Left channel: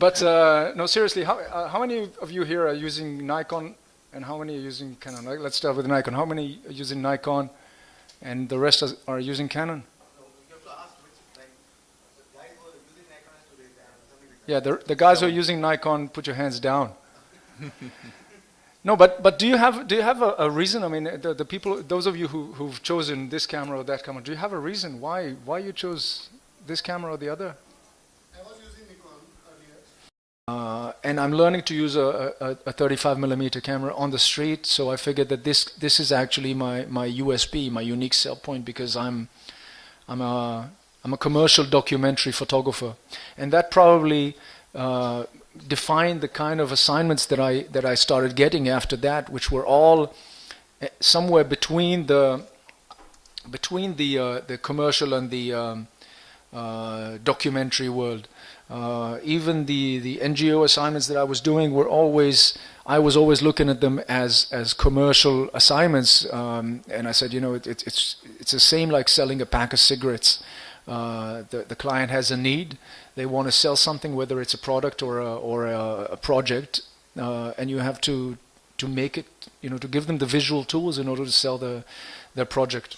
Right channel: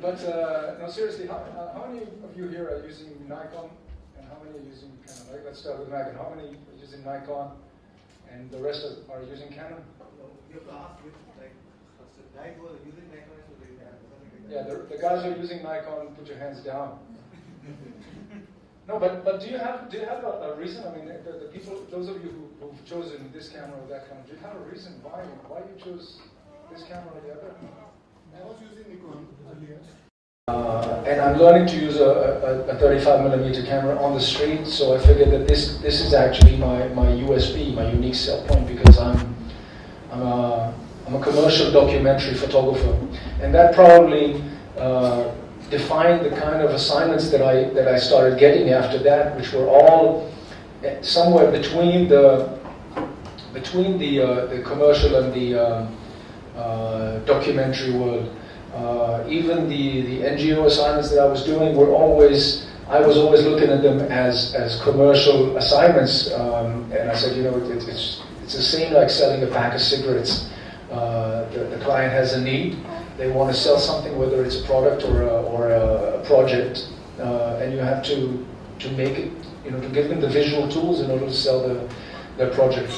But no, seriously, how many of you here are using Nikon, and how many are using Canon? Let's start with Nikon. How many are using Nikon, and the rest are using Canon? Yeah, the guys who are using Nikon, put your hands down. No, but do you have a reason? I mean, the people, those of you who've chosen this camera or that camera, do you have a reason why you chose this camera or the other? I was using Nikon earlier. And I'm learning to use a 35mm camera on the street, so I figured that this is actually my USP, my unique sell point, because I'm a commercial documentary photographer, and that probably defined the kind of assignments that I started getting after that, which were all somewhere between the commercial and the documentary world. Even the NGO assignments that I was doing were I was always looking at them as commercial assignments, and I said, you know, it's the same like selling a pack of cigarettes. The client has a need. They want to sell something, whether it's a product or a project, and you have to make it, you know, to give them the visual tools in order to sell their project.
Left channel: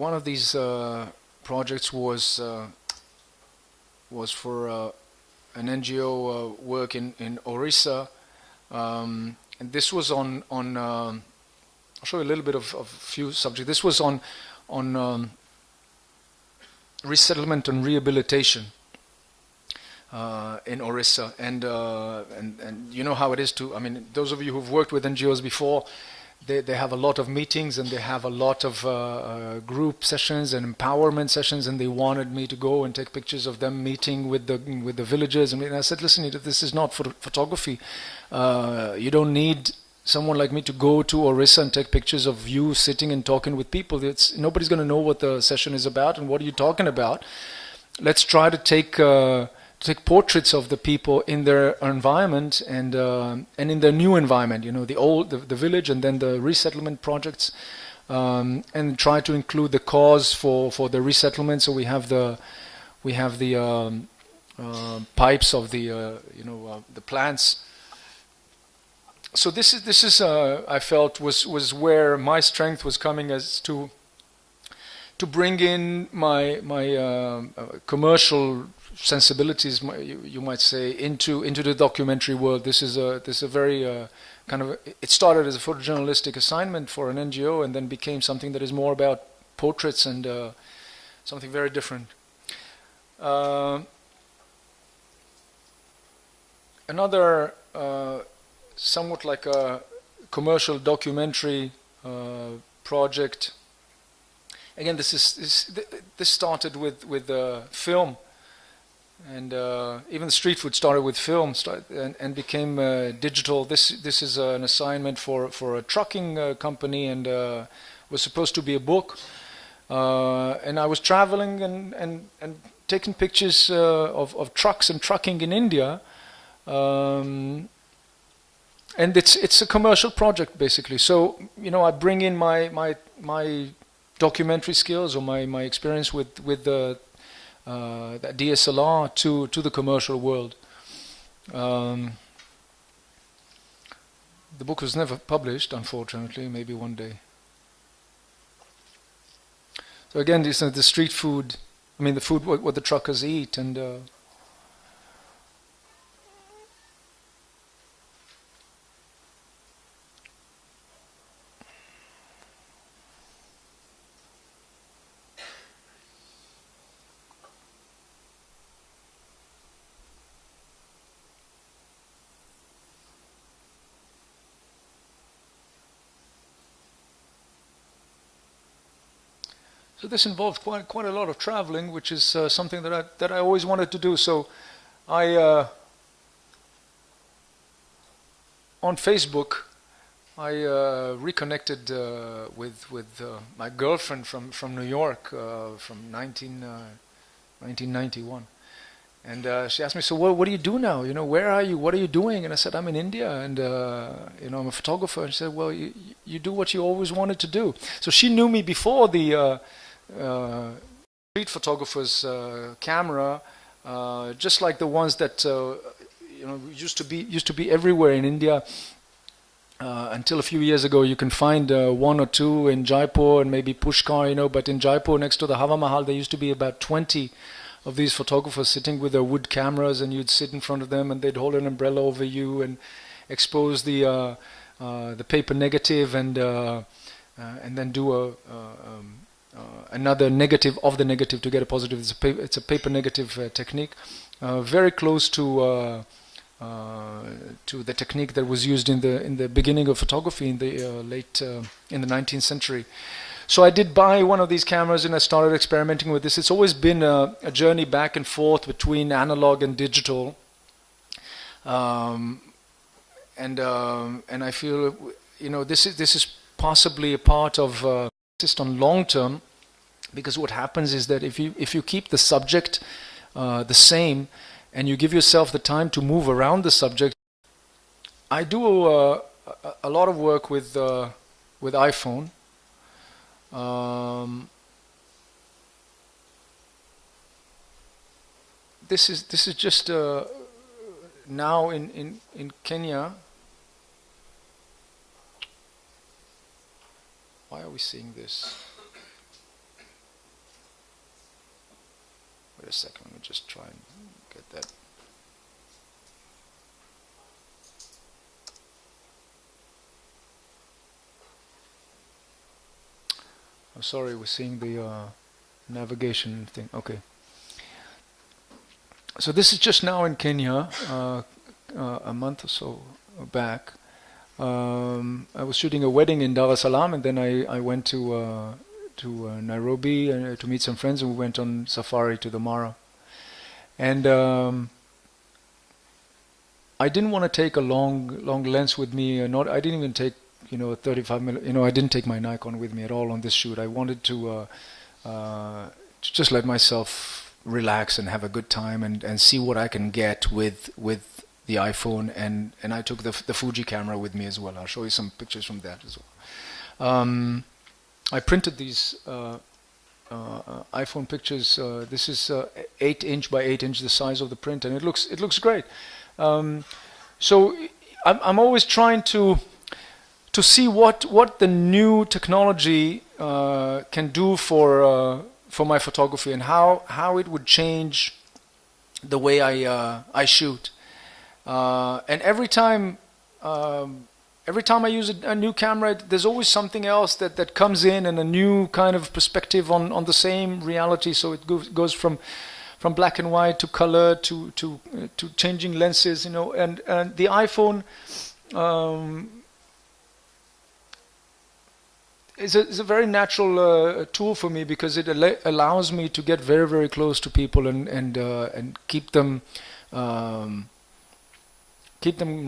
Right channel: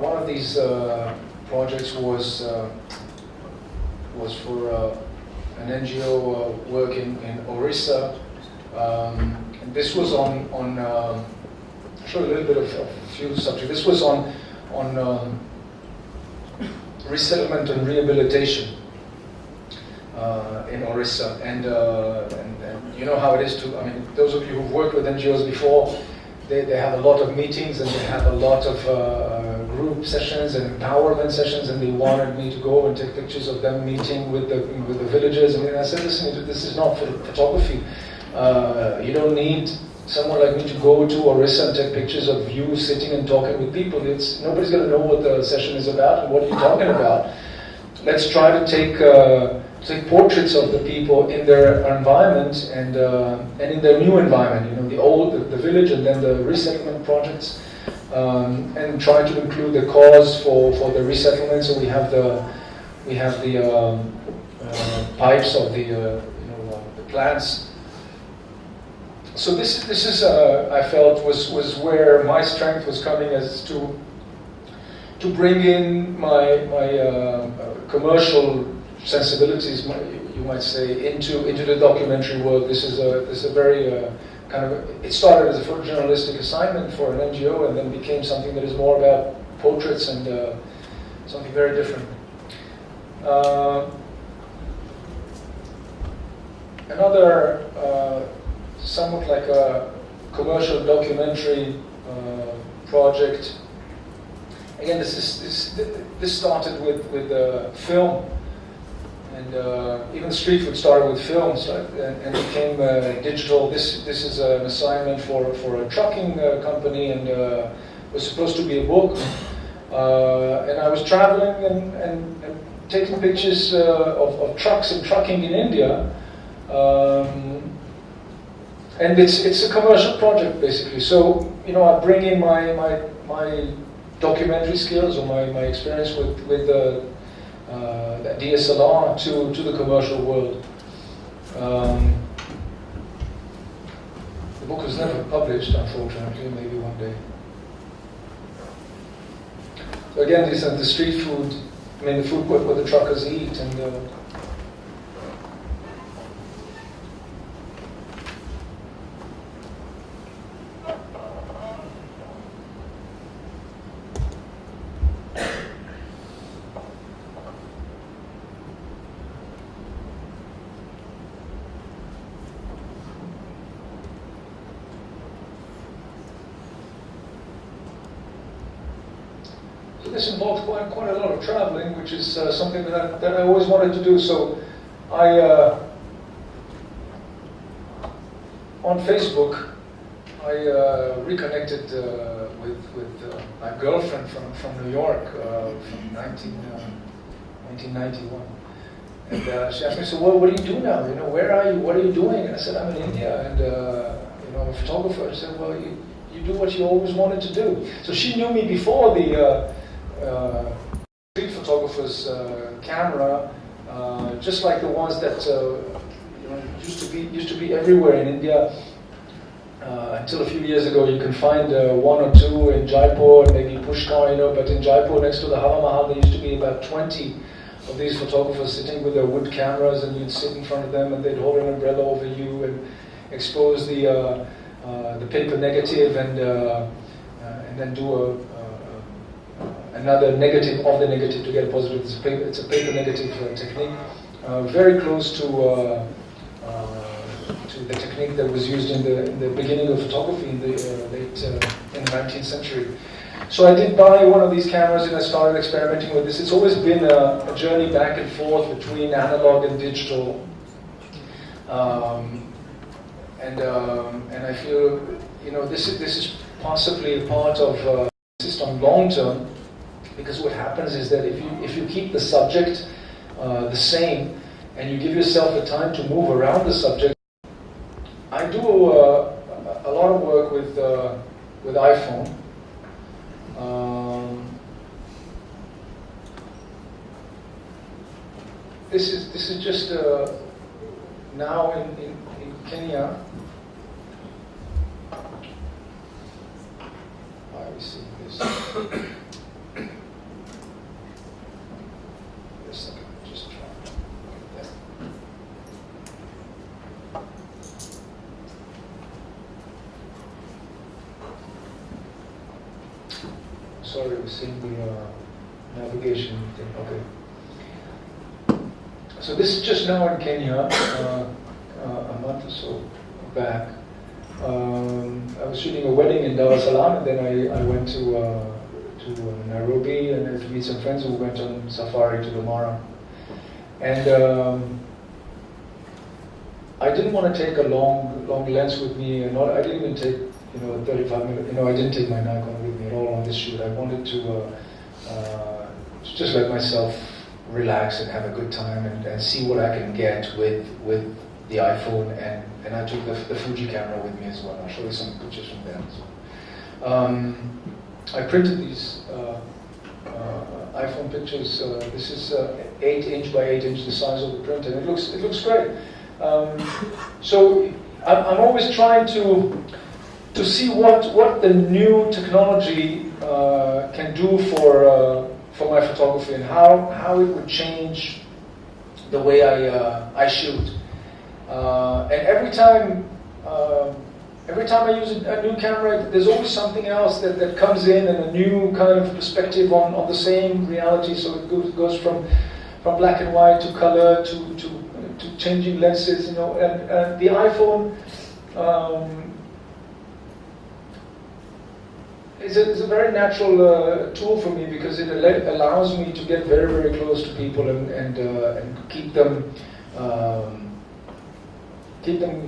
One of these projects was for an NGO work in Orissa. And this was on I'll show you a little bit of a few subjects. This was on resettlement and rehabilitation in Orissa, and you know how it is to. I mean, those of you who've worked with NGOs before, they have a lot of meetings and they have a lot of group sessions and empowerment sessions, and they wanted me to go and take pictures of them meeting with the villagers. I mean, I said, listen, this is not for photography. You don't need someone like me to go to Orissa and take pictures of you sitting and talking with people. Nobody's going to know what the session is about and what you're talking about. Let's try to take portraits of the people in their environment and in their new environment. You know, the village, and then the resettlement projects, and try to include the cause for the resettlement. So we have the pipes of the plants. So this is I felt was where my strength was coming, as to bring in my commercial sensibilities, you might say, into the documentary world. This is a very kind of, it started as a photojournalistic assignment for an NGO, and then became something that is more about portraits and something very different. Another somewhat like a commercial documentary project. Again, this started with film, and even street food started with films, right? And became digital. This is an assignment for a trucking company, and was supposed to be a book. And I was traveling and taking pictures of trucks and trucking in India. And it's a commercial project, basically. So, you know, I bring in my documentary skills, or my experience with the DSLR to the commercial world. The book was never published, unfortunately. Maybe one day. So again, these are the street food. I mean, the food what the truckers eat, and. So this involved quite a lot of traveling, which is something that I always wanted to do. So I on Facebook I reconnected with my girlfriend from New York from 1991, and she asked me, so what do you do now? You know, where are you? What are you doing? And I said, I'm in India, and you know, I'm a photographer. She said, well, you do what you always wanted to do. So she knew me before the street photographer's camera, just like the ones that you know, used to be everywhere in India. Until a few years ago, you can find one or two in Jaipur and maybe Pushkar, you know. But in Jaipur, next to the Hava Mahal, there used to be about 20 of these photographers sitting with their wood cameras, and you'd sit in front of them, and they'd hold an umbrella over you and expose the paper negative, and then do another negative of the negative to get a positive. It's a paper negative technique, very close to the technique that was used in the beginning of photography in the in the 19th century. So I did buy one of these cameras and I started experimenting with this. It's always been a journey back and forth between analog and digital, and I feel, you know, this is possibly a part of insist on long term, because what happens is that if you keep the subject the same and you give yourself the time to move around the subject. I do a lot of work with iPhone. This is just now in Kenya. Why are we seeing this? Wait a second, just try to get that. Sorry, we're seeing the navigation thing. Okay. So this is just now in Kenya, a month or so back. I was shooting a wedding in Dar es Salaam, and then I went to Nairobi to meet some friends, and we went on safari to the Mara. And I didn't want to take a long lens with me. I didn't even take, you know, a 35mm. You know, I didn't take my Nikon with me at all on this shoot. I wanted to just let myself relax and have a good time and see what I can get with the iPhone, and I took the Fuji camera with me as well. I'll show you some pictures from that as well. I printed these iPhone pictures. This is 8" by 8", the size of the print, and it looks great. So I'm always trying to see what the new technology can do for my photography, and how it would change the way I shoot. And every time I use a new camera, there's always something else that comes in, and a new kind of perspective on the same reality. So it goes from black and white to color to changing lenses, you know. And the iPhone is a very natural tool for me, because it allows me to get very, very close to people and keep them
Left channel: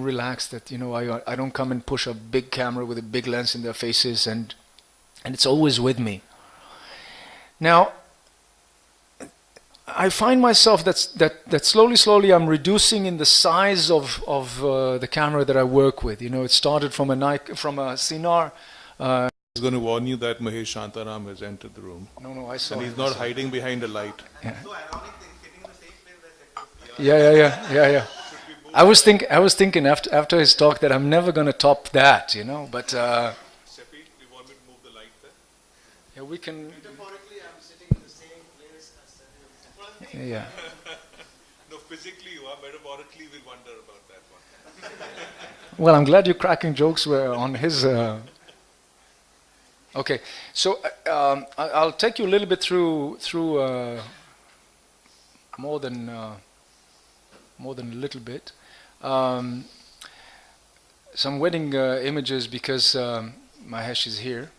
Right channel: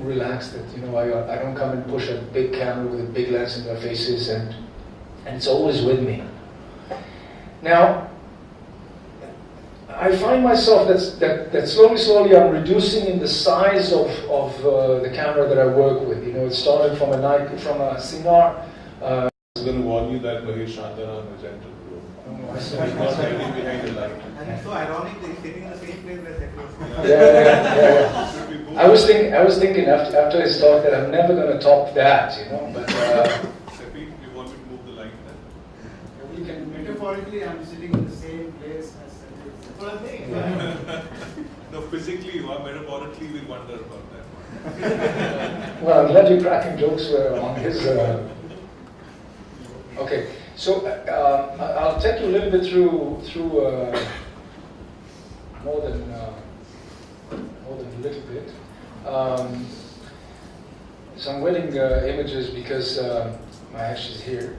relaxed. That, you know, I don't come and push a big camera with a big lens in their faces, and it's always with me. Now, I find myself that slowly I'm reducing in the size of the camera that I work with. You know, it started from a Sinar. I was going to warn you that Mahesh Shantaram has entered the room. Oh, I saw. He's not hiding behind a light. And so ironic, they're sitting in the same place where they Yeah. I was thinking after his talk that I'm never going to top that, you know. But Seppi, you want me to move the light then? yeah, we can. Metaphorically, I'm sitting in the same place as Sanjay. Yeah. No, physically you are. Metaphorically, we wonder about that. Well, I'm glad you're cracking jokes on his. Okay, so I'll take you a little bit through more than a little bit. Some wedding images, because Mahesh is here.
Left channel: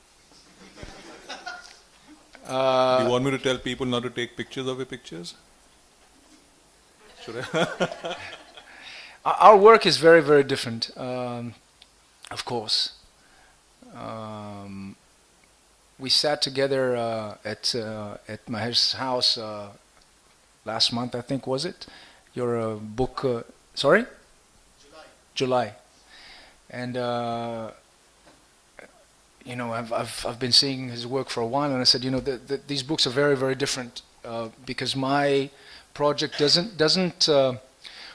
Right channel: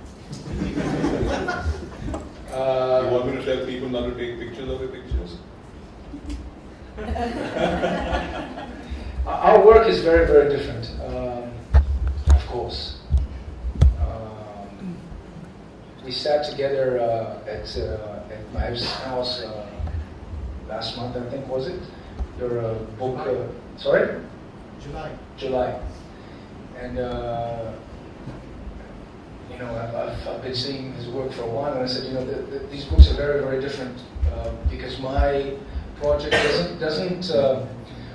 You want me to tell people not to take pictures of your pictures? Our work is very, very different, of course. We sat together at Mahesh's house last month, I think, was it? Your book, sorry? July. July. And you know, I've been seeing his work for a while, and I said, you know, these books are very, very different because my project doesn't.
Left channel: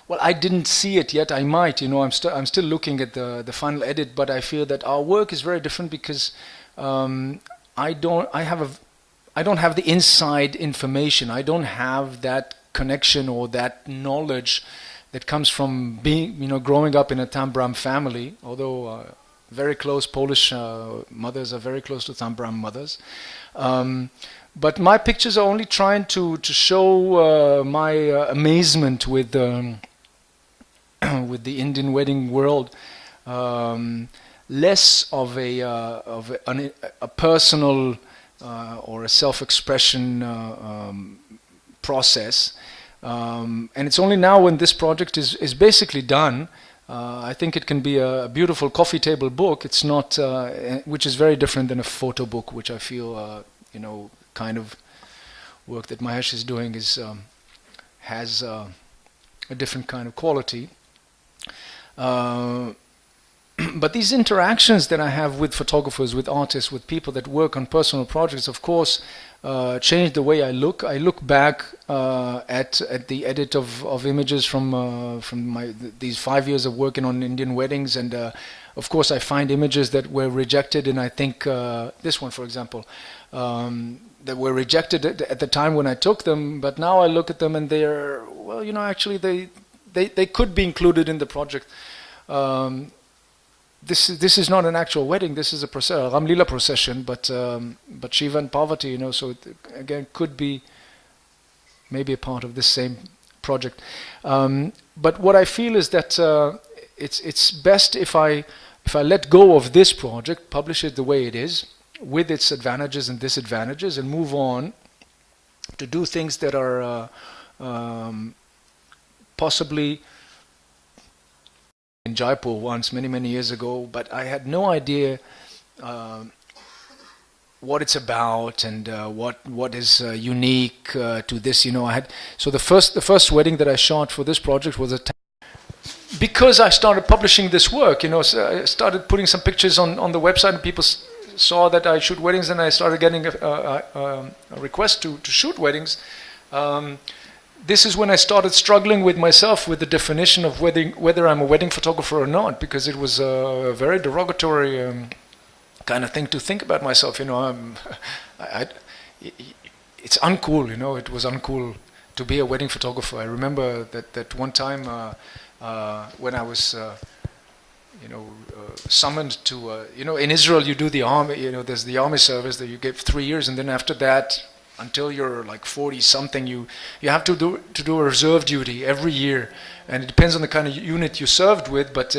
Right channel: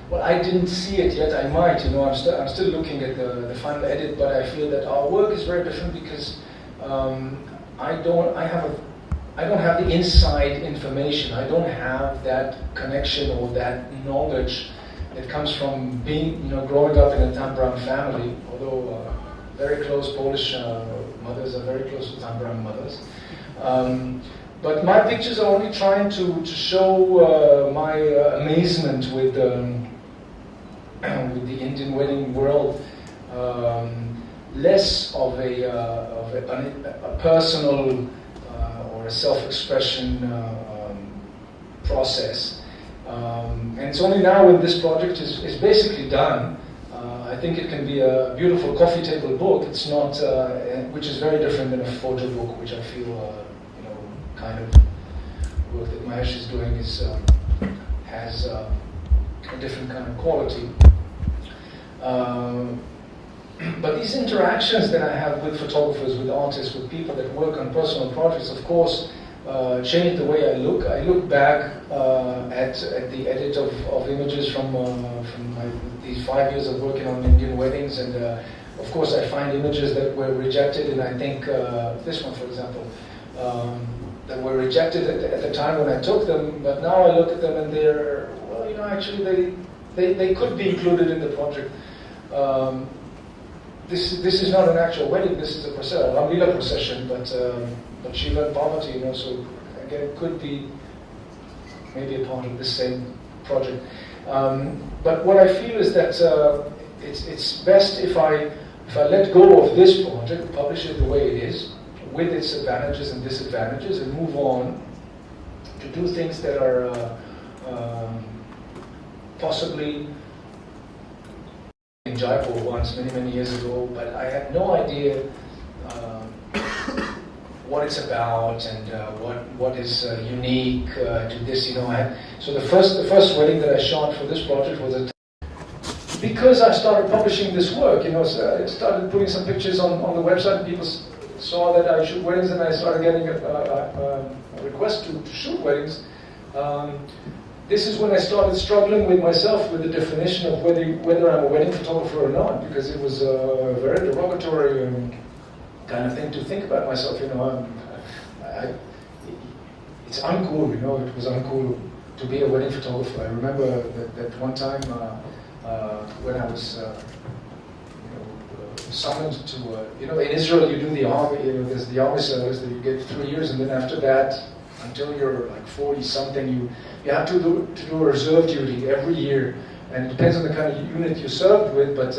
Well, I didn't see it yet. I might, you know. I'm still looking at the final edit, but I feel that our work is very different because I don't have the inside information. I don't have that connection or that knowledge that comes from being, you know, growing up in a Tambram family. Although very close Polish mothers are very close to Tambram mothers. But my pictures are only trying to show my amazement with with the Indian wedding world, less of a personal or a self-expression process. And it's only now when this project is basically done, I think it can be a beautiful coffee table book. It's not, which is very different than a photo book, which I feel, you know, kind of work that Mahesh is doing has a different kind of quality. But these interactions that I have with photographers, with artists, with people that work on personal projects, of course, changed the way I look. I look back at the edit of images from these 5 years of working on Indian weddings, and of course I find images that were rejected, and I think this one, for example, that were rejected at the time when I took them, but now I look at them and they're, well, you know, actually they could be included in the project. This is not an actual wedding. This is a Ramlila procession, but Shiva and Parvati, you know, so it, again, could be maybe a part of this same project. But what I feel is that it's best if I let go of this project, publish it the way it is, with its advantages and disadvantages, and move on to do things that are possibly in Jaipur once, many years ago, but I had no idea what it's about and what is unique to this. You know, so the first wedding that I shot for this project was because I started publishing this work. You know, so I started putting some pictures on the website, and people saw that I shoot weddings, and I started getting a request to shoot weddings. This is when I started struggling with myself with the definition of whether I'm a wedding photographer or not, because it was a very derogatory kind of thing to think about myself. You know, it's uncool. You know, it was uncool to be a wedding photographer. I remember that one time when I was, summoned to, in Israel you do the army. You know, there's the army service that you give 3 years, and then after that, until you're like 40-something, you have to do a reserve duty every year, and it depends on the kind of unit you served with. But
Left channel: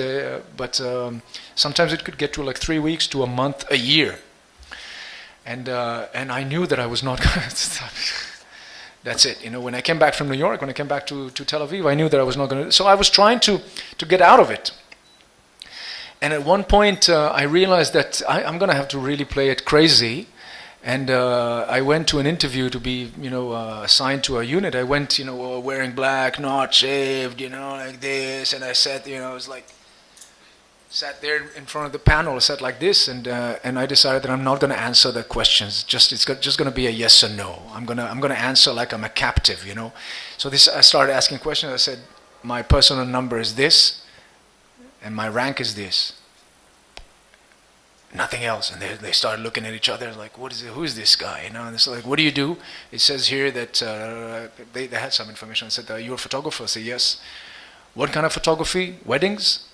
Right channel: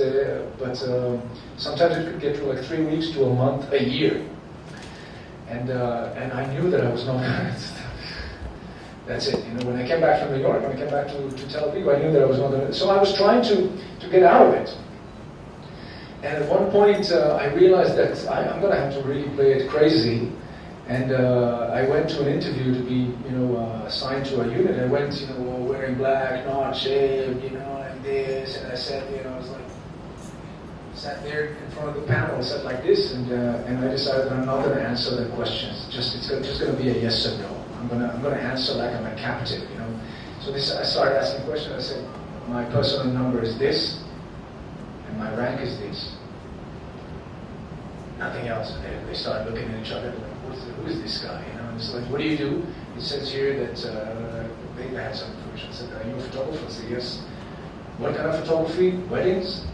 sometimes it could get to like 3 weeks to a month, a year, and I knew that I was not going to. That's it. You know, when I came back from New York, when I came back to Tel Aviv, I knew that I was not going to. So I was trying to get out of it. And at one point, I realized that I'm going to have to really play it crazy. And I went to an interview to be, assigned to a unit. I went, wearing black, not shaved, like this. And I sat there, sat there in front of the panel, I sat like this, and I decided that I'm not going to answer the questions. It's just going to be a yes or no. I'm going to answer like I'm a captive, So I started asking questions. I said, my personal number is this, and my rank is this. Nothing else. And they started looking at each other like, who is this guy? And it's like, what do you do? It says here that they had some information. I said, you're a photographer? I said, yes. What kind of photography? Weddings?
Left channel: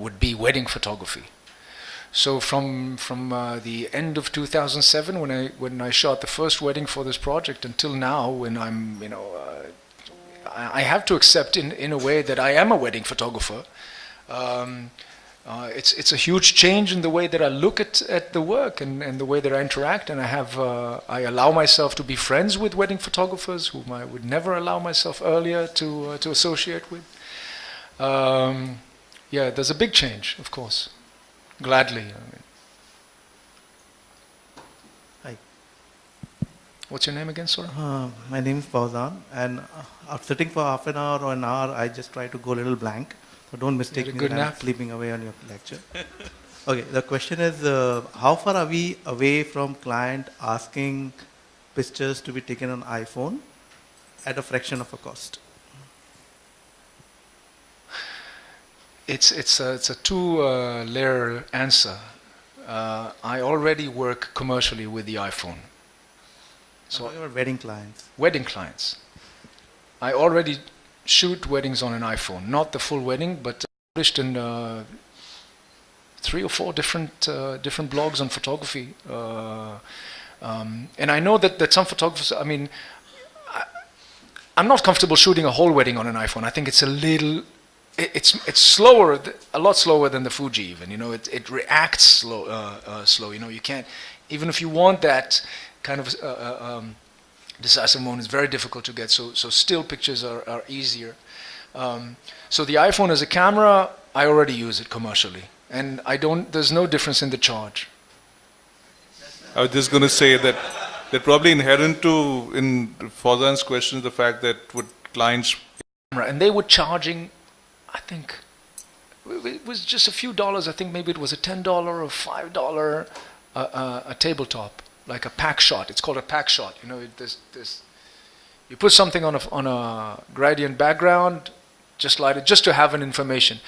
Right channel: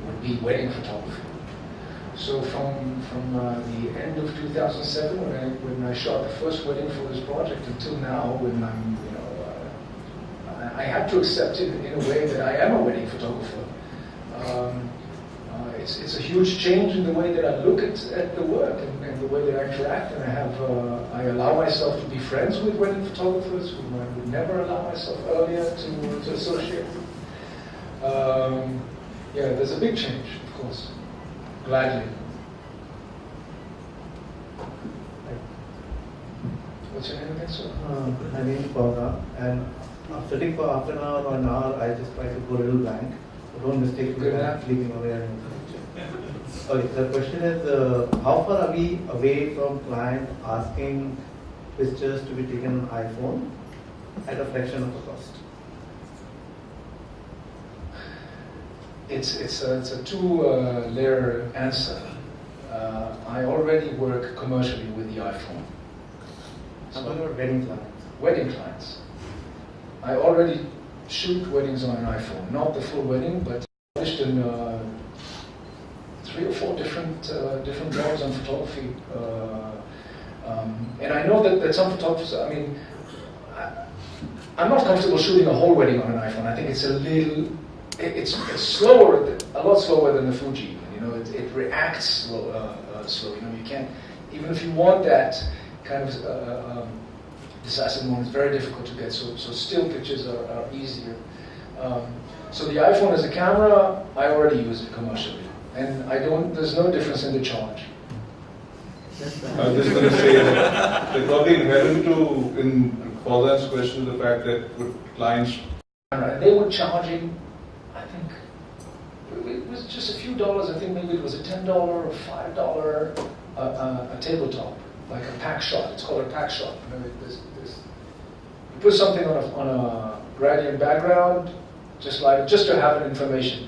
Would be wedding photography. So from the end of 2007, when I shot the first wedding for this project, until now, when I'm, I have to accept in a way that I am a wedding photographer. It's a huge change in the way that I look at the work and the way that I interact, and I allow myself to be friends with wedding photographers whom I would never allow myself earlier to associate with. Yeah, there's a big change, of course. Gladly. Hi. What's your name again, sir? My name is Bala, and after sitting for half an hour or an hour, I just try to go a little blank. So don't mistake me Good that I'm nap. sleeping away on your lecture. Okay, the question is, how far are we away from client asking pictures to be taken on iPhone at a fraction of a cost? It's a two-layer answer. I already work commercially with the iPhone. So what about wedding clients? Wedding clients. I already shoot weddings on an iPhone, not the full wedding, but published in 3 or 4 different blogs on photography. And I know that some photographers, I mean, I'm not comfortable shooting a whole wedding on an iPhone. I think it's a little, it's slower, a lot slower than the Fuji even. You know, it reacts slow. You know, you can't, even if you want that kind of decisive moment, it's very difficult to get. So still pictures are easier. So the iPhone as a camera, I already use it commercially, and there's no difference in the charge. I was just going to say that probably inherent to in Fawzan's question is the fact that would clients, And they were charging, I think, it was just a few dollars. I think maybe it was a $10 or $5 a tabletop, like a pack shot. It's called a pack shot. You know, you put something on a gradient background, just like it, just to have an information.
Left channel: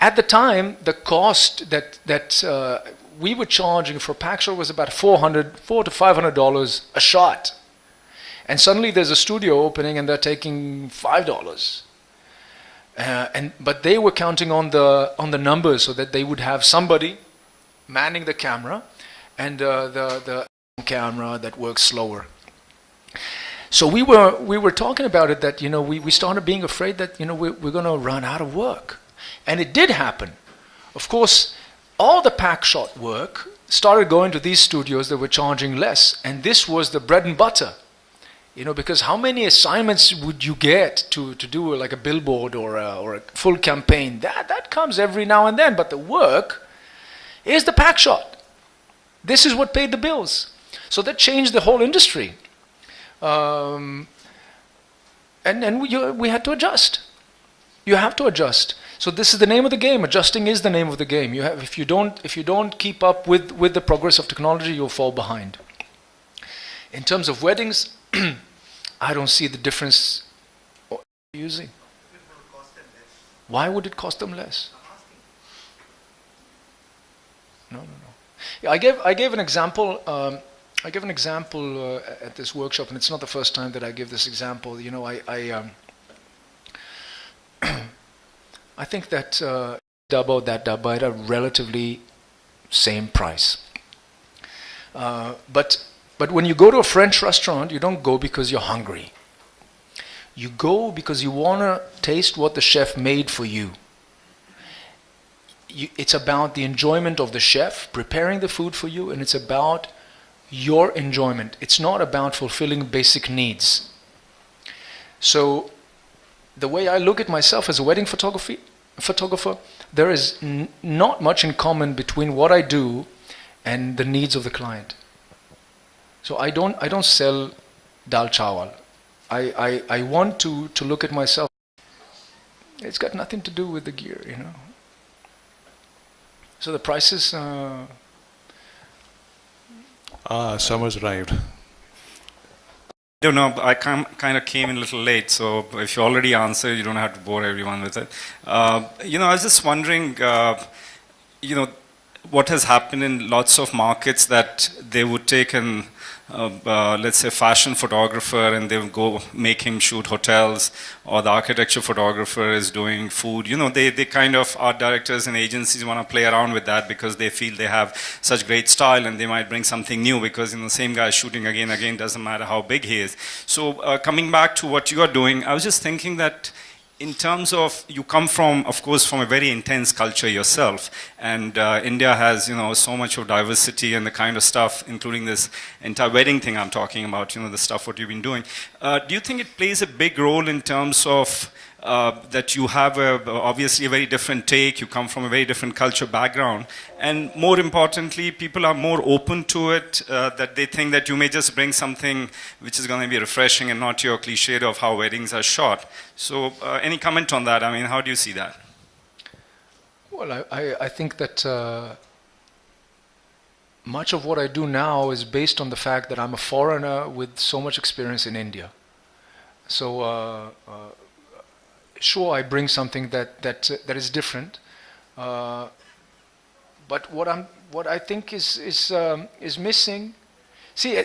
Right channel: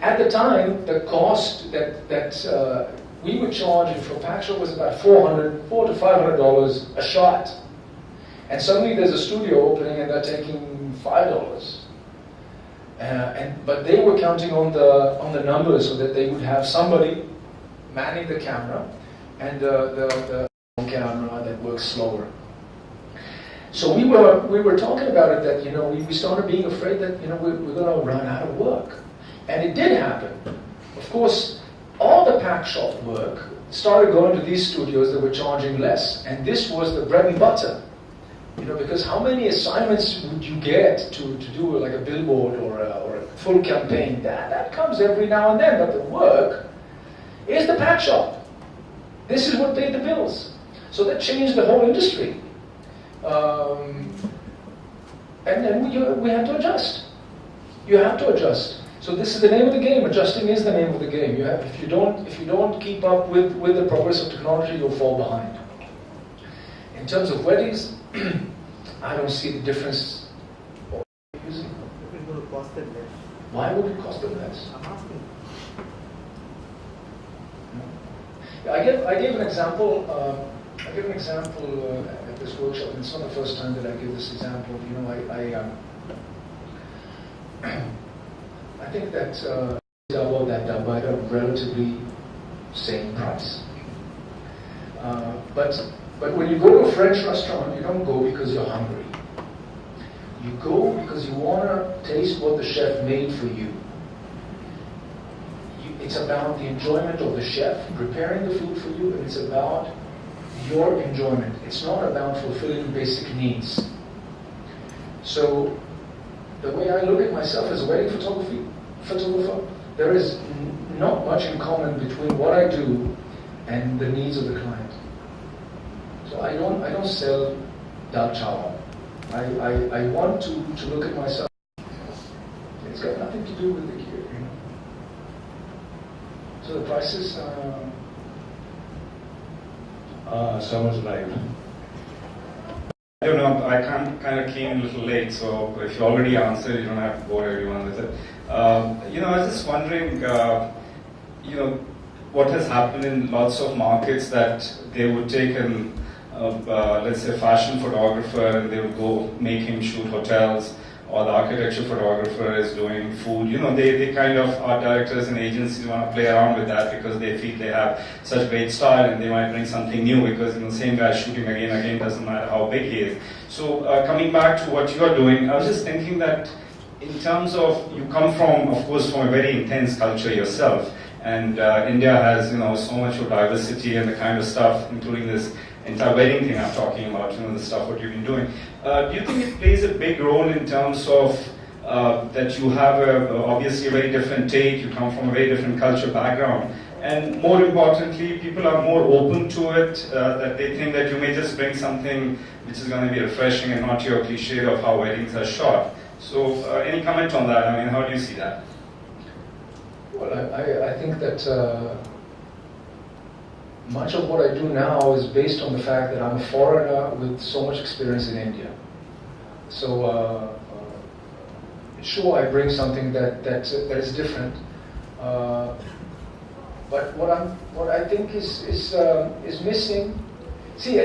At the time, the cost that we were charging for a pack shot was about $400 to $500 a shot. And suddenly there's a studio opening and they're taking $5. But they were counting on the numbers, so that they would have somebody manning the camera and the camera that works slower. So we were talking about it, that, you know, we started being afraid that, you know, we're going to run out of work. And it did happen. Of course, all the pack shot work started going to these studios that were charging less. And this was the bread and butter. You know, because how many assignments would you get to do like a billboard or a full campaign? That comes every now and then, but the work is the pack shot. This is what paid the bills. So that changed the whole industry. And we had to adjust. You have to adjust. So this is the name of the game. Adjusting is the name of the game. If you don't keep up with the progress of technology, you'll fall behind. In terms of weddings, I don't see the difference using. It will cost them less. Why would it cost them less? I'm asking. No. Yeah, I gave an example. I gave an example at this workshop, and it's not the first time that I give this example. You know, I think that about that dabba at a relatively same price. But when you go to a French restaurant, you don't go because you're hungry. You go because you want to taste what the chef made for you. It's about the enjoyment of the chef preparing the food for you, and it's about your enjoyment. It's not about fulfilling basic needs. So the way I look at myself as a wedding photographer, there is not much in common between what I do and the needs of the client. So I don't sell dal chawal. I want to look at myself. It's got nothing to do with the gear, you know. So the prices. summer's arrived. I don't know, I kind of came in a little late, so if you already answered, you don't have to bore everyone with it. You know, I was just wondering, you know, what has happened in lots of markets that they would take an, let's say, fashion photographer and they would go make him shoot hotels, or the architecture photographer is doing food. You know, they kind of, art directors and agencies want to play around with that because they feel they have such great style and they might bring something new, because, you know, the same guy shooting again and again, doesn't matter how big he is. So coming back to what you are doing, I was just thinking that in terms of, you come from, of course, from a very intense culture yourself, and India has, you know, so much of diversity and the kind of stuff, including this entire wedding thing I'm talking about, you know, the stuff what you've been doing. Do you think it plays a big role in terms of that you have obviously a very different take, you come from a very different culture background, and more importantly, people are more open to it, that they think that you may just bring something which is going to be refreshing and not your cliche of how weddings are shot. So any comment on that? I mean, how do you see that? Well, I think that much of what I do now is based on the fact that I'm a foreigner with so much experience in India. So sure, I bring something that is different. But what I think is missing. See,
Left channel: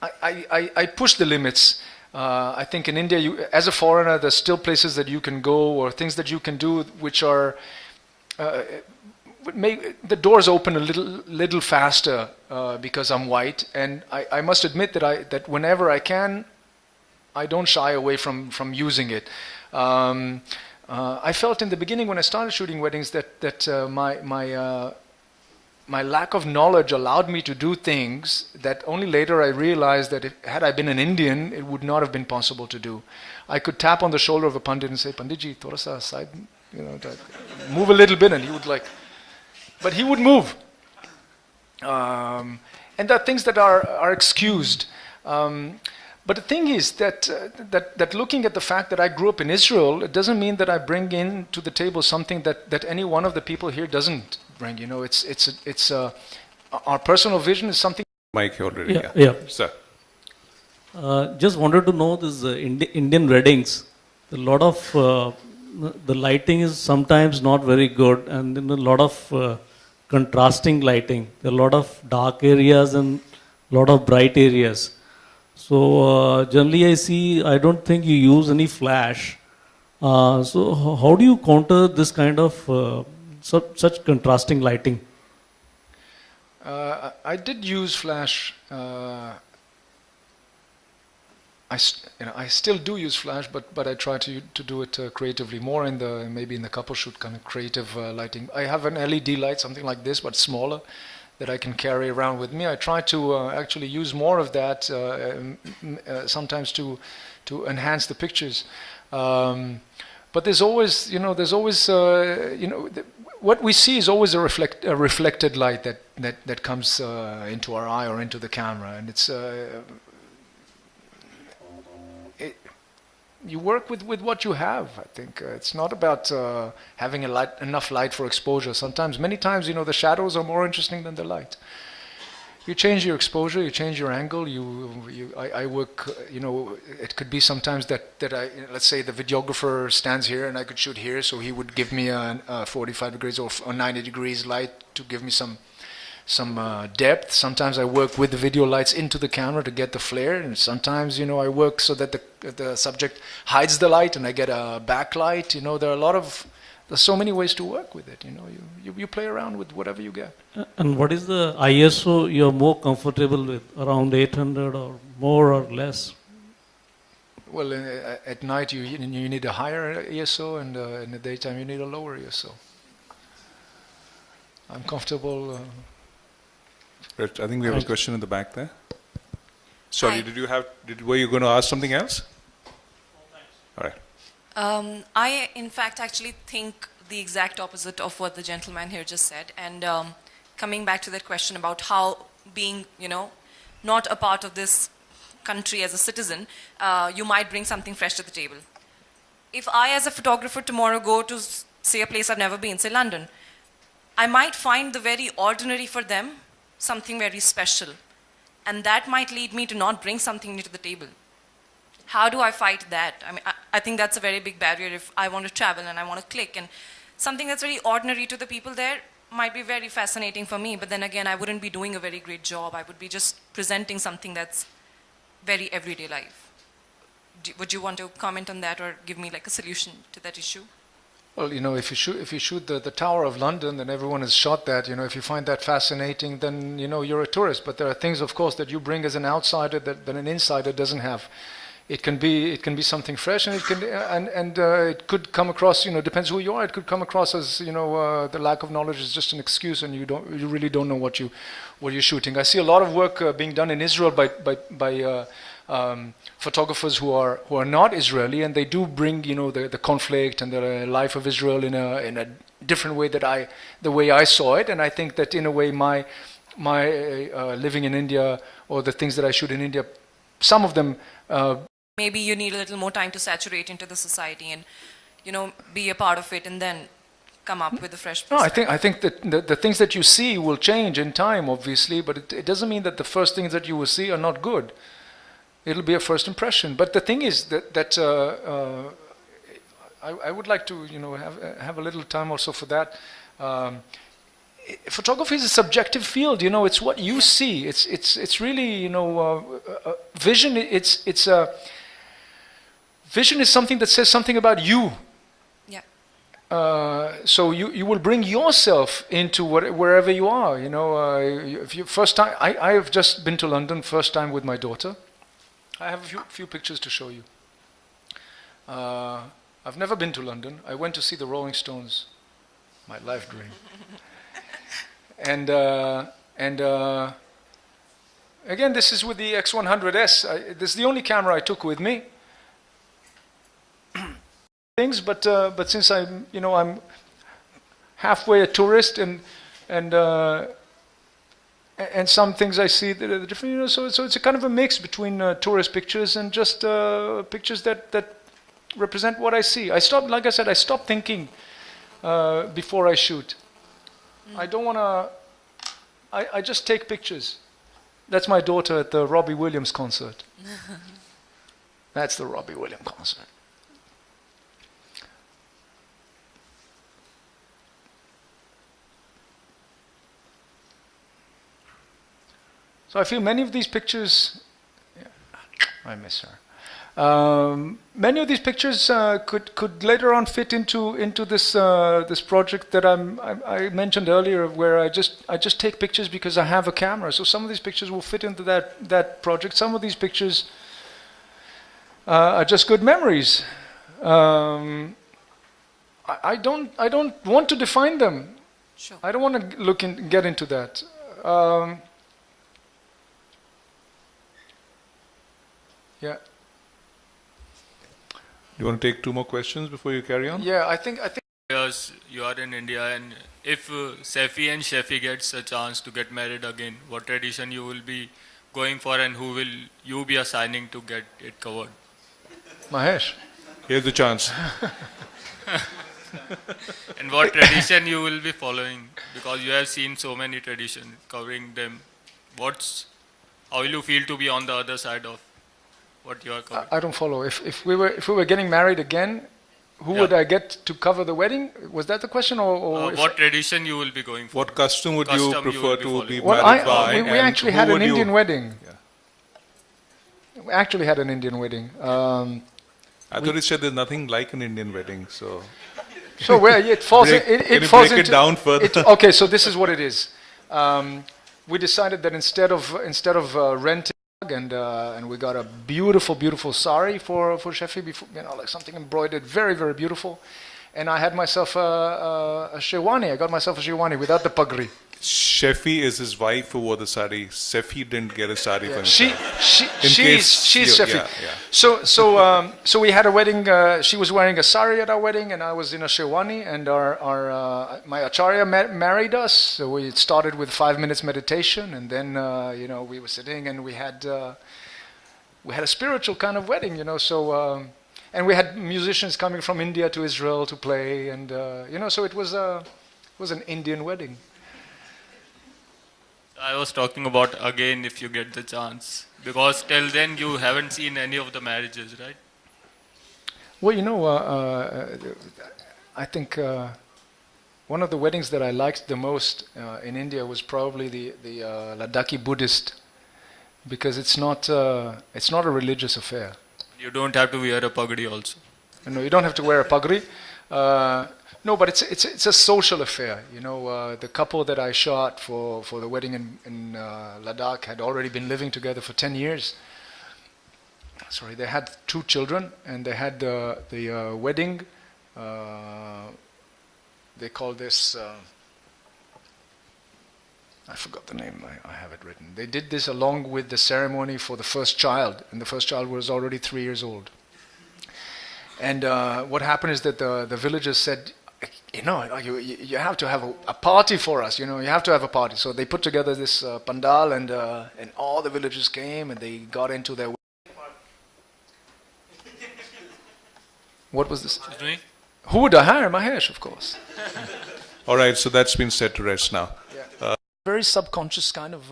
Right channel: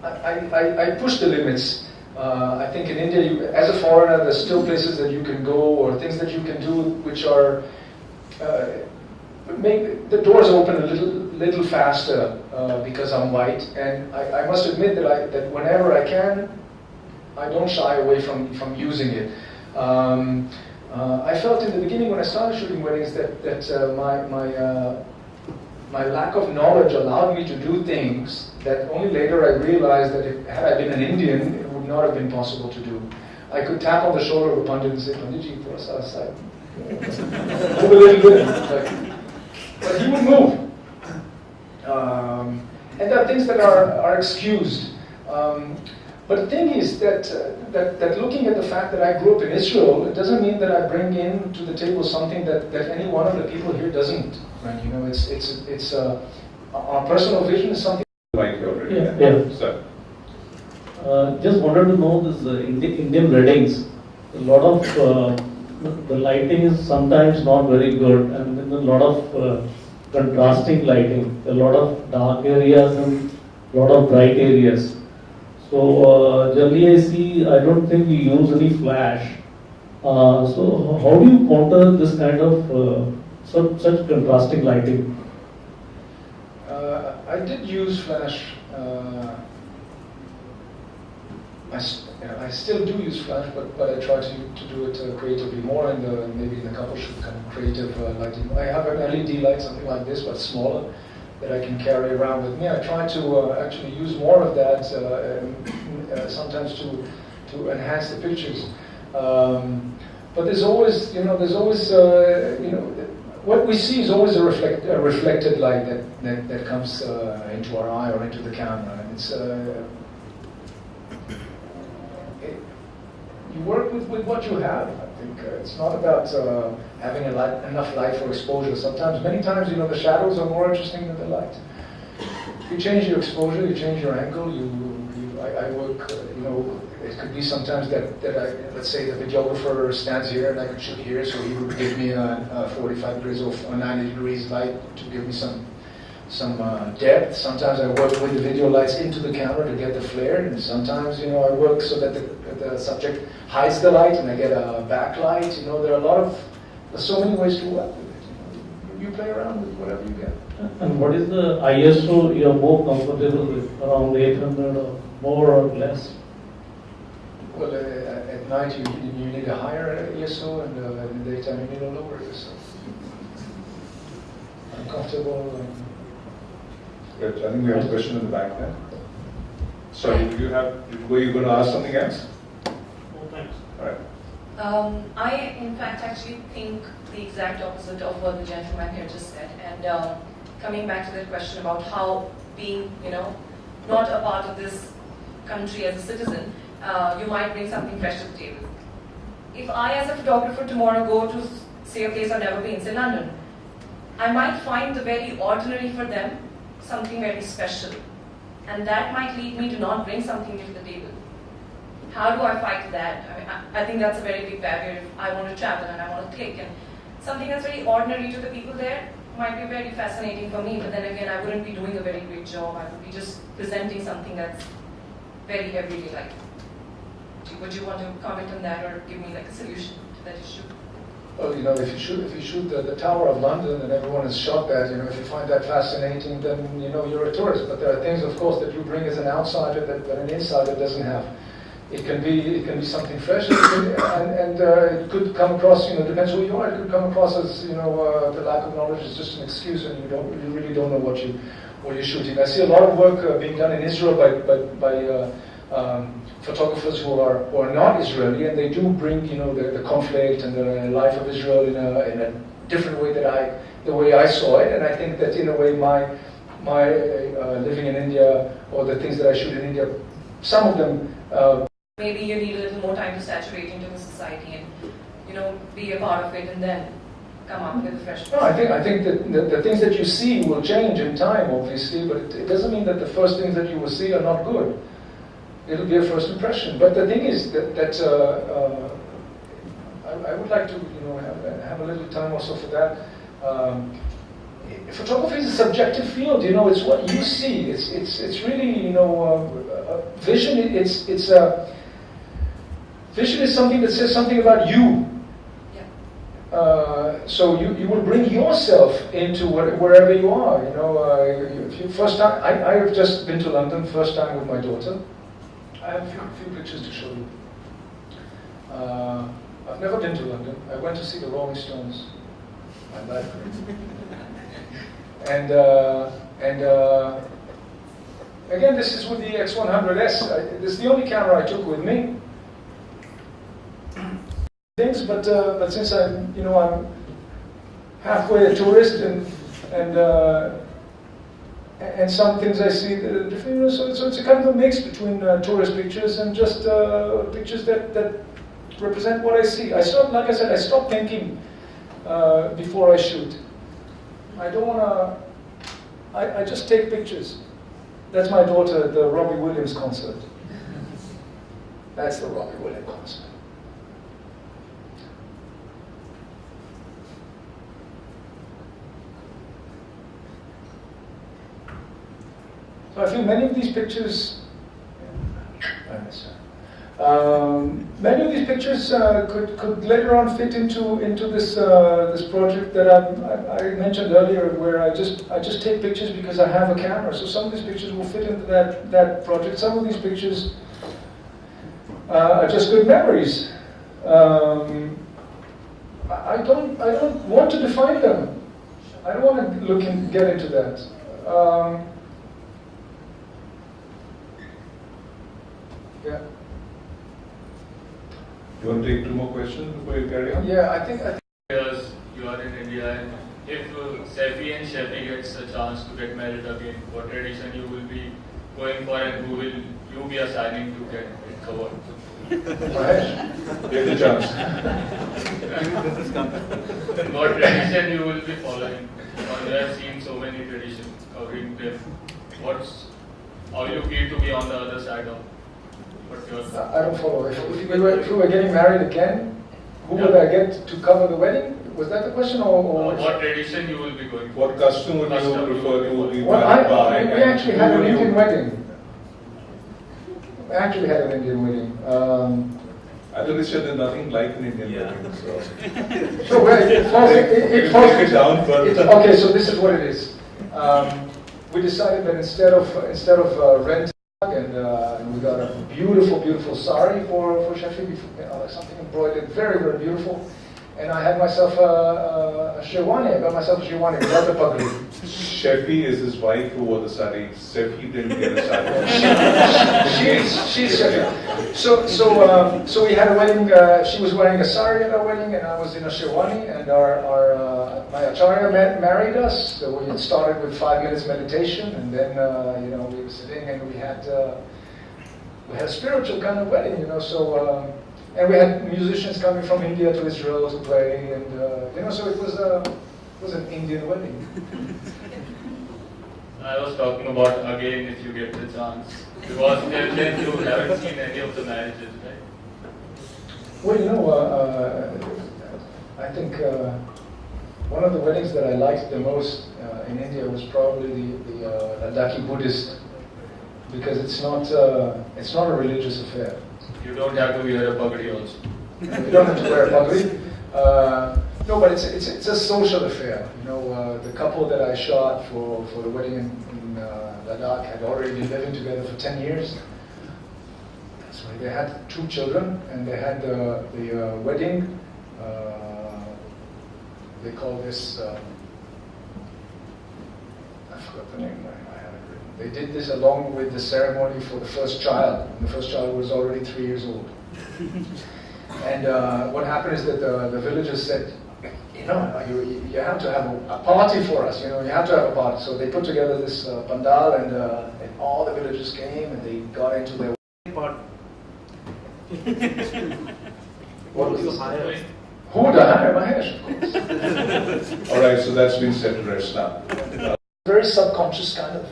I push the limits. I think in India, as a foreigner, there's still places that you can go or things that you can do which are would make the doors open a little faster because I'm white. And I must admit that whenever I can, I don't shy away from using it. I felt in the beginning when I started shooting weddings that my lack of knowledge allowed me to do things that only later I realized that had I been an Indian, it would not have been possible to do. I could tap on the shoulder of a pandit and say, "Panditji, thoda sa side, move a little bit," and he would but he would move. And there are things that are excused. But the thing is that looking at the fact that I grew up in Israel, it doesn't mean that I bring in to the table something that any one of the people here doesn't bring. You know, it's our personal vision is something. Mike already. Yeah. Sir. Just wanted to know this Indian weddings. A lot of the lighting is sometimes not very good, and then a lot of contrasting lighting. A lot of dark areas and a lot of bright areas. So generally, I don't think you use any flash. So how do you counter this kind of such contrasting lighting? I did use flash. I still do use flash, but I try to do it creatively, more maybe in the couple shoot kind of creative lighting. I have an LED light, something like this, but smaller, that I can carry around with me. I try to actually use more of that sometimes to enhance the pictures. But there's always, what we see is always a reflected light that comes into our eye or into the camera, and it's. You work with what you have. I think it's not about having enough light for exposure. Many times, the shadows are more interesting than the light. You change your exposure, you change your angle. I work. It could be sometimes that let's say the videographer stands here and I could shoot here, so he would give me a 45 degrees or 90 degrees light to give me some depth. Sometimes I work with the video lights into the camera to get the flare, and sometimes I work so that the subject hides the light and I get a backlight. There's so many ways to work with it. You play around with whatever you get. And what is the ISO you're more comfortable with? Around 800 or more or less? Well, at night you need a higher ISO, and in the daytime you need a lower ISO. I'm comfortable. Right, I think we have a question in the back there. Sorry, were you going to ask something else? Oh, thanks. All right. I, in fact, actually think the exact opposite of what the gentleman here just said. And coming back to that question about how being, not a part of this country as a citizen, you might bring something fresh to the table. If I, as a photographer, tomorrow go to, say, a place I've never been, say London, I might find the very ordinary for them something very special. And that might lead me to not bring something new to the table. How do I fight that? I mean, I think that's a very big barrier if I want to travel and I want to click. And something that's very ordinary to the people there might be very fascinating for me, but then again, I wouldn't be doing a very great job. I would be just presenting something that's very everyday life. Would you want to comment on that or give me like a solution to that issue? Well, if you shoot the Tower of London, and everyone has shot that, if you find that fascinating, then you're a tourist. But there are things, of course, that you bring as an outsider that an insider doesn't have. It can be something fresh, and it could come across. Depends who you are. It could come across as the lack of knowledge is just an excuse, and you really don't know what you're shooting. I see a lot of work being done in Israel by photographers who are not Israeli, and they do bring the conflict and the life of Israel in a different way the way I saw it. And I think that in a way my living in India, or the things that I shoot in India, some of them. Maybe you need a little more time to saturate into the society and be a part of it, and then come up with a fresh No, perspective. I think that the things that you see will change in time, obviously, but it doesn't mean that the first things that you will see are not good. It'll be a first impression. But the thing is that I would like to, have a little time also for that. Photography is a subjective field. It's what you see. It's really, vision. Vision is something that says something about you. So you will bring yourself into wherever you are. If you first time, I have just been to London, first time with my daughter. I have a few pictures to show you. I've never been to London. I went to see the Rolling Stones. My life dream. And again, this is with the X100S. This is the only camera I took with me. Things, but since I'm halfway a tourist, and some things I see that are different, so it's a kind of a mix between tourist pictures and just pictures that represent what I see. Like I said, I stop thinking before I shoot. I don't want to. I just take pictures. That's my daughter at the Robbie Williams concert. That's the Robbie Williams concert. So I feel many of these pictures, I miss her. Many of these pictures could later on fit into this this project that I mentioned earlier, where I just take pictures because I have a camera. So some of these pictures will fit into that project. Some of these pictures are just good memories. I don't want to define them. Sure. I don't want to get into that. Yeah. You want to take two more questions before you carry on? Yeah, I think. Years you are in India, and if Saifi and Shafi gets a chance to get married again, what tradition you will be going for, and who will you be assigning to get it covered? Mahesh. You have the chance. And what tradition you will be following? Because you have seen so many traditions covering them. How will you feel to be on the other side of what you are covering? I don't follow. If we were getting married again, who would I get to cover the wedding? Was that the question, or What tradition you will be going for? What custom would you Custom you prefer will be to following. be Well, married by? we and actually who had an would you- Indian wedding. We actually had an Indian wedding. I thought you said there's nothing like an Indian wedding, so So where it falls, Break- it can you falls break it into, down further? Okay, so this is what it is. We decided that instead of renting, and we got a beautiful sari for Shafi, like something embroidered, very beautiful. And I had myself a sherwani. I got myself a sherwani without the pagri. Shefi is his wife who wore the sari. Sefi didn't get a sari for She's Shafi. So we had a wedding. She was wearing a sari at our wedding, and I was in a sherwani. And my acharya married us. So it started with 5 minutes meditation, and then we were sitting, and we had a spiritual kind of wedding, So and we had musicians coming from India to Israel to play, and so it was an Indian wedding. I was talking about again if you get the chance, because till then you haven't seen any of the marriages, right? Well, I think one of the weddings that I liked the most in India was probably the Ladakhi Buddhist, because it's not a religious affair. You don't have to wear a pagadi also. You don't have to wear a pagri. No, but it's a social affair. The couple that I shot for the wedding in Ladakh had already been living together for 10 years. Sorry, they had 2 children, and they had the wedding. They call this. I forgot the name. I have it written. They did this along with the ceremony for the first child, and the first child was already 3 years old. And what happened is that the villagers said, you have to have a party for us. You have to have a party. So they put together this pandal, and all the villagers came, and they got into their party. What was this? Right? Who would I hire? Mahesh, of course. All right, so that's been set to rest now. Very subconscious kind of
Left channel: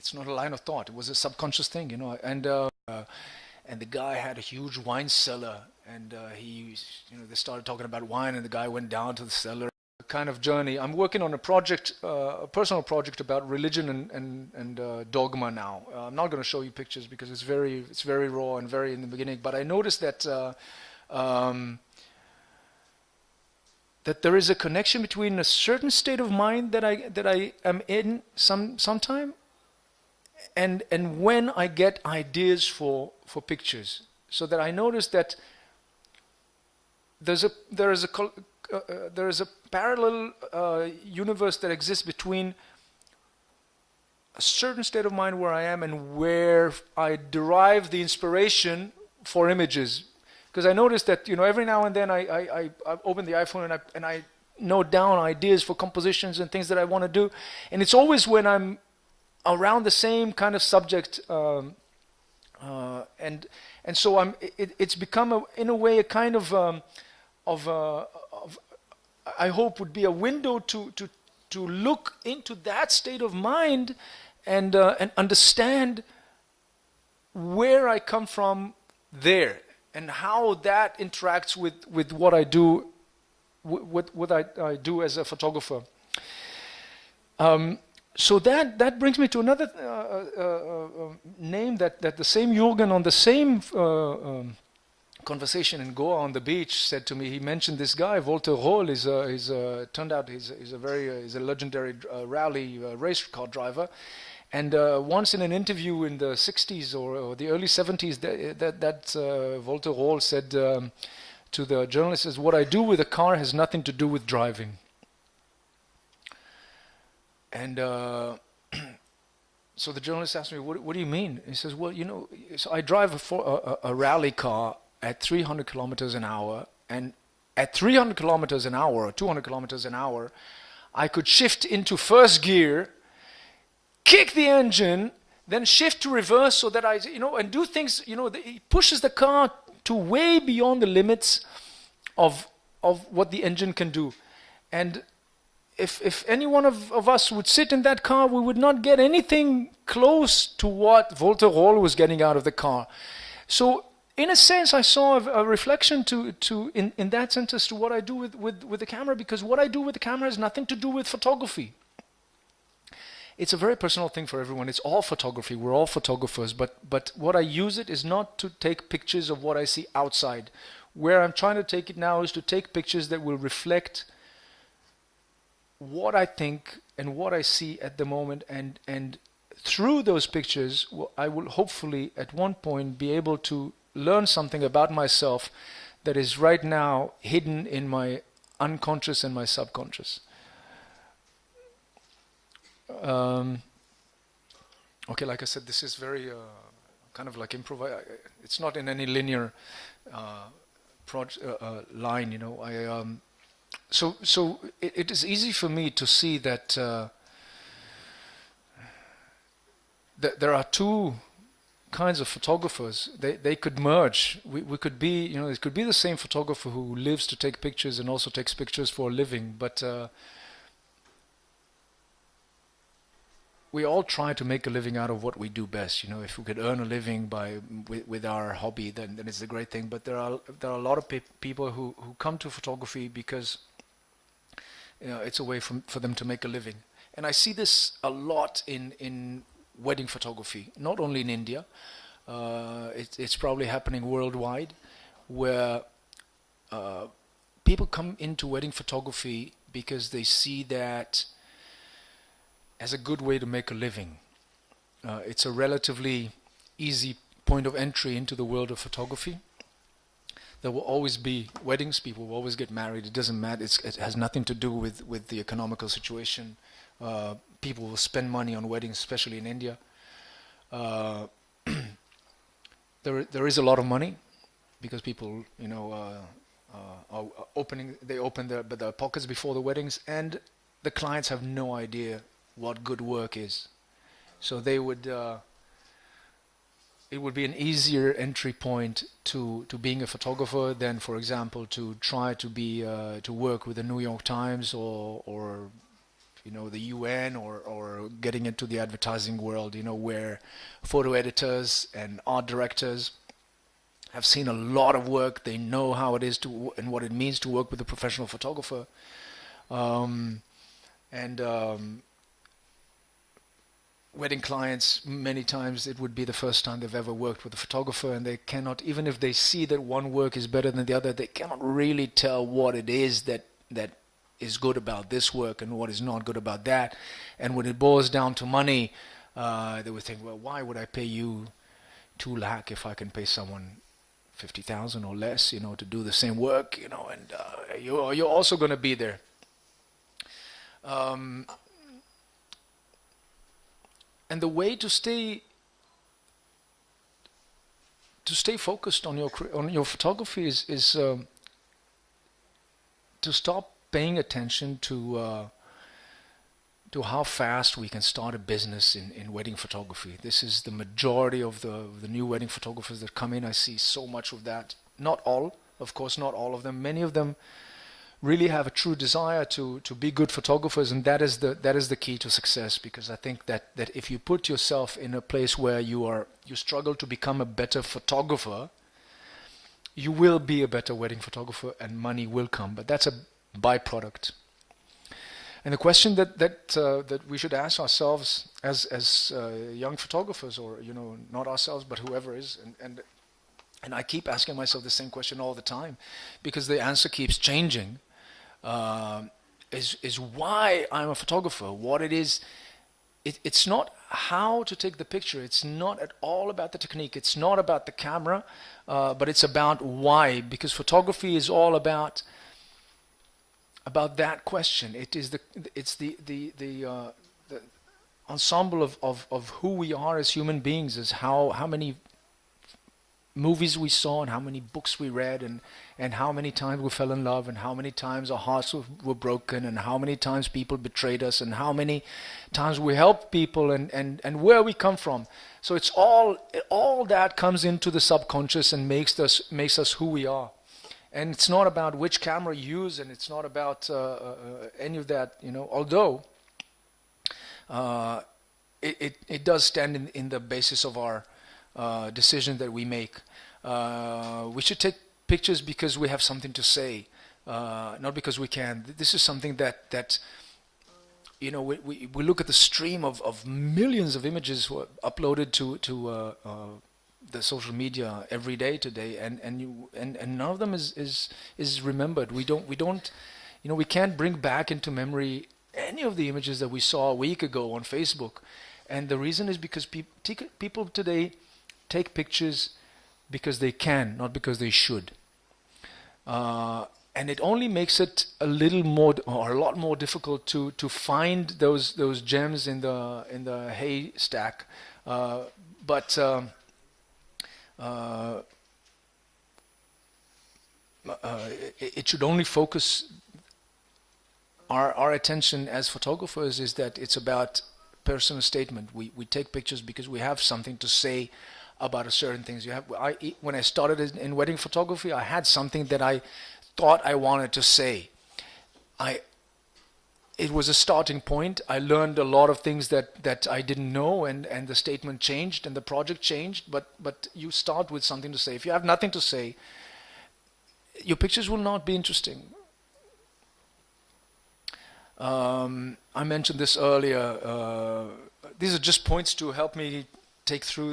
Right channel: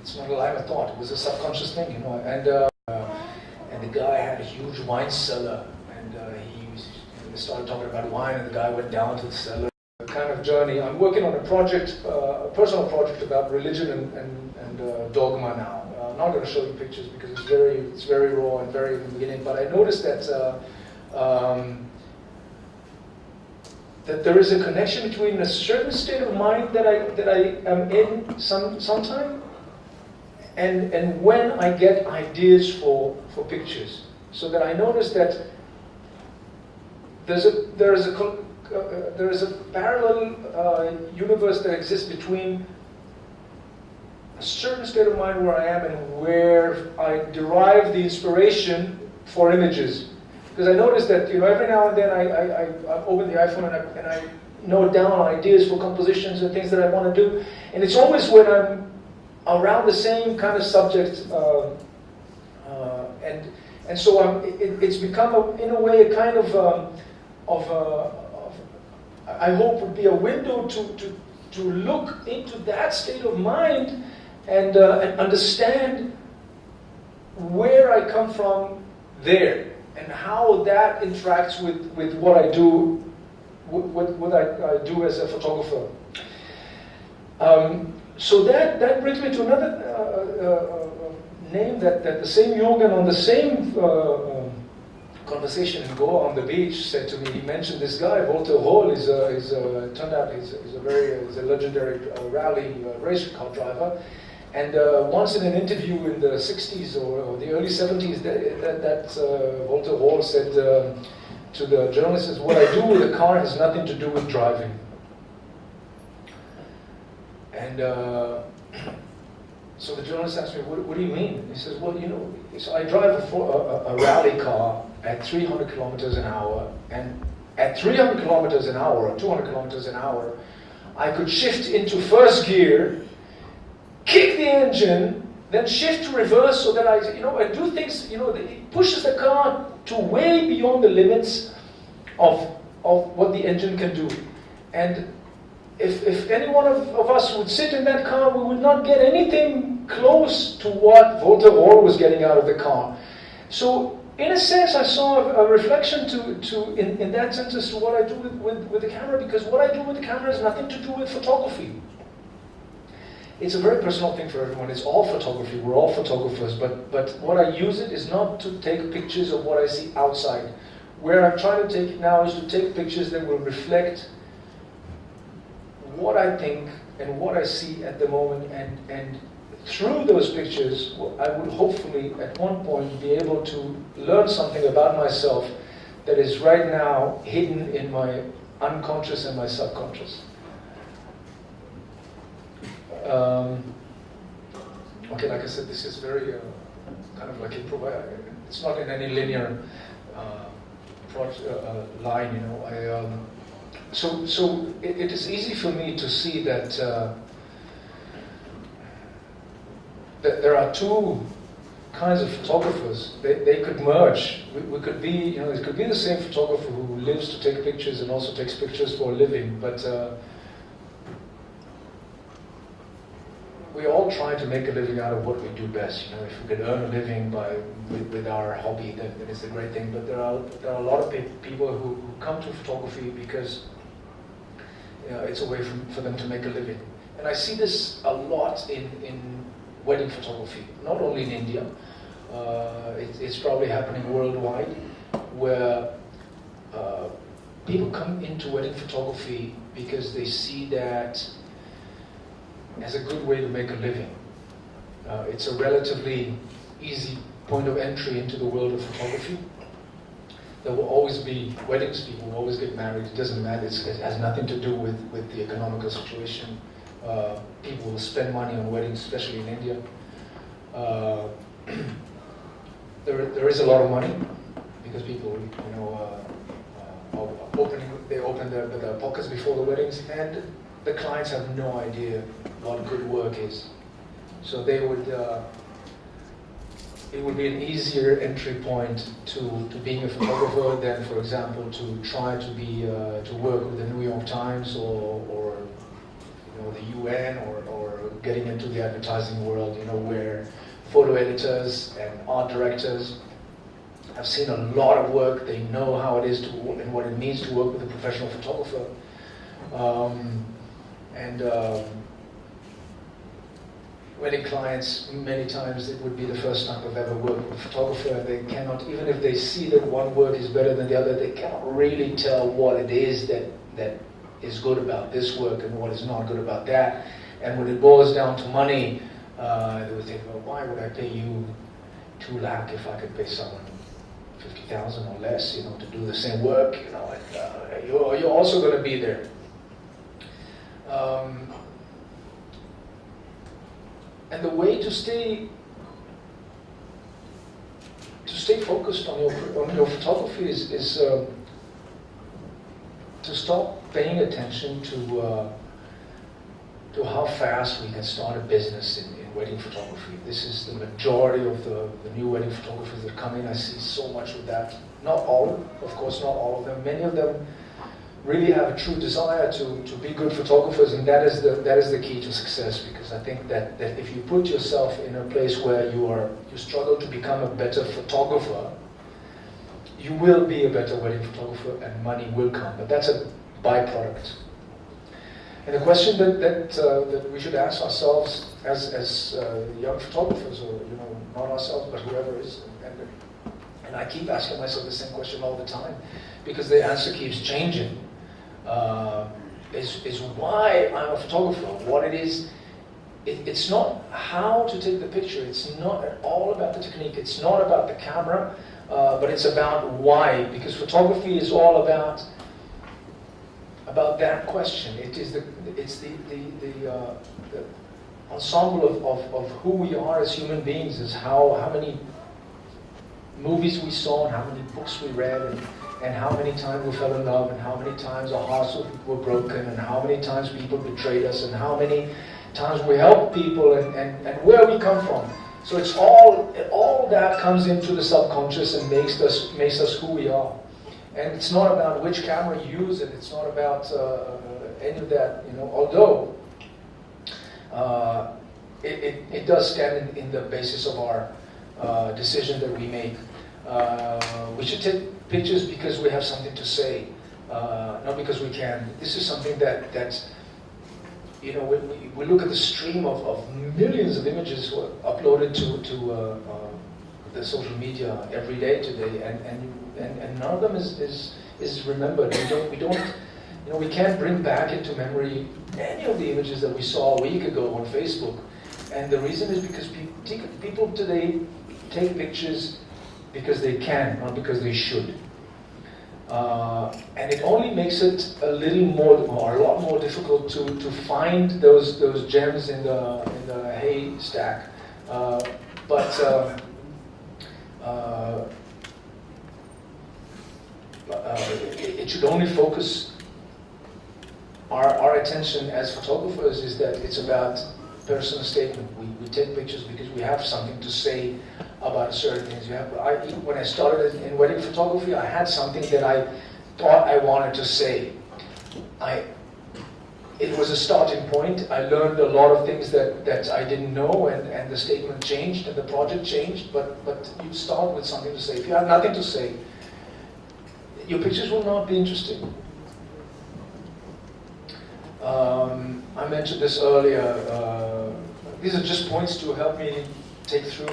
it's not a line of thought. It was a subconscious thing, you know. And the guy had a huge wine cellar, and they started talking about wine, and the guy went down to the cellar. Kind of journey. I'm working on a project, a personal project about religion and dogma now. I'm not going to show you pictures because it's very raw and very in the beginning. But I noticed that that there is a connection between a certain state of mind that I am in sometime, and when I get ideas for pictures. So that I noticed that there is a parallel universe that exists between a certain state of mind where I am and where I derive the inspiration for images. Because I noticed that, you know, every now and then I open the iPhone and I note down ideas for compositions and things that I want to do, and it's always when I'm around the same kind of subject, and so it's become in a way a kind of I hope would be a window to look into that state of mind and understand where I come from there and how that interacts with what I do, what I do as a photographer. So that brings me to another name that the same Jürgen on the same conversation in Goa on the beach said to me. He mentioned this guy, Walter Roll, turned out he's a legendary rally race car driver. And once in an interview in the 60s or the early 70s, that Walter Roll said to the journalists, "What I do with a car has nothing to do with driving." And so the journalist asked me, what do you mean? He says, well, you know, so I drive a rally car at 300 kilometers an hour, and at 300 kilometers an hour, or 200 kilometers an hour, I could shift into first gear, kick the engine, then shift to reverse so that I, you know, and do things, you know, it pushes the car to way beyond the limits of what the engine can do. And if any one of us would sit in that car, we would not get anything close to what Walter Roll was getting out of the car. So, in a sense, I saw a reflection in that sentence to what I do with the camera, because what I do with the camera has nothing to do with photography. It's a very personal thing for everyone. It's all photography. We're all photographers. But what I use it is not to take pictures of what I see outside. Where I'm trying to take it now is to take pictures that will reflect what I think and what I see at the moment, and through those pictures, I would hopefully at one point be able to learn something about myself that is right now hidden in my unconscious and my subconscious. Okay, like I said, this is very kind of like improvised. It's not in any linear line, you know. So it is easy for me to see that that there are two kinds of photographers. They could merge. We could be, you know, it could be the same photographer who lives to take pictures and also takes pictures for a living, but we all try to make a living out of what we do best. You know, if we could earn a living with our hobby, then it's a great thing. But there are a lot of people who come to photography because, you know, it's a way for them to make a living. And I see this a lot in wedding photography, not only in India. It's probably happening worldwide, where people come into wedding photography because they see that as a good way to make a living. It's a relatively easy point of entry into the world of photography. There will always be weddings, people will always get married, it doesn't matter, it has nothing to do with the economical situation. People will spend money on weddings, especially in India. There is a lot of money, because people, you know, they open their pockets before the weddings, and the clients have no idea what good work is. So they would it would be an easier entry point to being a photographer than, for example, to try to be to work with the New York Times or you know, the UN or getting into the advertising world, you know, where photo editors and art directors have seen a lot of work. They know how it is to and what it means to work with a professional photographer. Wedding clients, many times it would be the first time they've ever worked with a photographer, and they cannot, even if they see that one work is better than the other, they cannot really tell what it is that is good about this work and what is not good about that. And when it boils down to money, they would think, well, why would I pay you 2 lakh if I can pay someone 50,000 or less, you know, to do the same work, you know, and you're also going to be there. And the way to stay focused on your photography is to stop paying attention to how fast we can start a business in wedding photography. This is the majority of the new wedding photographers that come in. I see so much of that. Not all, of course, not all of them. Many of them really have a true desire to be good photographers, and that is the key to success. Because I think that if you put yourself in a place where you struggle to become a better photographer, you will be a better wedding photographer, and money will come. But that's a byproduct. And the question that we should ask ourselves as young photographers, or you know, not ourselves, but whoever is, and I keep asking myself the same question all the time, because the answer keeps changing. Is why I'm a photographer. What it is, it's not how to take the picture. It's not at all about the technique. It's not about the camera, but it's about why. Because photography is all about that question. It's the ensemble of who we are as human beings. Is how many movies we saw and how many books we read and how many times we fell in love and how many times our hearts were broken and how many times people betrayed us and how many times we helped people and where we come from. So it's all that comes into the subconscious and makes us who we are. And it's not about which camera you use, and it's not about any of that, you know, although it does stand in the basis of our decision that we make. We should take pictures because we have something to say, not because we can. This is something that you know, we look at the stream of millions of images uploaded to the social media every day today, and none of them is remembered. We don't, you know, we can't bring back into memory any of the images that we saw a week ago on Facebook, and the reason is because people today take pictures because they can, not because they should. And it only makes it a little more, or a lot more difficult to find those gems in the haystack. It should only focus our attention as photographers is that it's about personal statement. We take pictures because we have something to say about certain things. When I started in wedding photography, I had something that I thought I wanted to say. It was a starting point. I learned a lot of things that I didn't know, and the statement changed and the project changed, but you start with something to say. If you have nothing to say, your pictures will not be interesting. I mentioned this earlier. These are just points to help me take through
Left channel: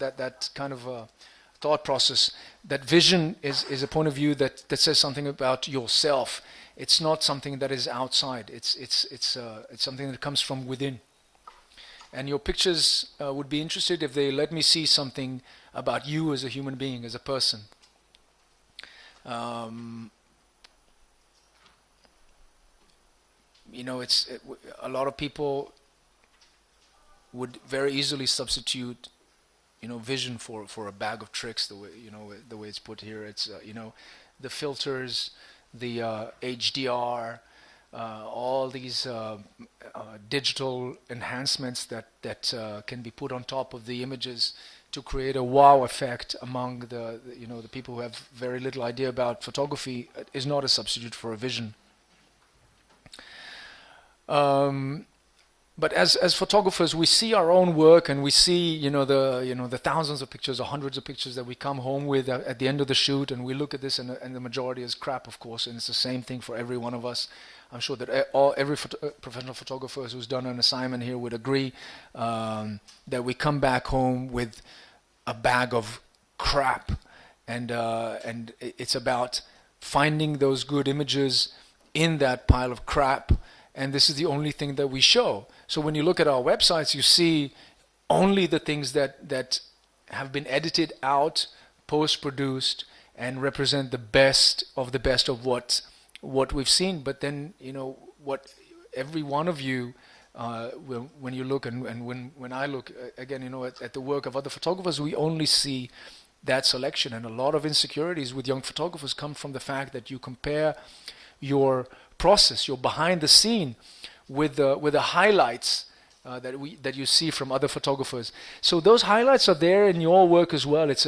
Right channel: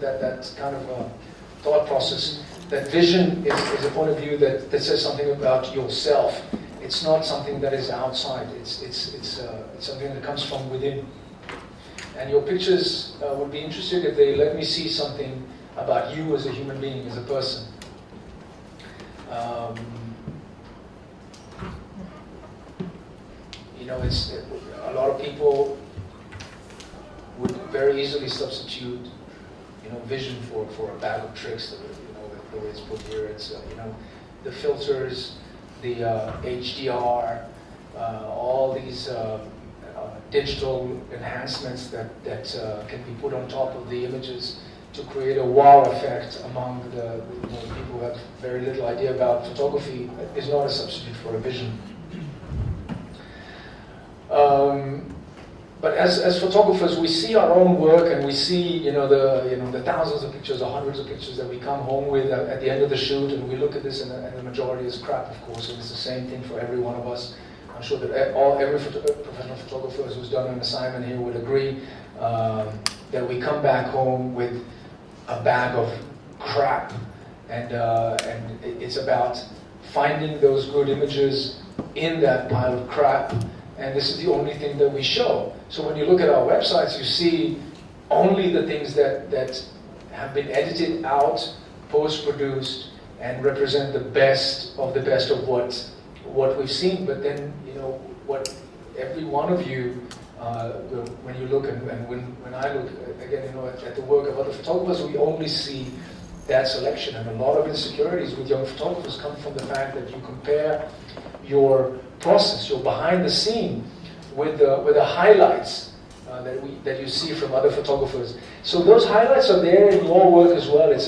that kind of thought process. That vision is a point of view that says something about yourself. It's not something that is outside. It's something that comes from within. And your pictures would be interested if they let me see something about you as a human being, as a person. You know, it's a lot of people would very easily substitute, you know, vision for a bag of tricks. The way it's put here, it's you know, the filters, the HDR, all these digital enhancements that can be put on top of the images to create a wow effect among the people who have very little idea about photography is not a substitute for a vision. But as photographers, we see our own work, and we see the thousands of pictures or hundreds of pictures that we come home with at the end of the shoot, and we look at this, and the majority is crap, of course, and it's the same thing for every one of us. I'm sure that every professional photographer who's done an assignment here would agree that we come back home with a bag of crap, and it's about finding those good images in that pile of crap, and this is the only thing that we show. So when you look at our websites, you see only the things that have been edited out, post-produced, and represent the best of what we've seen. But then, what every one of you will, when you look, and when I look again, at the work of other photographers, we only see that selection. And a lot of insecurities with young photographers come from the fact that you compare your process, your behind the scene, with the highlights that you see from other photographers. So those highlights are there in your work as well. It's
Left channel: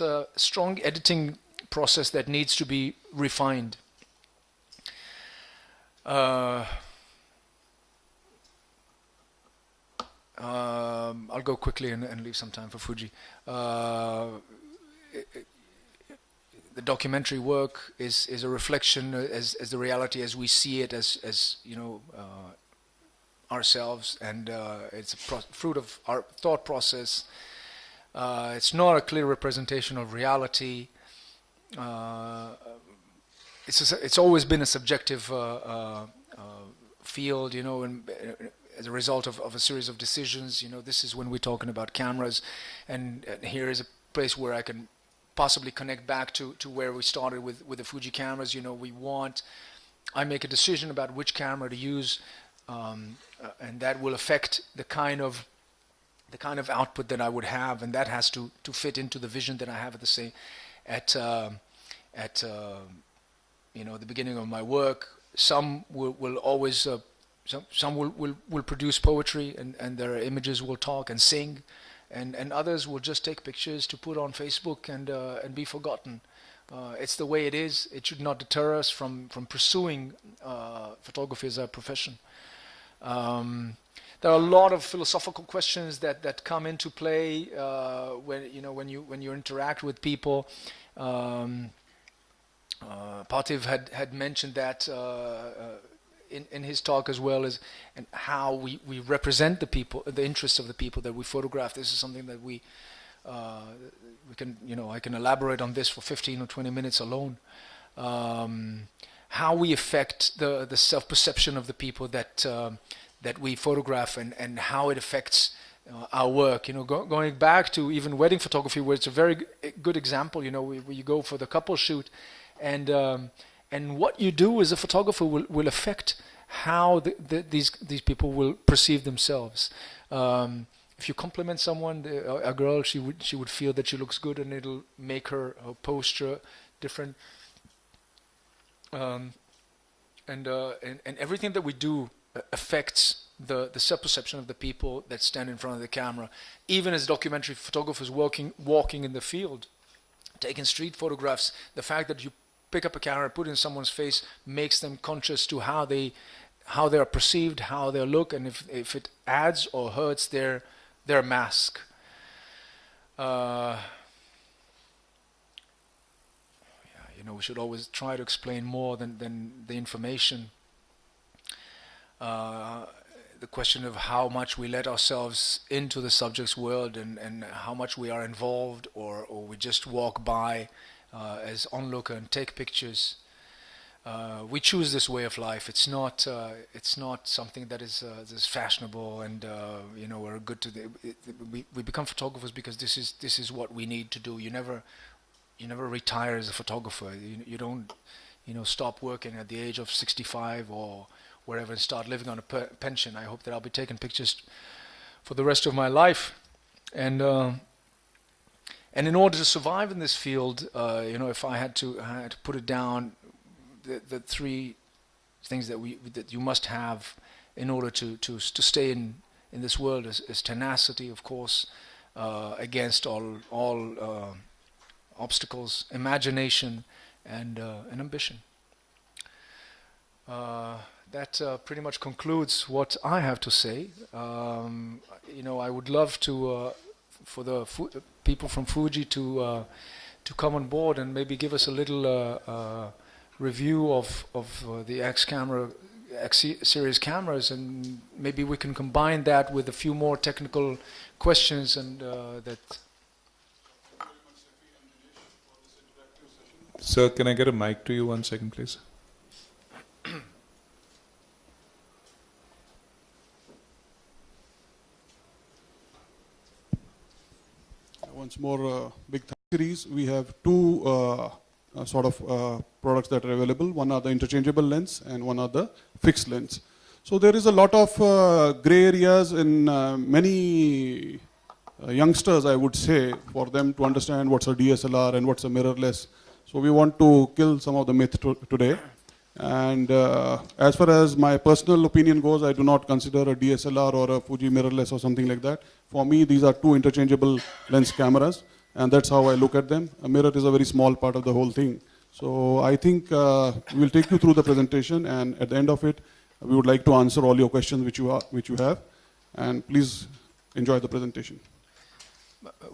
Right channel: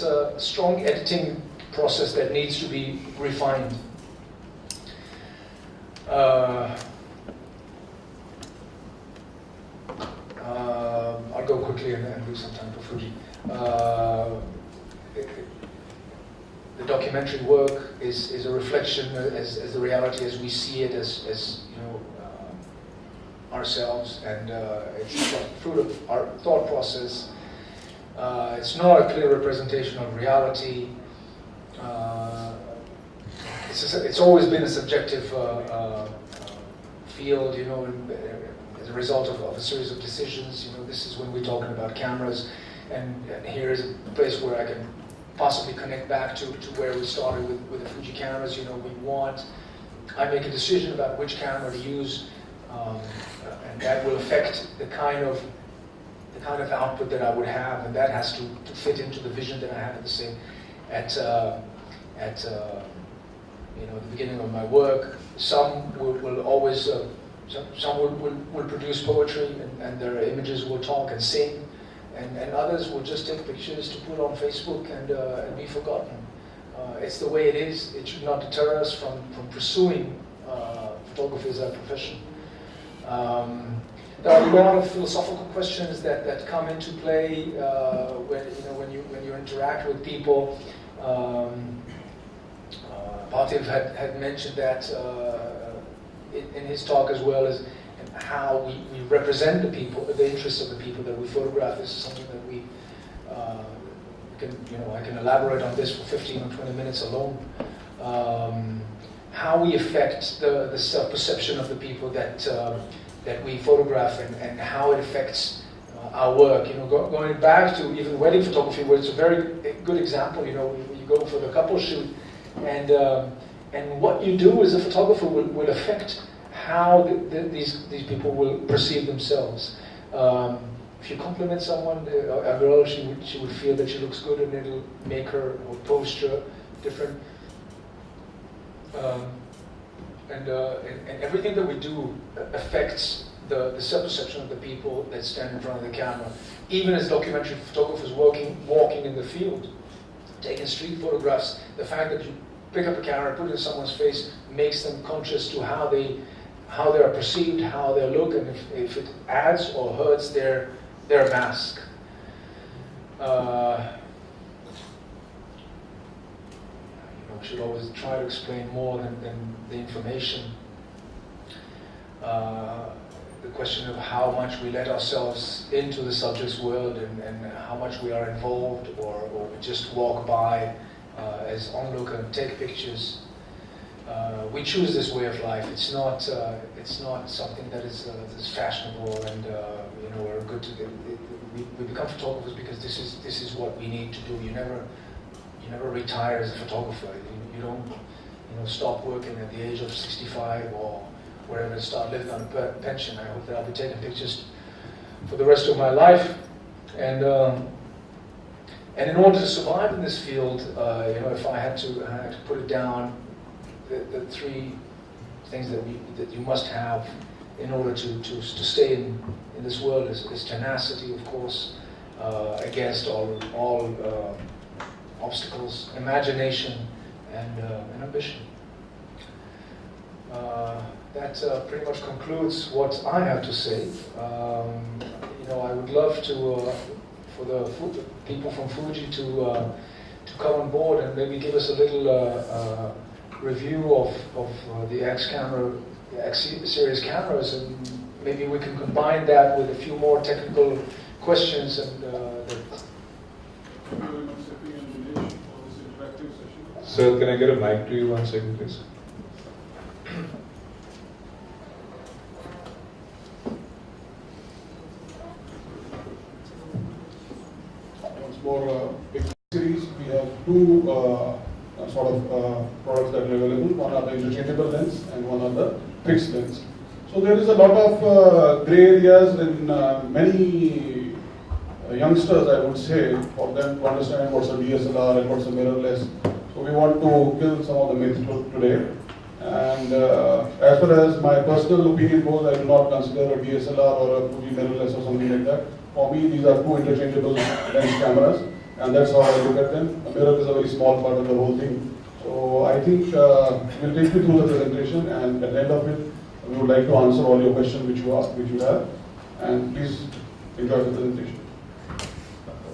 a strong editing process that needs to be refined. I'll go quickly and leave some time for Fuji. The documentary work is a reflection as the reality as we see it as ourselves, and it's a fruit of our thought process. It's not a clear representation of reality. It's always been a subjective field, and as a result of a series of decisions. This is when we're talking about cameras, and here is a place where I can possibly connect back to where we started with the Fuji cameras. I make a decision about which camera to use, and that will affect the kind of output that I would have, and that has to fit into the vision that I have at the beginning of my work. Some will always some will produce poetry, and their images will talk and sing, and others will just take pictures to put on Facebook and be forgotten. It's the way it is. It should not deter us from pursuing photography as a profession. There are a lot of philosophical questions that come into play when you interact with people. Partiv had mentioned that in his talk as well, as how we represent the people, the interests of the people that we photograph. This is something that we I can elaborate on this for 15 or 20 minutes alone. How we affect the self-perception of the people that we photograph, and how it affects our work. Going back to even wedding photography, where it's a very good example. You go for the couple shoot, and what you do as a photographer will affect how these people will perceive themselves. If you compliment someone, a girl, she would feel that she looks good, and it'll make her posture different. And everything that we do affects the self-perception of the people that stand in front of the camera. Even as documentary photographers walking in the field, taking street photographs, the fact that you pick up a camera, put it in someone's face, makes them conscious to how they are perceived, how they look, and if it adds or hurts their mask. We should always try to explain more than the information. The question of how much we let ourselves into the subject's world, and how much we are involved, or we just walk by as onlooker and take pictures. We choose this way of life. It's not something that is fashionable, and we're good to. We become photographers because this is what we need to do. You never retire as a photographer. You don't stop working at the age of 65 or wherever and start living on a pension. I hope that I'll be taking pictures for the rest of my life, and in order to survive in this field, if I had to put it down, the three things that you must have in order to stay in this world is tenacity, of course, against all obstacles, imagination, and ambition. That pretty much concludes what I have to say. I would love to, for the people from Fuji to come on board and maybe give us a little review of the X series cameras, and maybe we can combine that with a few more technical questions and that. Sir, can I get a mic to you 1 second, please? Once more, big series, we have two products that are available. One are the interchangeable lens and one are the fixed lens. So there is a lot of gray areas in many youngsters, I would say, for them to understand what's a DSLR and what's a mirrorless. So we want to kill some of the myth today. And as far as my personal opinion goes, I do not consider a DSLR or a Fuji mirrorless or something like that. For me, these are two interchangeable lens cameras, and that's how I look at them. A mirror is a very small part of the whole thing. So I think we'll take you through the presentation, and at the end of it, we would like to answer all your questions which you have. And please enjoy the presentation.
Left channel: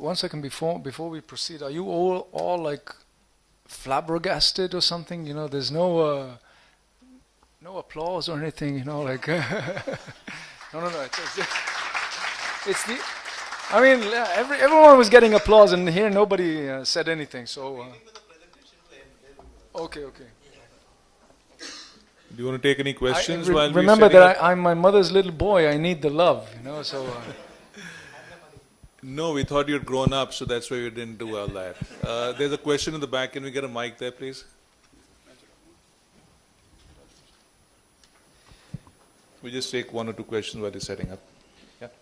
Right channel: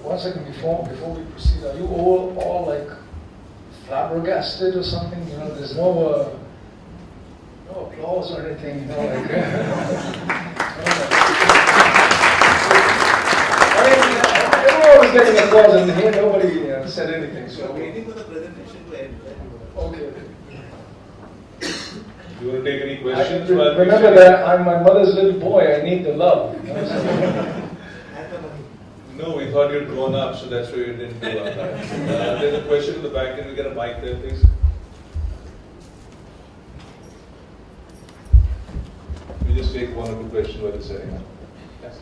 1 second before we proceed, are you all like flabbergasted or something? There's no applause or anything. I mean, everyone was getting applause, and here nobody said anything. So Waiting for the presentation to end. okay. You want to take any questions? Remember that I'm my mother's little boy. I need the love. So. No, we thought you'd grown up, so that's why we didn't do all that. There's a question in the back. Can we get a mic there, please? We just take 1 or 2 questions while you're setting up. Yes.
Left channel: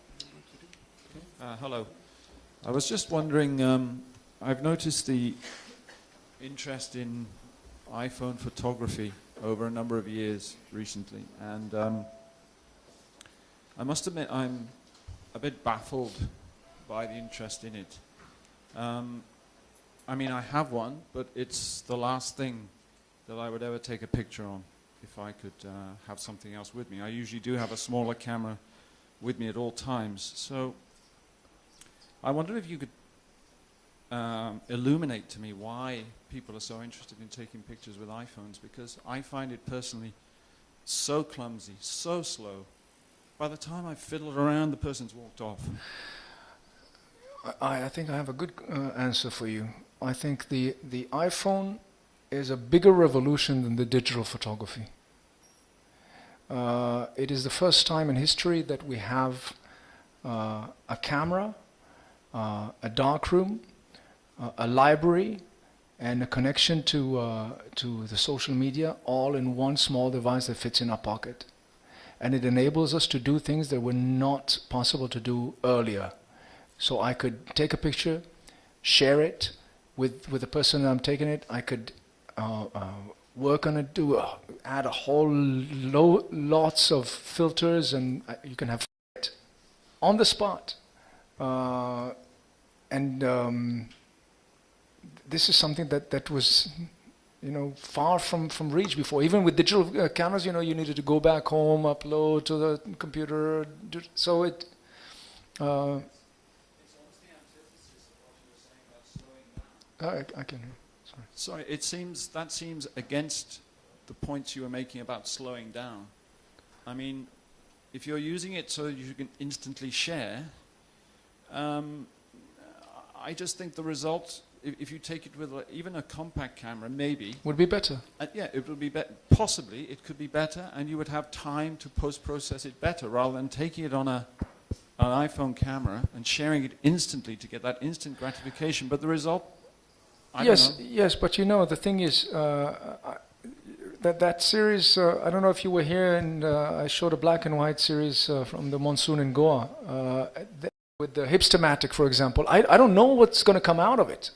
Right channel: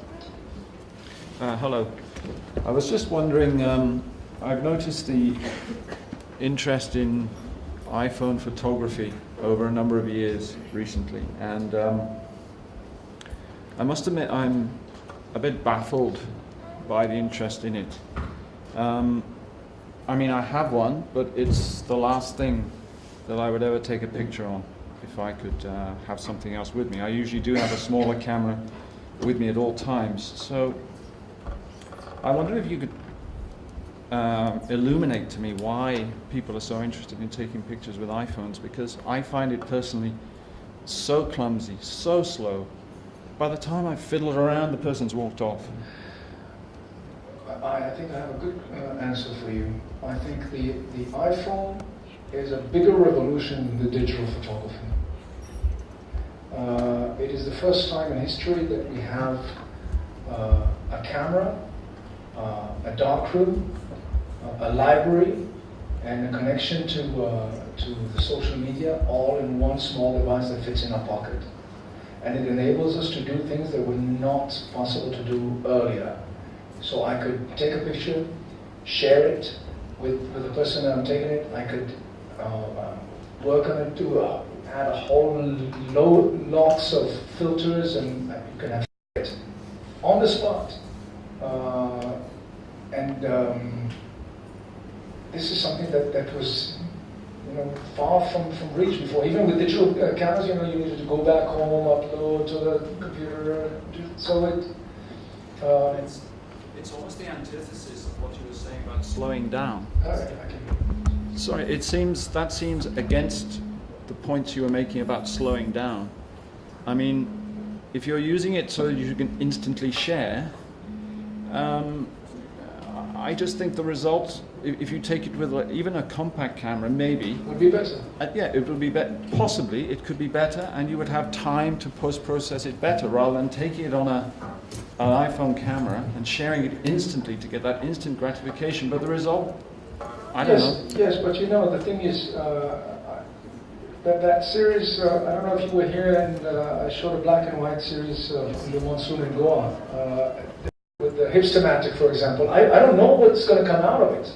Hello. I was just wondering, I've noticed the interest in iPhone photography over a number of years recently, and I must admit I'm a bit baffled by the interest in it. I mean, I have one, but it's the last thing that I would ever take a picture on if I could have something else with me. I usually do have a smaller camera with me at all times. So I wonder if you could illuminate to me why people are so interested in taking pictures with iPhones, because I find it personally so clumsy, so slow. By the time I've fiddled around, the person's walked off. I think I have a good answer for you. I think the iPhone is a bigger revolution than the digital photography. It is the first time in history that we have a camera, a darkroom, a library, and a connection to the social media, all in one small device that fits in our pocket. And it enables us to do things that were not possible to do earlier. So I could take a picture, share it with the person I'm taking it. I could work on it, add a whole lots of filters, and you can have it on the spot. This is something that was, far from reach before. Even with digital cameras, you needed to go back home, upload to the computer. So it's almost the antithesis of what you were saying about slowing down. Okay. Sorry, that seems against the points you were making about slowing down. I mean, if you're using it so that you can instantly share, I just think the results, if you take it with even a compact camera, maybe would be better. Yeah, it would be better. Possibly, it could be better, and you would have time to post-process it better, rather than taking it on an iPhone camera and sharing it instantly to get that instant gratification. But the result, I don't know. Yes, but the thing is, that series, I don't know if you were here, and I showed a black and white series from the monsoon in Goa. With the hipstamatic, for example, I don't know what's going to come out of it.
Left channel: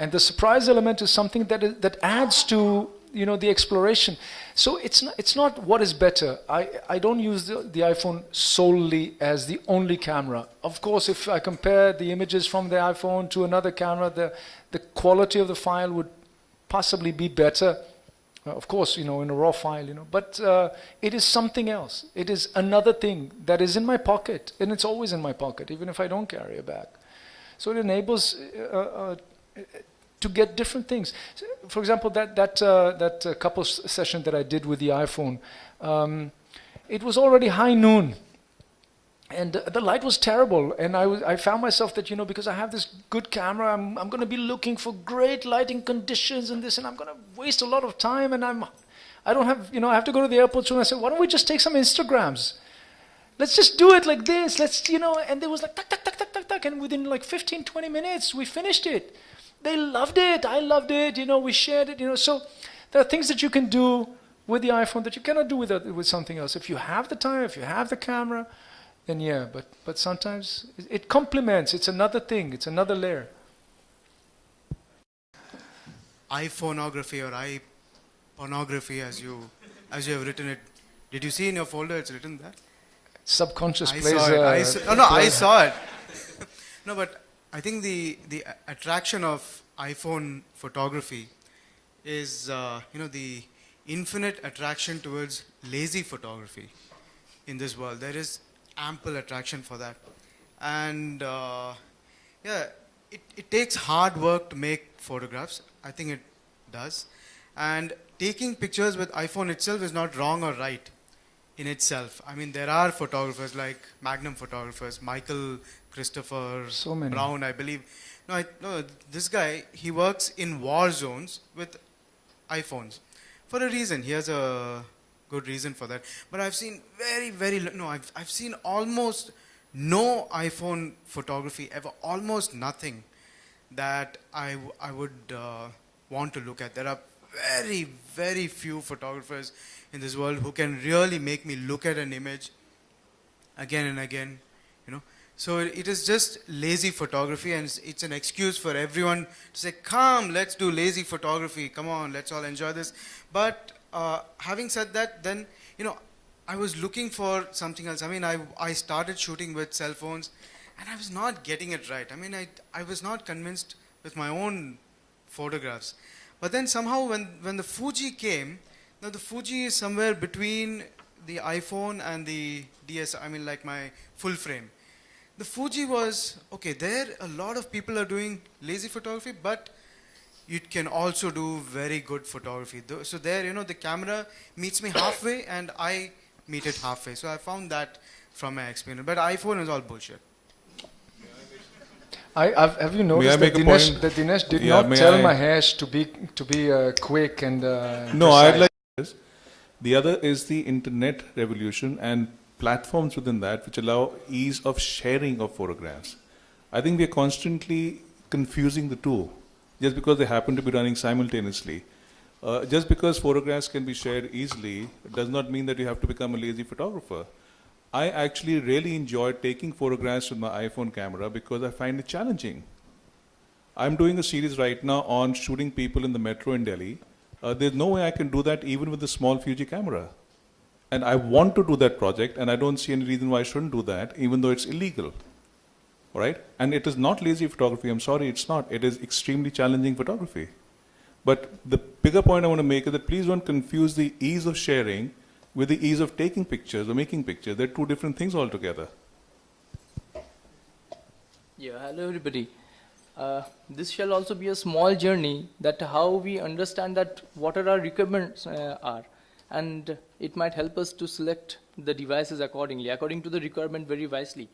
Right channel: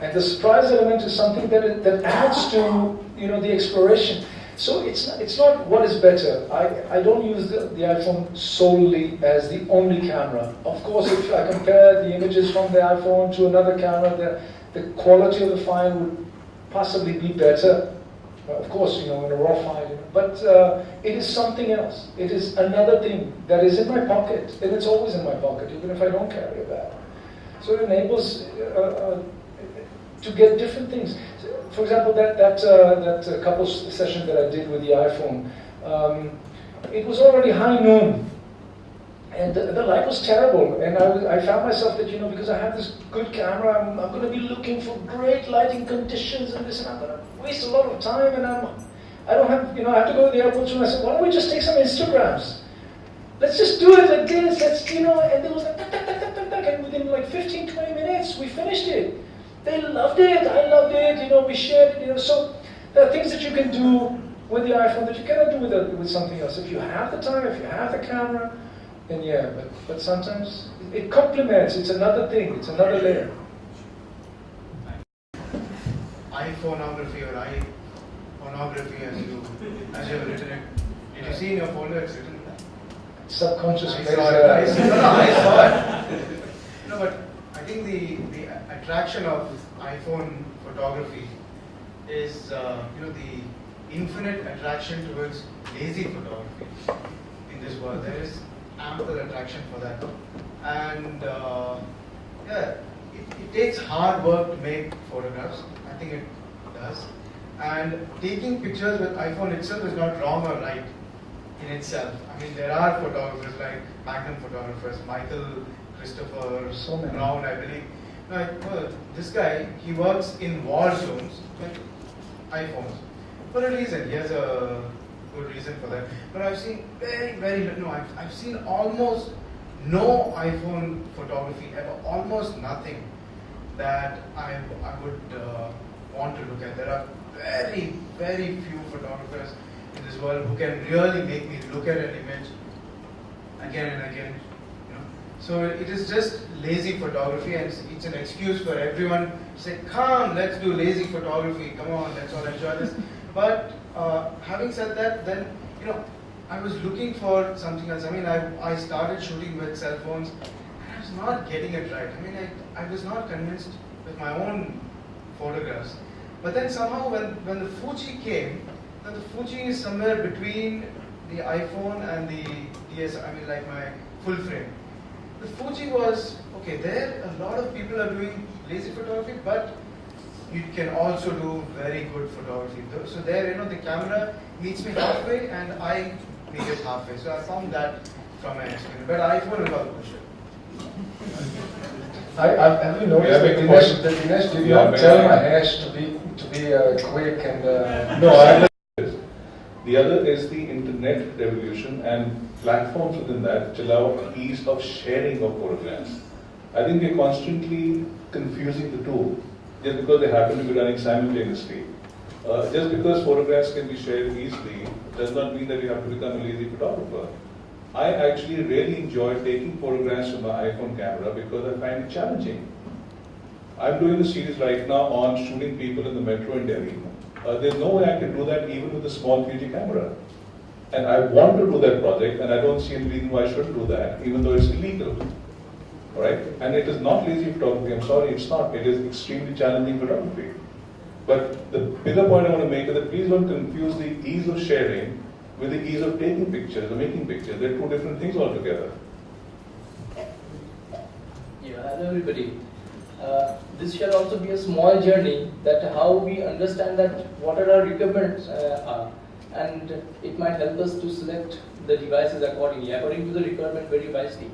And the surprise element is something that adds to, the exploration. So it's not what is better. I don't use the iPhone solely as the only camera. Of course, if I compare the images from the iPhone to another camera, the quality of the file would possibly be better. Of course, in a raw file, but it is something else. It is another thing that is in my pocket, and it's always in my pocket, even if I don't carry a bag. So it enables to get different things. So, for example, that couples session that I did with the iPhone, it was already high noon, and the light was terrible. And I found myself that because I have this good camera, I'm going to be looking for great lighting conditions and this, and I'm going to waste a lot of time. And I don't have I have to go to the airport. So I said, why don't we just take some Instagrams? Let's just do it like this. And there was like tuck, tuck, tuck, tuck, tuck, tuck, and within like 15, 20 minutes, we finished it. They loved it. I loved it. We shared it. So there are things that you can do with the iPhone that you cannot do with something else. If you have the time, if you have the camera, then yeah. But sometimes it complements. It's another thing. It's another layer. iPhoneography or iPornography, as you have written it. Did you see in your folder it's written there? Subconscious I plays. saw it. I saw it. No, but I think the attraction of iPhone photography is the infinite attraction towards lazy photography in this world. There is ample attraction for that, and it takes hard work to make photographs. I think it does, and taking pictures with iPhone itself is not wrong or right in itself. I mean, there are photographers like Magnum photographers, Michael Christopher Brown, I believe. No, this guy, he works in war zones with iPhones for a reason. He has a good reason for that. But I've seen I've seen almost no iPhone photography ever, almost nothing that I would want to look at. There are very, very few photographers in this world who can really make me look at an image again and again. So it is just lazy photography, and it's an excuse for everyone to say, come, let's do lazy photography, come on, let's all enjoy this. But having said that, then, I was looking for something else. I mean, I started shooting with cell phones, and I was not getting it right. I mean, I was not convinced with my own photographs. But then somehow when the Fuji came, now the Fuji is somewhere between the iPhone and the DSLR, I mean, like my full frame. The Fuji was, okay, there a lot of people are doing lazy photography, but you can also do very good photography. So there, the camera meets me halfway and I meet it halfway. So I found that from my experience. But iPhone is all bullshit. Have you noticed that Dinesh did not tell Mahesh to be quick and... No, I like this. The other is the internet revolution and platforms within that which allow ease of sharing of photographs. I think we're constantly confusing the two just because they happen to be running simultaneously. Just because photographs can be shared easily does not mean that you have to become a lazy photographer. I actually really enjoy taking photographs with my iPhone camera because I find it challenging. I'm doing a series right now on shooting people in the metro in Delhi. There's no way I can do that even with a small Fuji camera. And I want to do that project, and I don't see any reason why I shouldn't do that, even though it's illegal. All right? And it is not lazy photography. I'm sorry, it's not. It is extremely challenging photography. But the bigger point I want to make is that please don't confuse the ease of sharing with the ease of taking pictures or making pictures. They're two different things altogether. Yeah, hello everybody. This shall also be a small journey that how we understand that what our requirements are, and it might help us to select the devices according to the requirement very wisely.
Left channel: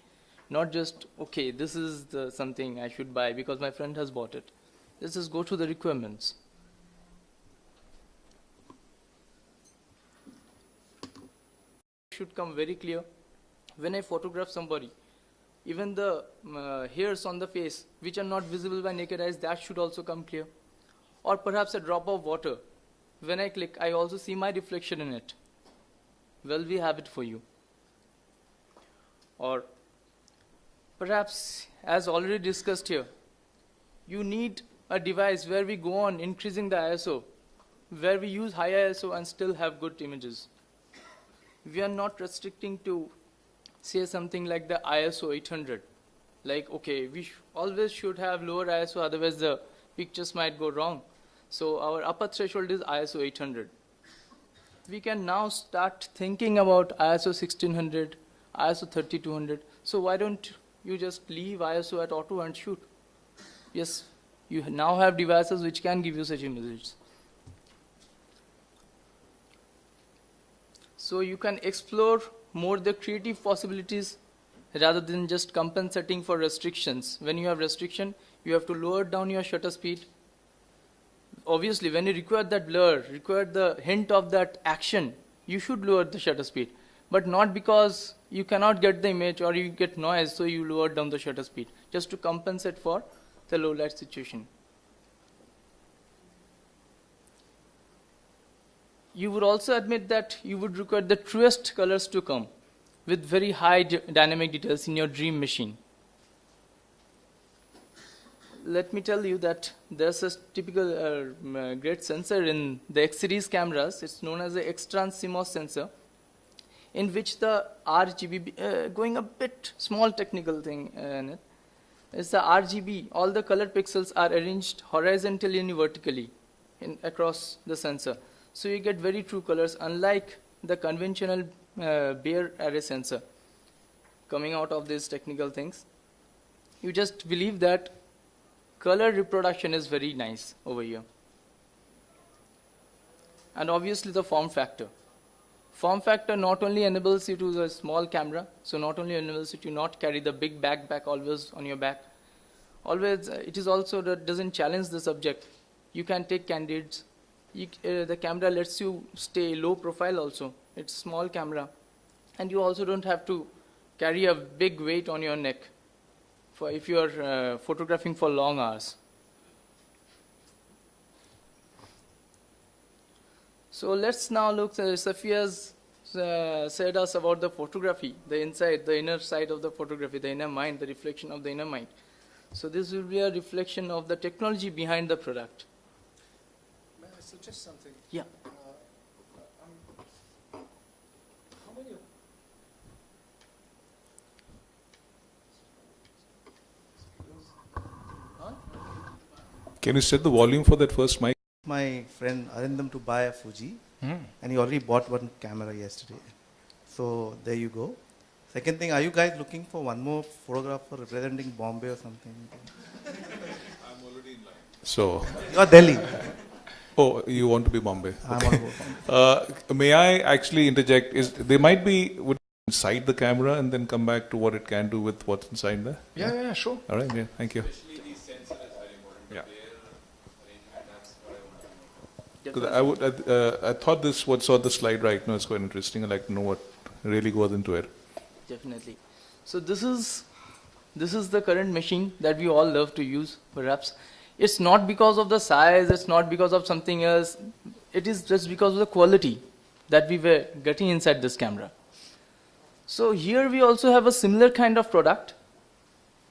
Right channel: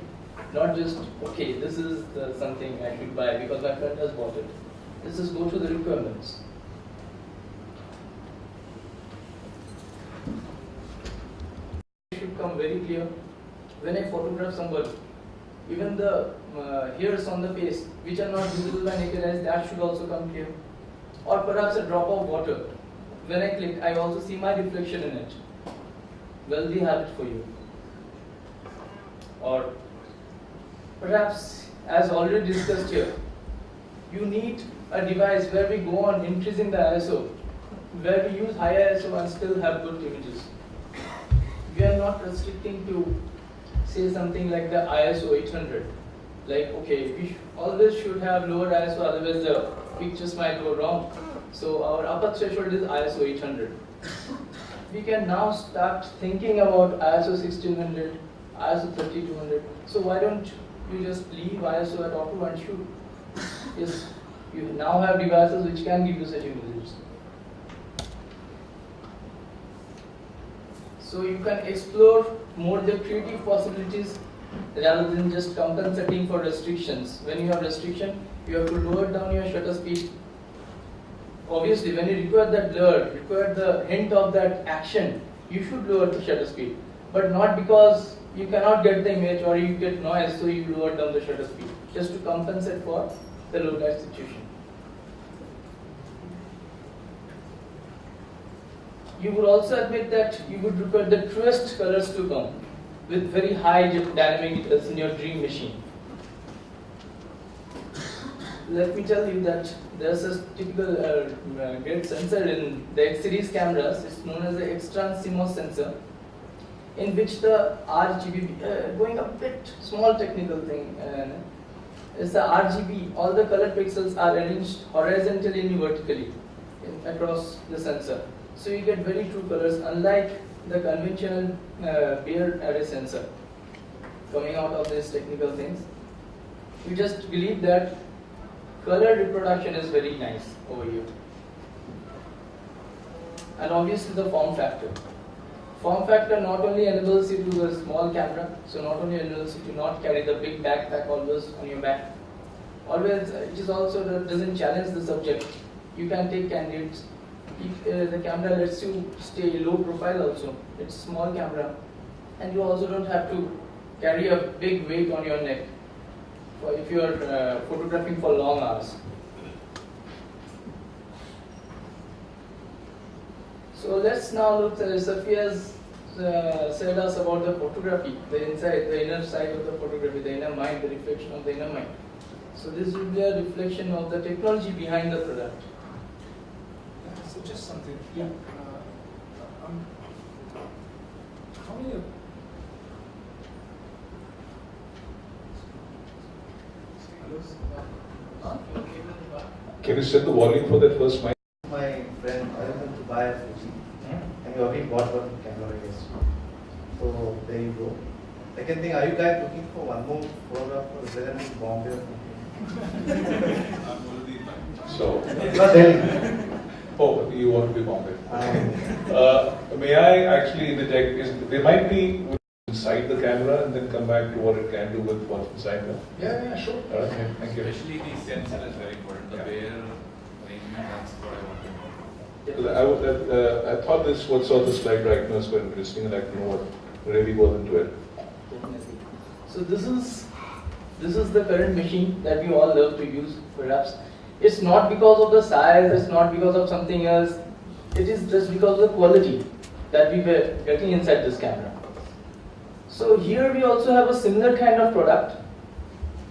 Not just, okay, this is something I should buy because my friend has bought it. Let's just go to the requirements. It should come very clear. When I photograph somebody, even the hairs on the face, which are not visible by naked eyes, that should also come clear. Or perhaps a drop of water. When I click, I also see my reflection in it. Well, we have it for you. Or perhaps, as already discussed here, you need a device where we go on increasing the ISO where we use high ISO and still have good images. We are not restricting to say something like the ISO 800. Like, okay, we always should have lower ISO, otherwise the pictures might go wrong. So our upper threshold is ISO 800. We can now start thinking about ISO 1600, ISO 3200. So why don't you just leave ISO at auto and shoot? Yes, you now have devices which can give you such images. So you can explore more the creative possibilities rather than just compensating for restrictions. When you have restriction, you have to lower down your shutter speed. Obviously, when you require that blur, require the hint of that action, you should lower the shutter speed. But not because you cannot get the image or you get noise, so you lower down the shutter speed, just to compensate for the low light situation. You would also admit that you would require the truest colors to come with very high dynamic details in your dream machine. Let me tell you that there's a typical great sensor in the X series cameras. It's known as the extran CMOS sensor, in which the RGB, going a bit small technical thing, is the RGB, all the color pixels are arranged horizontally and vertically across the sensor. So you get very true colors, unlike the conventional bare array sensor. Coming out of these technical things, you just believe that color reproduction is very nice over here. And obviously the form factor. Form factor not only enables you to the small camera, so not only enables you to not carry the big backpack always on your back. Always, it is also that doesn't challenge the subject. You can take candidates. The camera lets you stay low profile also. It's small camera, and you also don't have to carry a big weight on your neck if you are photographing for long hours. So let's now look. Sophia's said us about the photography, the inside, the inner side of the photography, the inner mind, the reflection of the inner mind. So this will be a reflection of the technology behind the product. So just something. Yeah. How many? Can you set the volume for that first mic? My friend Arindam to buy a Fuji, and he already bought one camera yesterday. So there you go. Second thing, are you guys looking for one more photographer resident in Bombay or something? So, Not Delhi. oh, you want to be Bombay? I want May I actually interject? There might be inside the camera and then come back to what it can do with what's inside there. Yeah, sure. All right, yeah, thank you. Especially the sensor is very important. The bare arrangement, that's what I want to know. Because I thought what saw the slide right now is quite interesting. I'd like to know what really goes into it. Definitely. So this is the current machine that we all love to use, perhaps. It's not because of the size, it's not because of something else. It is just because of the quality that we were getting inside this camera. So here we also have a similar kind of product,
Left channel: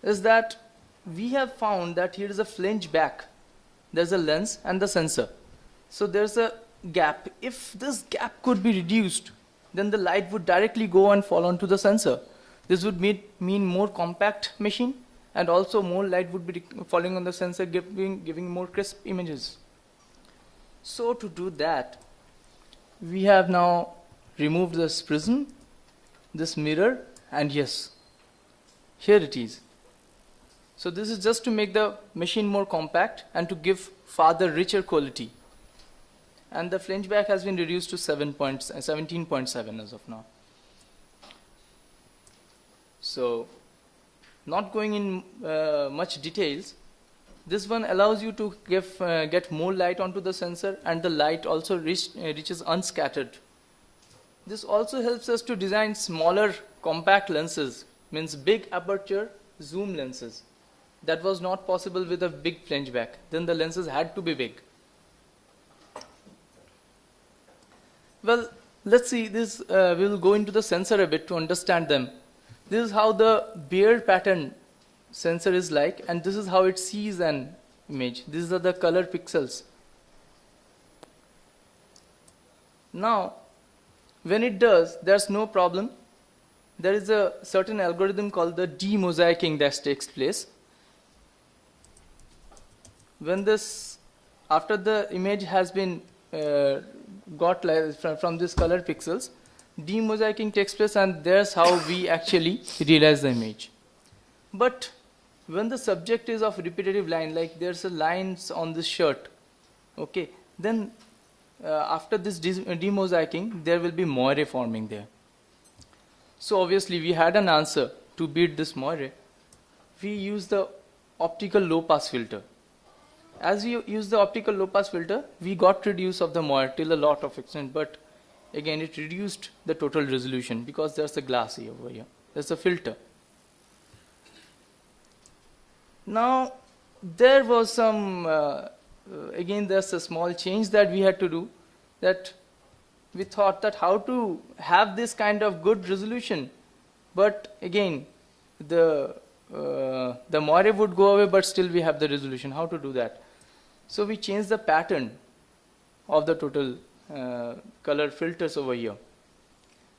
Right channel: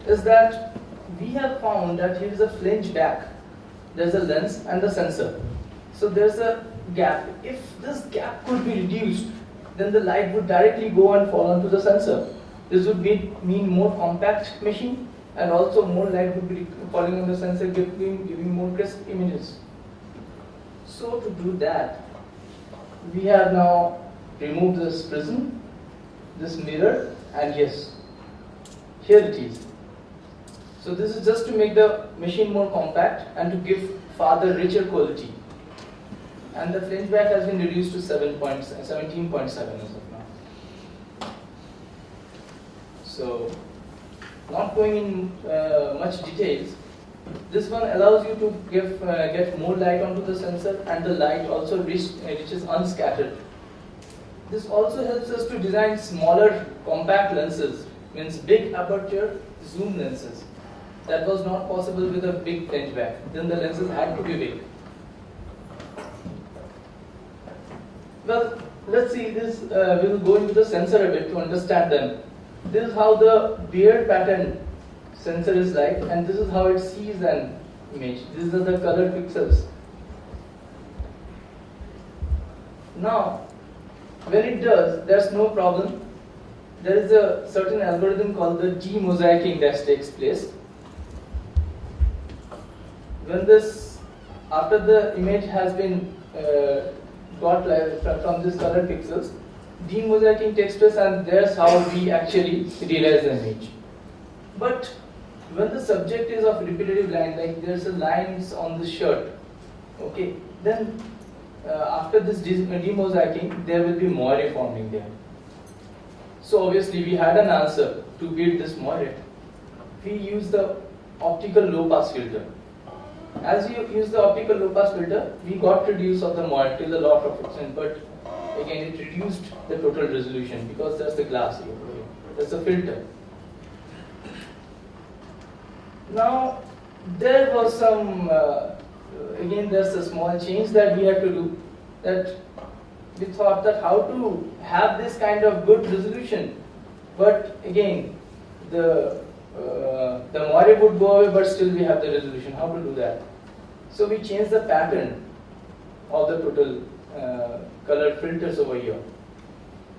is that we have found that here is a flange back. There's a lens and the sensor. So there's a gap. If this gap could be reduced, then the light would directly go and fall onto the sensor. This would mean more compact machine, and also more light would be falling on the sensor, giving more crisp images. So to do that, we have now removed this prism, this mirror, and yes, here it is. So this is just to make the machine more compact and to give further richer quality. And the flange back has been reduced to 17.7 as of now. So, not going in much details, this one allows you to get more light onto the sensor, and the light also reaches unscattered. This also helps us to design smaller compact lenses, means big aperture zoom lenses. That was not possible with a big flange back. Then the lenses had to be big. Well, let's see this. We'll go into the sensor a bit to understand them. This is how the beard pattern sensor is like, and this is how it sees an image. These are the color pixels. Now, when it does, there's no problem. There is a certain algorithm called the demosaicing that takes place. When this, after the image has been got from these colored pixels, demosaicing takes place, and there's how we actually realize the image. But when the subject is of repetitive line, like there's a lines on this shirt, okay, then after this demosaicing, there will be moire forming there. So obviously we had an answer to beat this moire. We use the optical low pass filter. As we use the optical low pass filter, we got reduce of the moire till a lot of extent, but again it reduced the total resolution because there's a glass here, there's a filter. Now there was some, again there's a small change that we had to do, that we thought that how to have this kind of good resolution, but again the moire would go away, but still we have the resolution. How to do that? So we changed the pattern of the total color filters over here.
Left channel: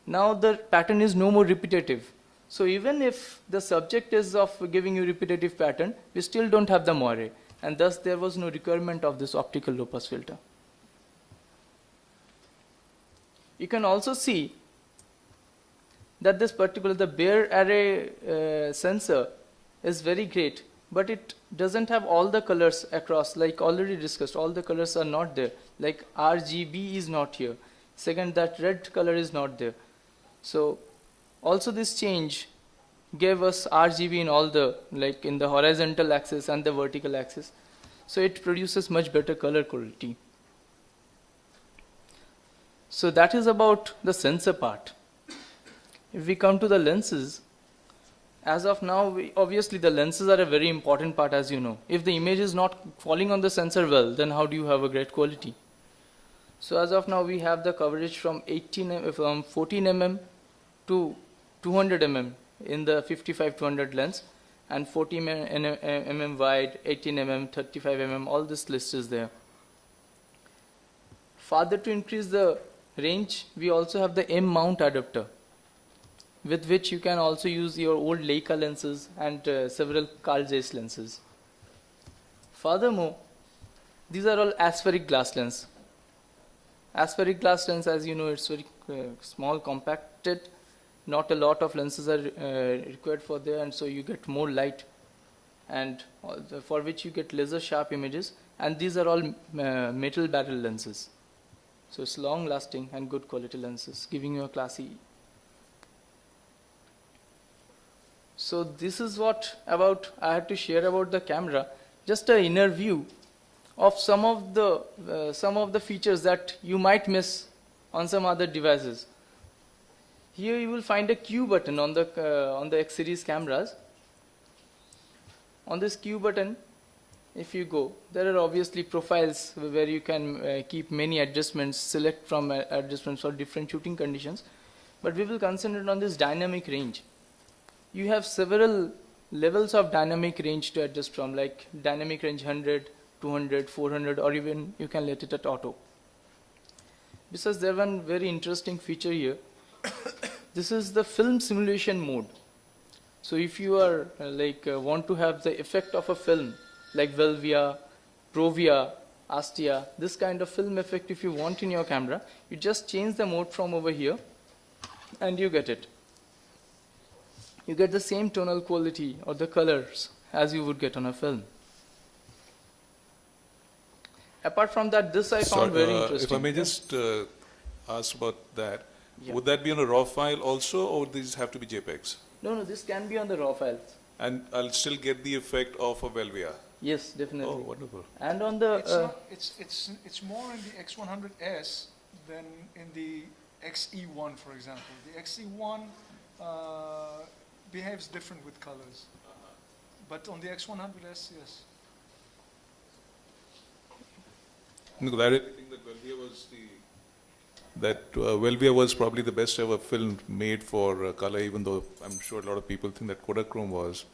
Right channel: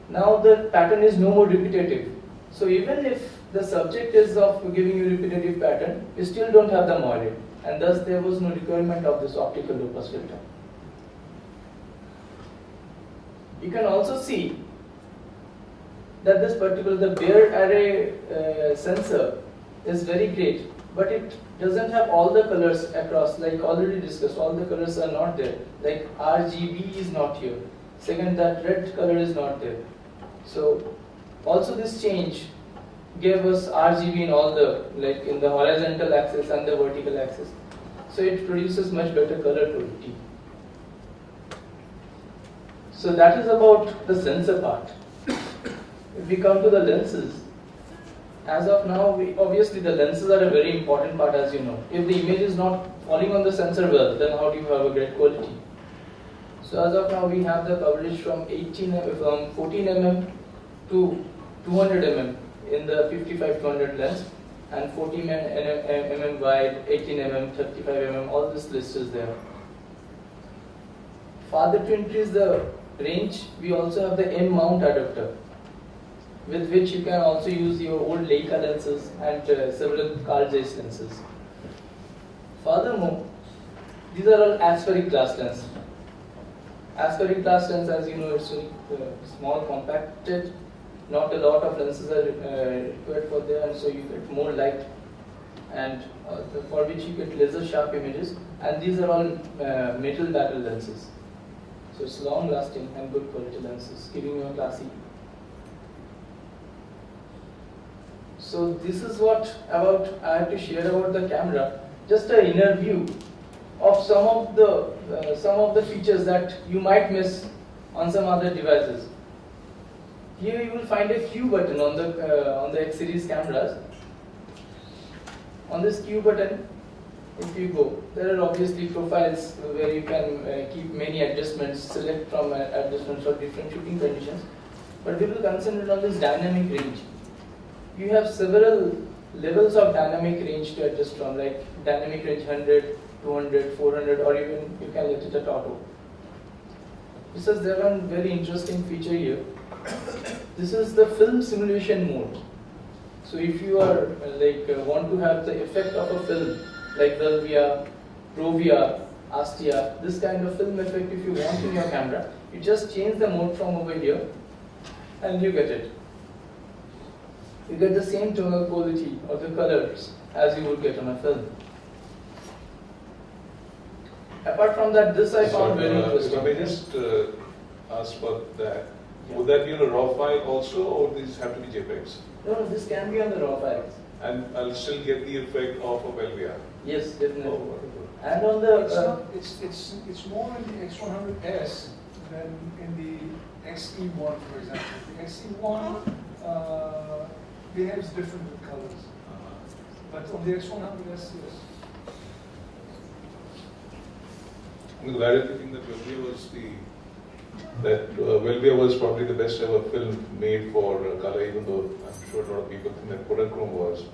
Now the pattern is no more repetitive. So even if the subject is of giving you repetitive pattern, we still don't have the moire, and thus there was no requirement of this optical low pass filter. You can also see that this particular, the bare array sensor is very great, but it doesn't have all the colors across, like already discussed, all the colors are not there, like RGB is not here. Second, that red color is not there. So also this change gave us RGB in all the, like in the horizontal axis and the vertical axis. So it produces much better color quality. So that is about the sensor part. If we come to the lenses, as of now, obviously the lenses are a very important part, as you know. If the image is not falling on the sensor well, then how do you have a great quality? So as of now, we have the coverage from 14 mm to 200 mm in the 55-200 lens, and 40 mm wide, 18 mm, 35 mm, all this list is there. Further to increase the range, we also have the M mount adapter, with which you can also use your old Leica lenses and several Carl Zeiss lenses. Furthermore, these are all aspheric glass lens. Aspheric glass lens, as you know, it's very small, compacted. Not a lot of lenses are required for there, and so you get more light, and for which you get laser sharp images. And these are all metal barrel lenses. So it's long lasting and good quality lenses, giving you a classy. So this is what I had to share about the camera. Just an inner view of some of the features that you might miss on some other devices. Here you will find a Q button on the X series cameras. On this Q button, if you go, there are obviously profiles where you can keep many adjustments, select from adjustments for different shooting conditions. But we will concentrate on this dynamic range. You have several levels of dynamic range to adjust from, like dynamic range 100, 200, 400, or even you can let it at auto. Besides, there is one very interesting feature here. This is the film simulation mode. So if you are want to have the effect of a film, like Velvia, Provia, Astia, this kind of film effect if you want in your camera, you just change the mode from over here and you get it. You get the same tonal quality or the colors as you would get on a film. Apart from that, this I found very interesting. If I may just ask about that, Yeah. would that be on a RAW file also, or would these have to be JPEGs? No, this can be on the RAW files. And I'll still get the effect of a Velvia. Yes, definitely. Oh, wonderful. And on the It's more in the X100S than in the XE1, for example. The XE1 behaves different with colors, but on the X100S, yes. Because I didn't think that Velvia was probably the best ever film made for color, even though I'm sure a lot of people think that Kodachrome was.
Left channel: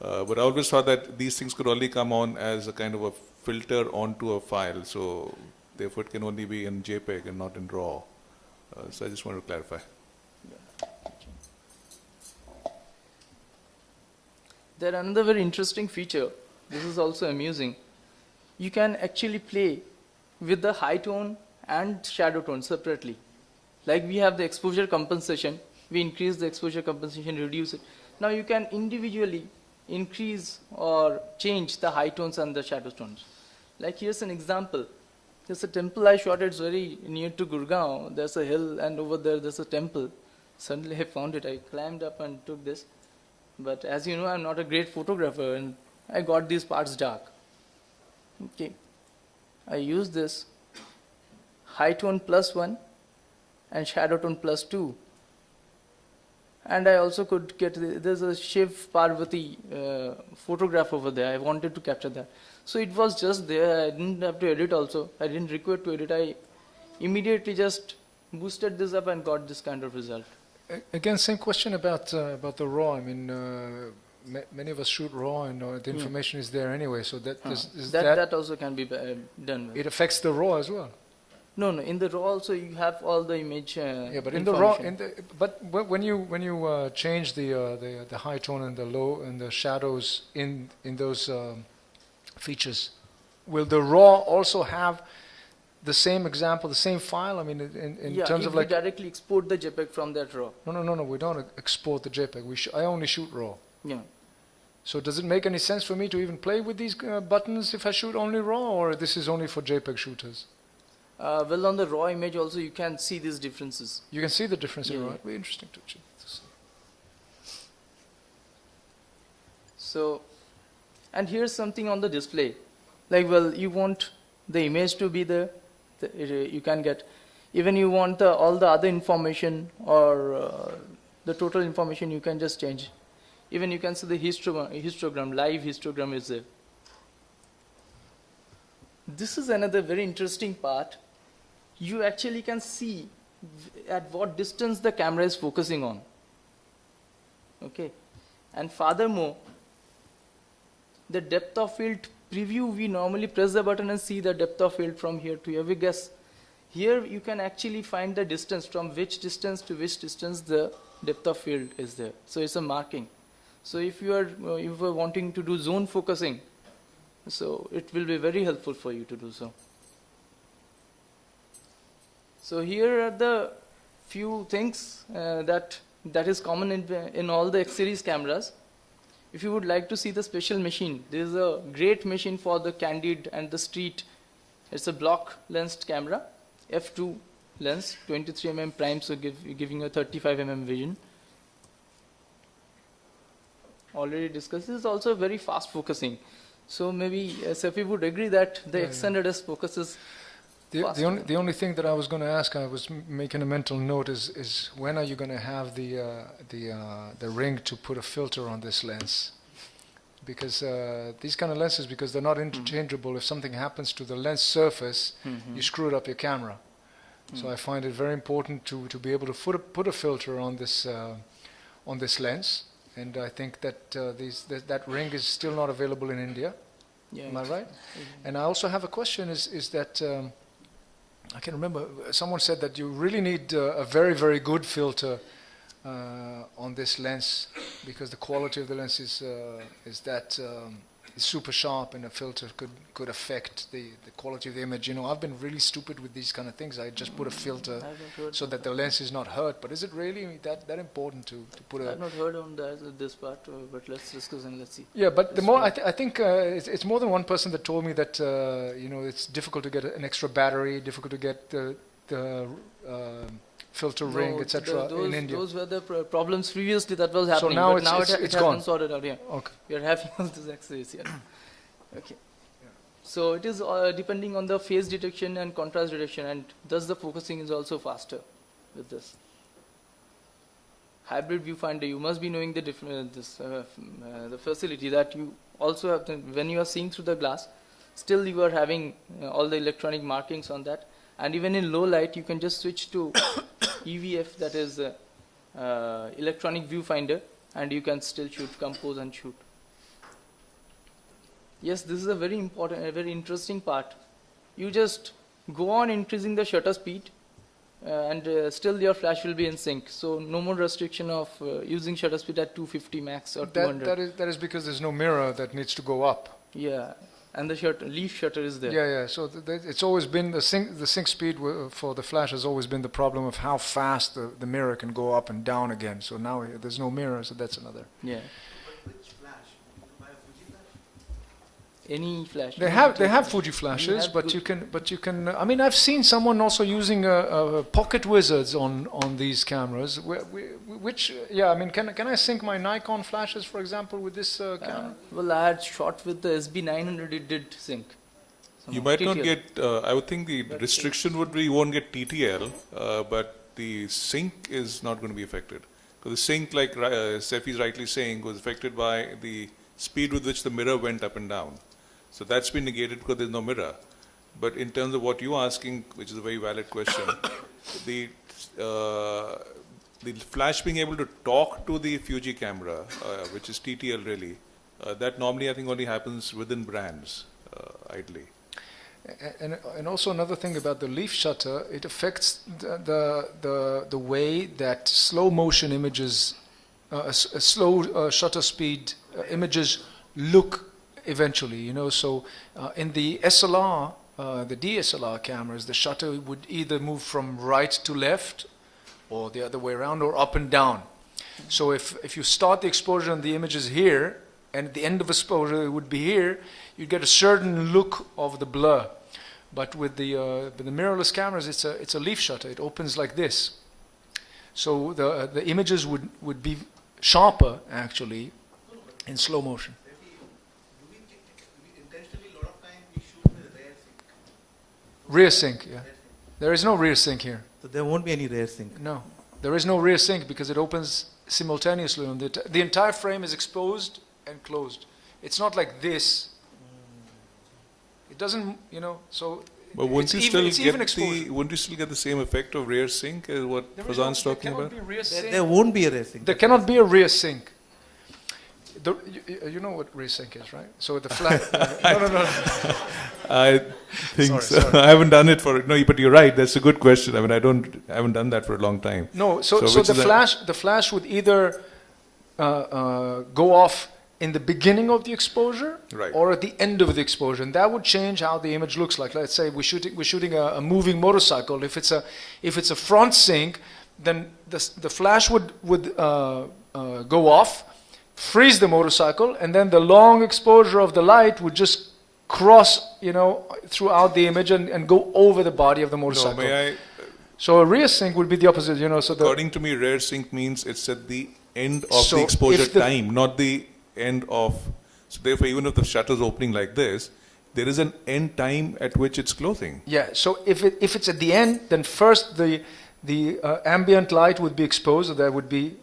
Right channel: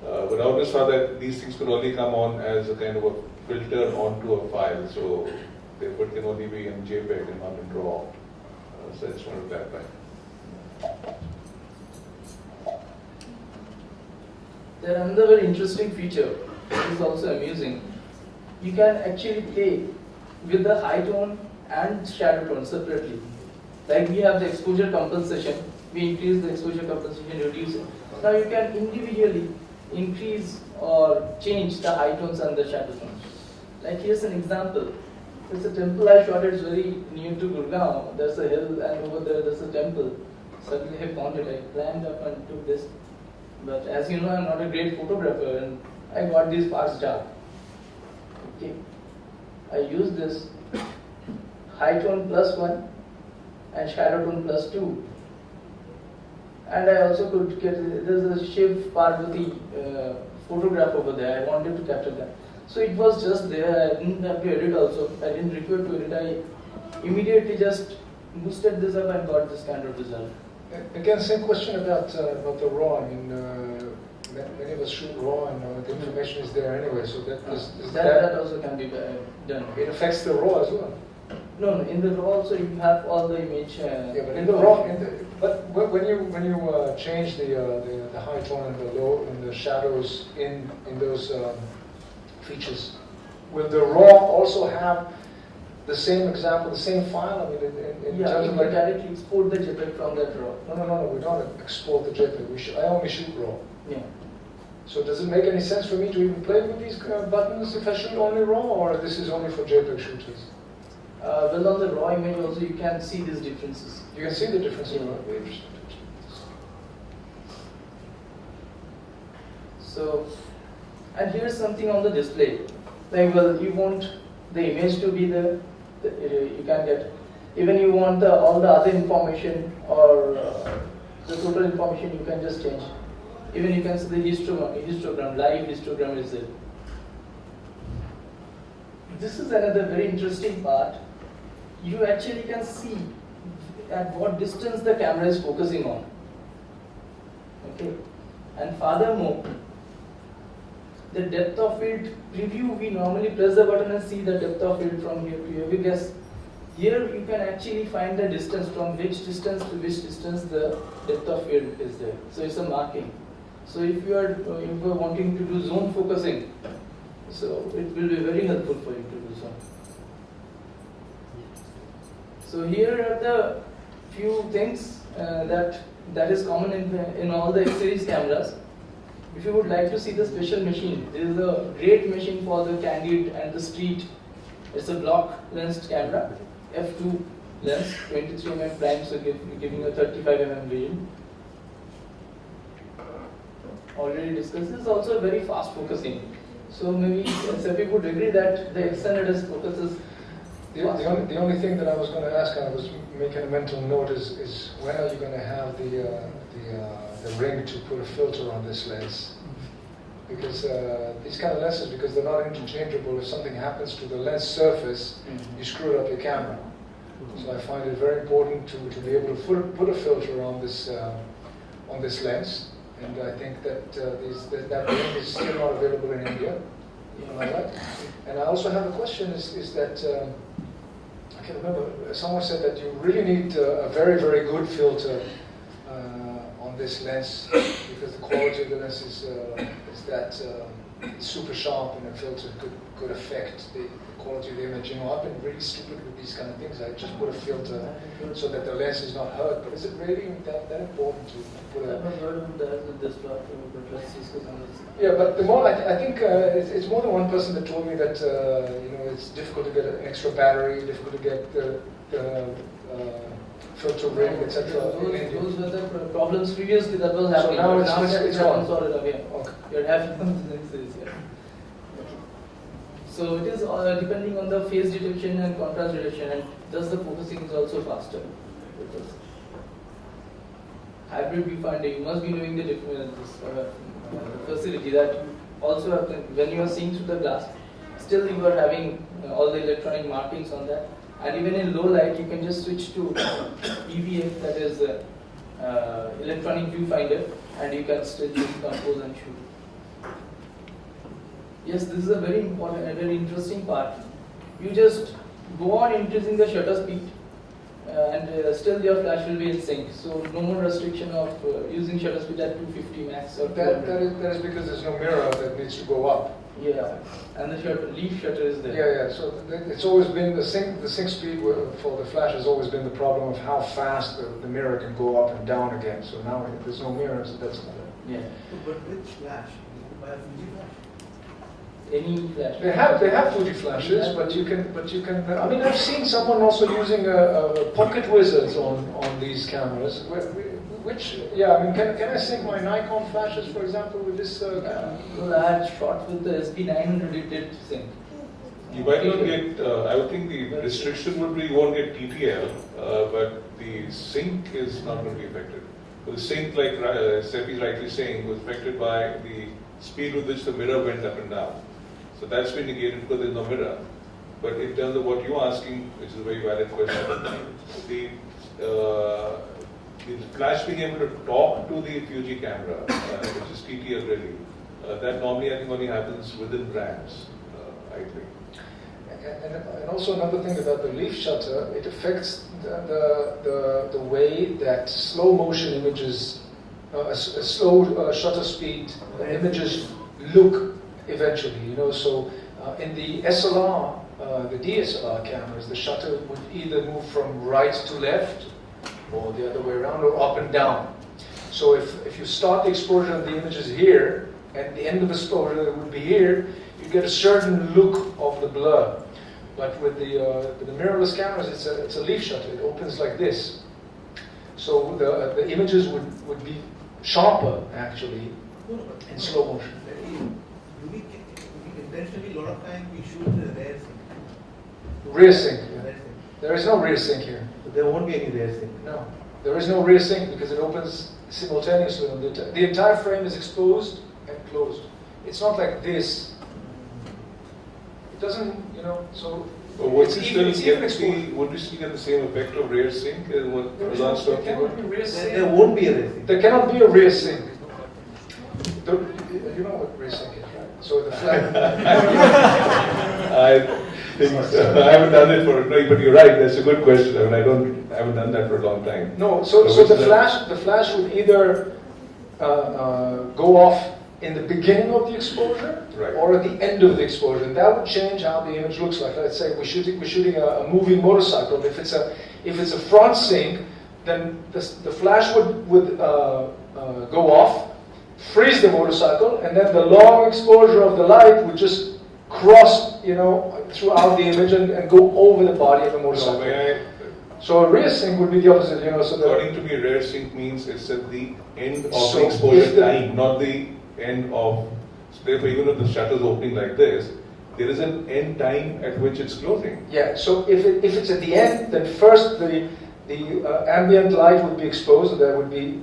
But I always thought that these things could only come on as a kind of a filter onto a file. So Therefore, it can only be in JPEG and not in RAW. So I just want to clarify. There another very interesting feature, which is also amusing. You can actually play with the high tone and shadow tone separately. Like we have the exposure compensation, we increase the exposure compensation, reduce it. Now you can individually increase or change the high tones and the shadow tones. Like here's an example. There's a temple I shot, it's very near to Gurgaon. There's a hill and over there's a temple. Suddenly I found it, I climbed up and took this. But as you know, I'm not a great photographer and I got these parts dark. Okay, I use this high tone +1 and shadow tone +2. And I also could get, there's a Shiv Parvati photograph over there, I wanted to capture that. So it was just there, I didn't have to edit also, I didn't require to edit, I immediately just boosted this up and got this kind of result. Again, same question about the RAW. I mean, many of us shoot RAW, and the information is there anyway. So that also can be done. It affects the RAW as well. No, in the RAW also you have all the image. Yeah, but in the RAW, but when you change the high tone and the low and the shadows in those features, will the RAW also have the same example, the same file? I mean, in terms of like directly export the JPEG from that RAW. No. We don't export the JPEG. I only shoot RAW. Yeah. So does it make any sense for me to even play with these buttons if I shoot only RAW, or this is only for JPEG shooters? Well, on the RAW image also you can see these differences. You can see the difference in RAW. It'd be interesting to check this. So, and here's something on the display. Like, well, you want the image to be there. You can get, even you want all the other information or the total information, you can just change. Even you can see the histogram, live histogram is there. This is another very interesting part. You actually can see at what distance the camera is focusing on. Okay, and furthermore, the depth of field preview, we normally press the button and see the depth of field from here to here. We guess here you can actually find the distance from which distance to which distance the depth of field is there. So it's a marking. So if you are wanting to do zone focusing, so it will be very helpful for you to do so. So here are the few things that is common in all the X series cameras. If you would like to see the special machine, there is a great machine for the candid and the street. It's a block lensed camera, f2 lens, 23mm prime, so giving a 35mm vision. Already discussed. This is also very fast focusing. So maybe Sefi would agree that the X100S focuses. The only thing that I was going to ask, I was making a mental note, is when are you going to have the ring to put a filter on this lens? Because these kind of lenses, because they're not interchangeable, if something happens to the lens surface, you screwed up your camera. So I find it very important to be able to put a filter on this lens, and I think that that ring is still not available in India. Am I right? And I also have a question: is that I can remember someone said that you really need a very, very good filter on this lens, because the quality of the lens is that super sharp, and the filter could affect the quality of the image. You know, I've been really stupid with these kind of things. I just put a filter so that the lens is not hurt. But is it really that important to put a? I haven't heard on this part, but let's discuss and let's see. Yeah, but the more I think it's more than one person that told me that it's difficult to get an extra battery, difficult to get the filter ring, etc. in India. Those were the problems previously that was happening. So now it's gone. Sorted out. Yeah. Okay. We're having this here. Okay. So it is depending on the phase detection and contrast detection, and thus the focusing is also faster with this. Hybrid viewfinder, you must be knowing the the facility that you also have to, when you are seeing through the glass, still you are having all the electronic markings on that. And even in low light, you can just switch to EVF, that is electronic viewfinder, and you can still shoot, compose and shoot. Yes, this is a very important and very interesting part. You just go on increasing the shutter speed, and still your flash will be in sync. So no more restriction of using shutter speed at 250 max or 200. That is because there's no mirror that needs to go up. Yeah, and the leaf shutter is there. Yeah. So it's always been the sync speed for the flash has always been the problem of how fast the mirror can go up and down again. So now there's no mirror, so that's another. Yeah. But which flash? You buy a Fuji flash? Any flash. They have Fuji flashes, but you can. I mean, I've seen someone also using pocket wizards on these cameras. Which I mean, can I sync my Nikon flashes, for example, with this camera? Well, I had shot with the SB900. It did sync. You might not get, I would think the restriction would be you won't get TTL, but the sync is not going to be affected. So the sync, like Seffi is rightly saying, was affected by the speed with which the mirror went up and down. So that's been negated because there's no mirror. But in terms of what you're asking, which is a very valid question, the flash being able to talk to the Fuji camera, which is TTL really, that normally I think only happens within brands, ideally. And also another thing about the leaf shutter, it affects the way that slow motion images, slow shutter speed images look eventually. You know, so in the SLR, the DSLR cameras, the shutter would either move from right to left, or the other way around, or up and down. So if you start the exposure and the image is here, and at the end of exposure it would be here, you get a certain look of the blur. But with the mirrorless cameras, it's a leaf shutter. It opens like this. So the images would be sharper actually in slow motion. Intentionally, a lot of time we shoot the rear sync. Rear sync. Yeah. There is no rear sync here. So there won't be any rear sync. No, there is no rear sync because it opens simultaneously. On the entire frame is exposed and closed. It's not like this. It doesn't, you know. So but wouldn't you still get the same effect of rear sync as what Fazan's talking about? There won't be a rear sync. There cannot be a rear sync. You know what rear sync is, right? So the flag. I think so. I haven't done it for no, but you're right. That's a good question. I mean, I haven't done that for a long time. No, so the flash would either go off in the beginning of the exposure, right, or at the end of the exposure, and that would change how the image looks like. Let's say we're shooting a moving motorcycle. If it's a front sync, then the flash would go off, freeze the motorcycle, and then the long exposure of the light would just cross, you know, throughout the image and go over the body of the motorcycle. So a rear sync would be the opposite, you know. So according to me, rear sync means it's at the end of the exposure time, not the end of. So therefore, even if the shutter is opening like this, there is an end time at which it's closing. Yeah. So if it's at the end, then first the ambient light would be exposed. So there would be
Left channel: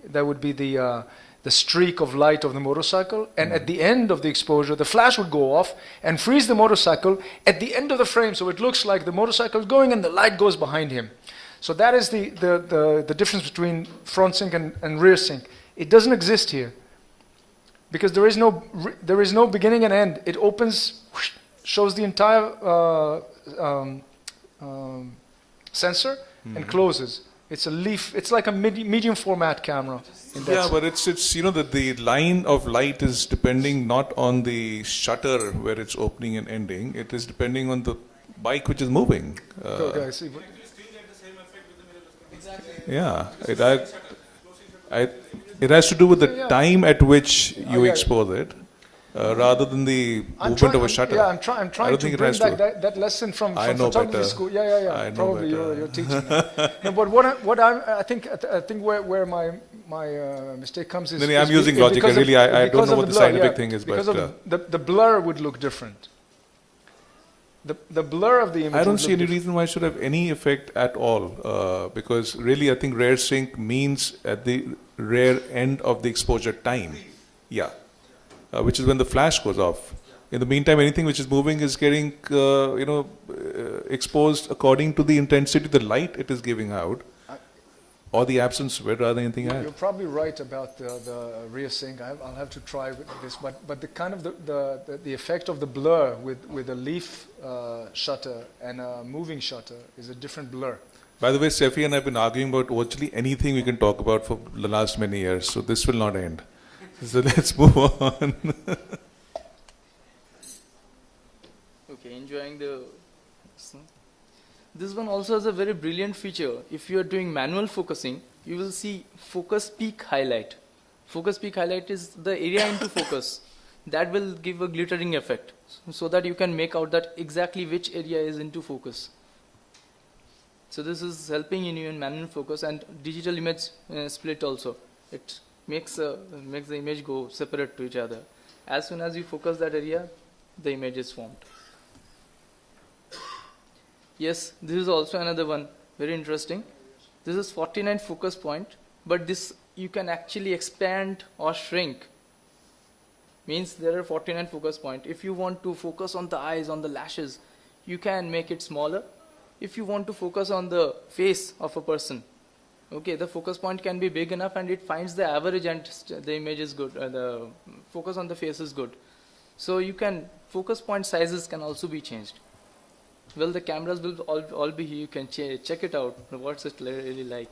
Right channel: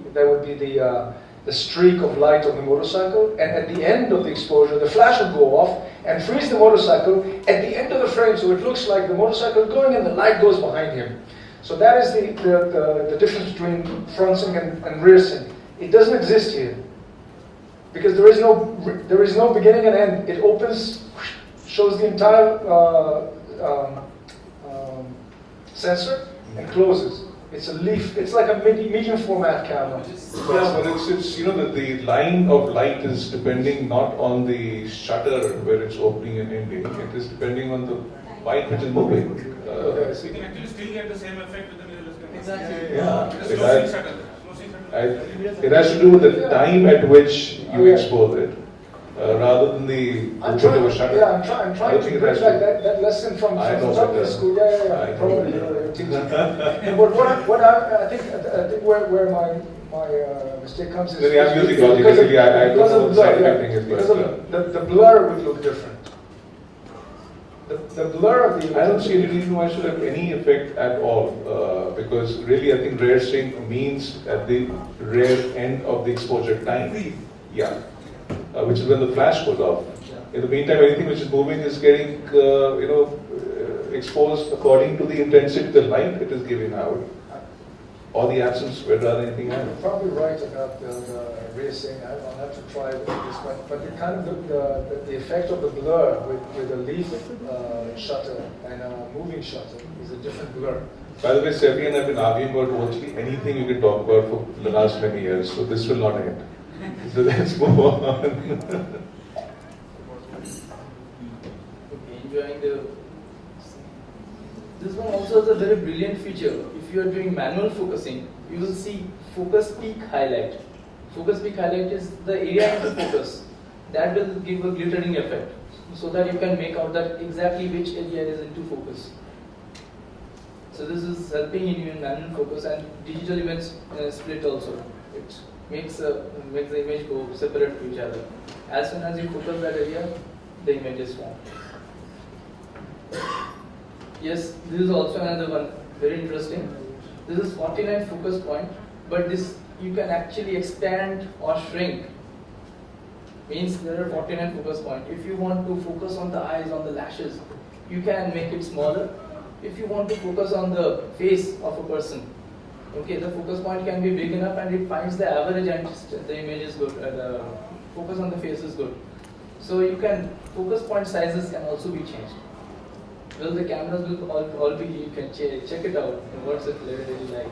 the streak of light of the motorcycle, and at the end of the exposure, the flash would go off and freeze the motorcycle at the end of the frame, so it looks like the motorcycle is going and the light goes behind him. So that is the difference between front sync and rear sync. It doesn't exist here because there is no beginning and end. It opens, shows the entire sensor, and closes. It's a leaf. It's like a medium format camera. Yeah, but it's you know that the line of light is depending not on the shutter where it's opening and ending. It is depending on the bike which is moving. Okay, I see. Exactly. Yeah, it has to do with the time at which you expose it, rather than the movement of a shutter. Yeah, I'm trying to bring back that lesson from photography school. Yeah. Probably you're teaching. But what I think where my mistake comes is. I'm using logic. Really, I don't know what the scientific thing is, because the blur would look different. The blur of the image. I don't see any reason why it should have any effect at all, because really I think rear sync means at the rear end of the exposure time. Yeah. Which is when the flash goes off. In the meantime, anything which is moving is getting, exposed according to the intensity of the light it is giving out. or the absence, where rather anything You're else. probably right about the rear thing. I'll have to try with this, but the kind of the effect of the blur with a leaf shutter and a moving shutter is a different blur. By the way, Sefi and I have been arguing about virtually anything we can talk about for the last many years, so this will not end. So let's move on. Okay, enjoying the. This one also has a very brilliant feature. If you are doing manual focusing, you will see focus peak highlight. Focus peak highlight is the area into focus. That will give a glittering effect, so that you can make out that exactly which area is into focus. So this is helping you in manual focus and digital image split also. It makes the image go separate to each other. As soon as you focus that area, the image is formed. Yes, this is also another one, very interesting. This is 49 focus point, but this you can actually expand or shrink. Means there are 49 focus point. If you want to focus on the eyes, on the lashes, you can make it smaller. If you want to focus on the face of a person, okay, the focus point can be big enough and it finds the average and the image is good, the focus on the face is good. So you can, focus point sizes can also be changed. Well, the cameras will all be, you can check it out, what's it really like.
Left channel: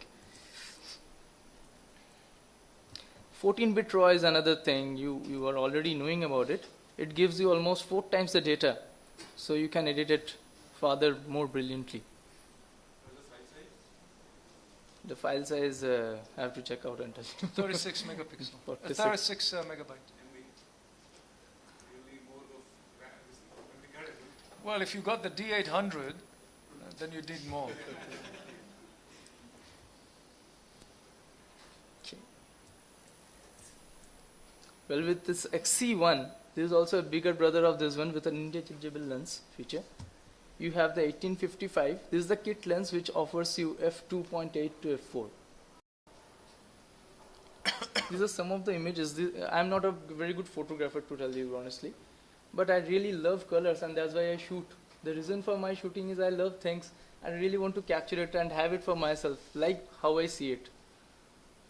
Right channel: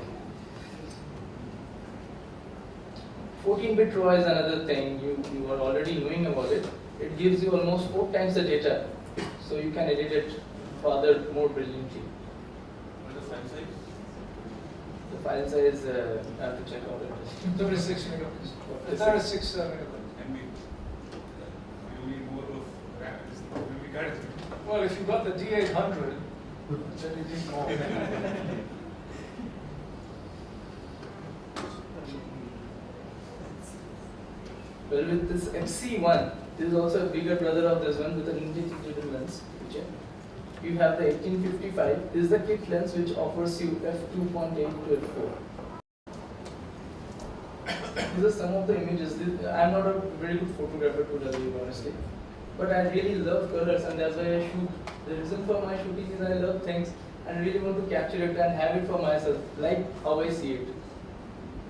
14-bit RAW is another thing, you are already knowing about it. It gives you almost 4 times the data, so you can edit it further more brilliantly. The file size, I have to check out it. 36 megapixels. 36 megabytes. Well, if you got the D800, then you need more. Well, with this XC1, this is also a bigger brother of this one with an interchangeable lens feature. You have the 1855. This is the kit lens which offers you f2.8 to f4. These are some of the images. I'm not a very good photographer, to tell you honestly, but I really love colors, and that's why I shoot. The reason for my shooting is I love things and really want to capture it and have it for myself, like how I see it.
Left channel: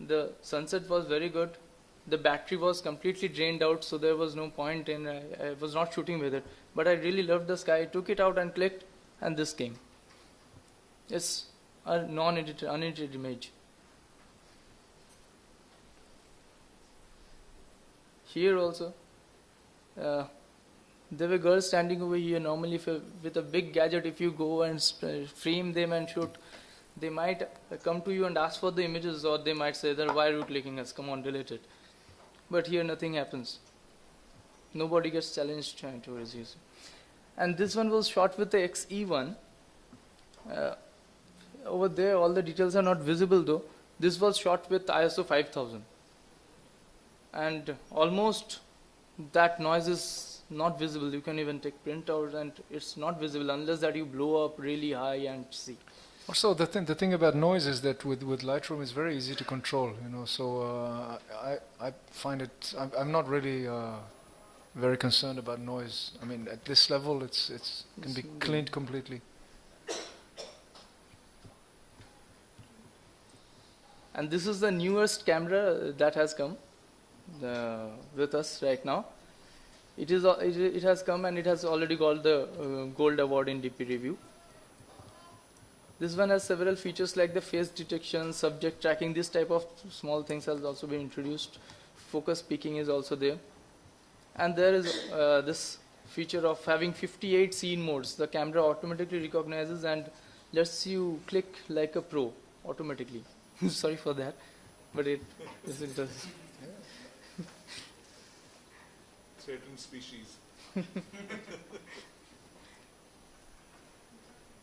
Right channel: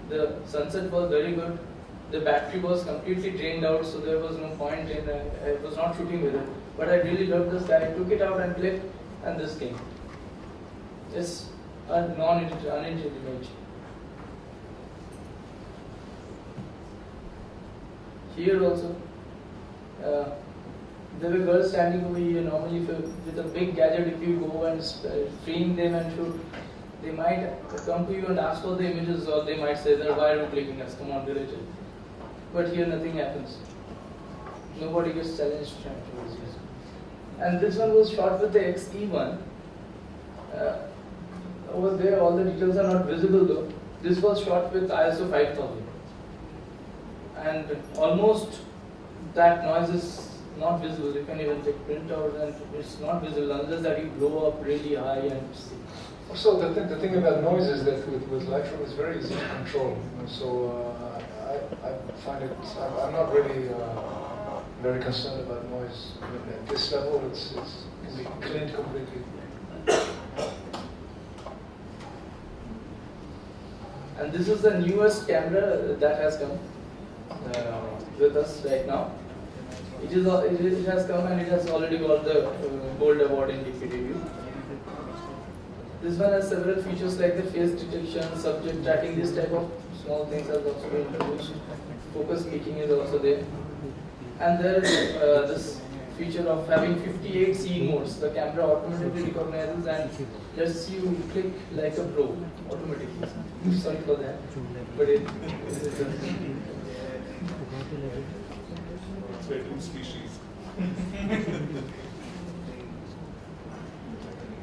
The sunset was very good. The battery was completely drained out, so there was no point in, I was not shooting with it. But I really loved the sky. I took it out and clicked, and this came. It's a unedited image. Here also, there were girls standing over here. Normally, with a big gadget, if you go and frame them and shoot, they might come to you and ask for the images, or they might say that, why are you clicking us? Come on, delete it. But here nothing happens. Nobody gets challenged trying to resist. And this one was shot with the XE1. Over there, all the details are not visible though. This was shot with ISO 5000. And almost that noise is not visible. You can even take printouts and it's not visible unless that you blow up really high and see. Also, the thing about noise is that with Lightroom it's very easy to control. So I find it. I'm not really very concerned about noise. I mean, at this level, it can be cleaned completely. And this is the newest camera that has come with us right now. It has come and it has already got the Gold Award in DP review. This one has several features like the face detection, subject tracking. This type of small things has also been introduced. Focus peaking is also there. And there is this feature of having 58 scene modes. The camera automatically recognizes and lets you click like a pro automatically. Sorry for that, but it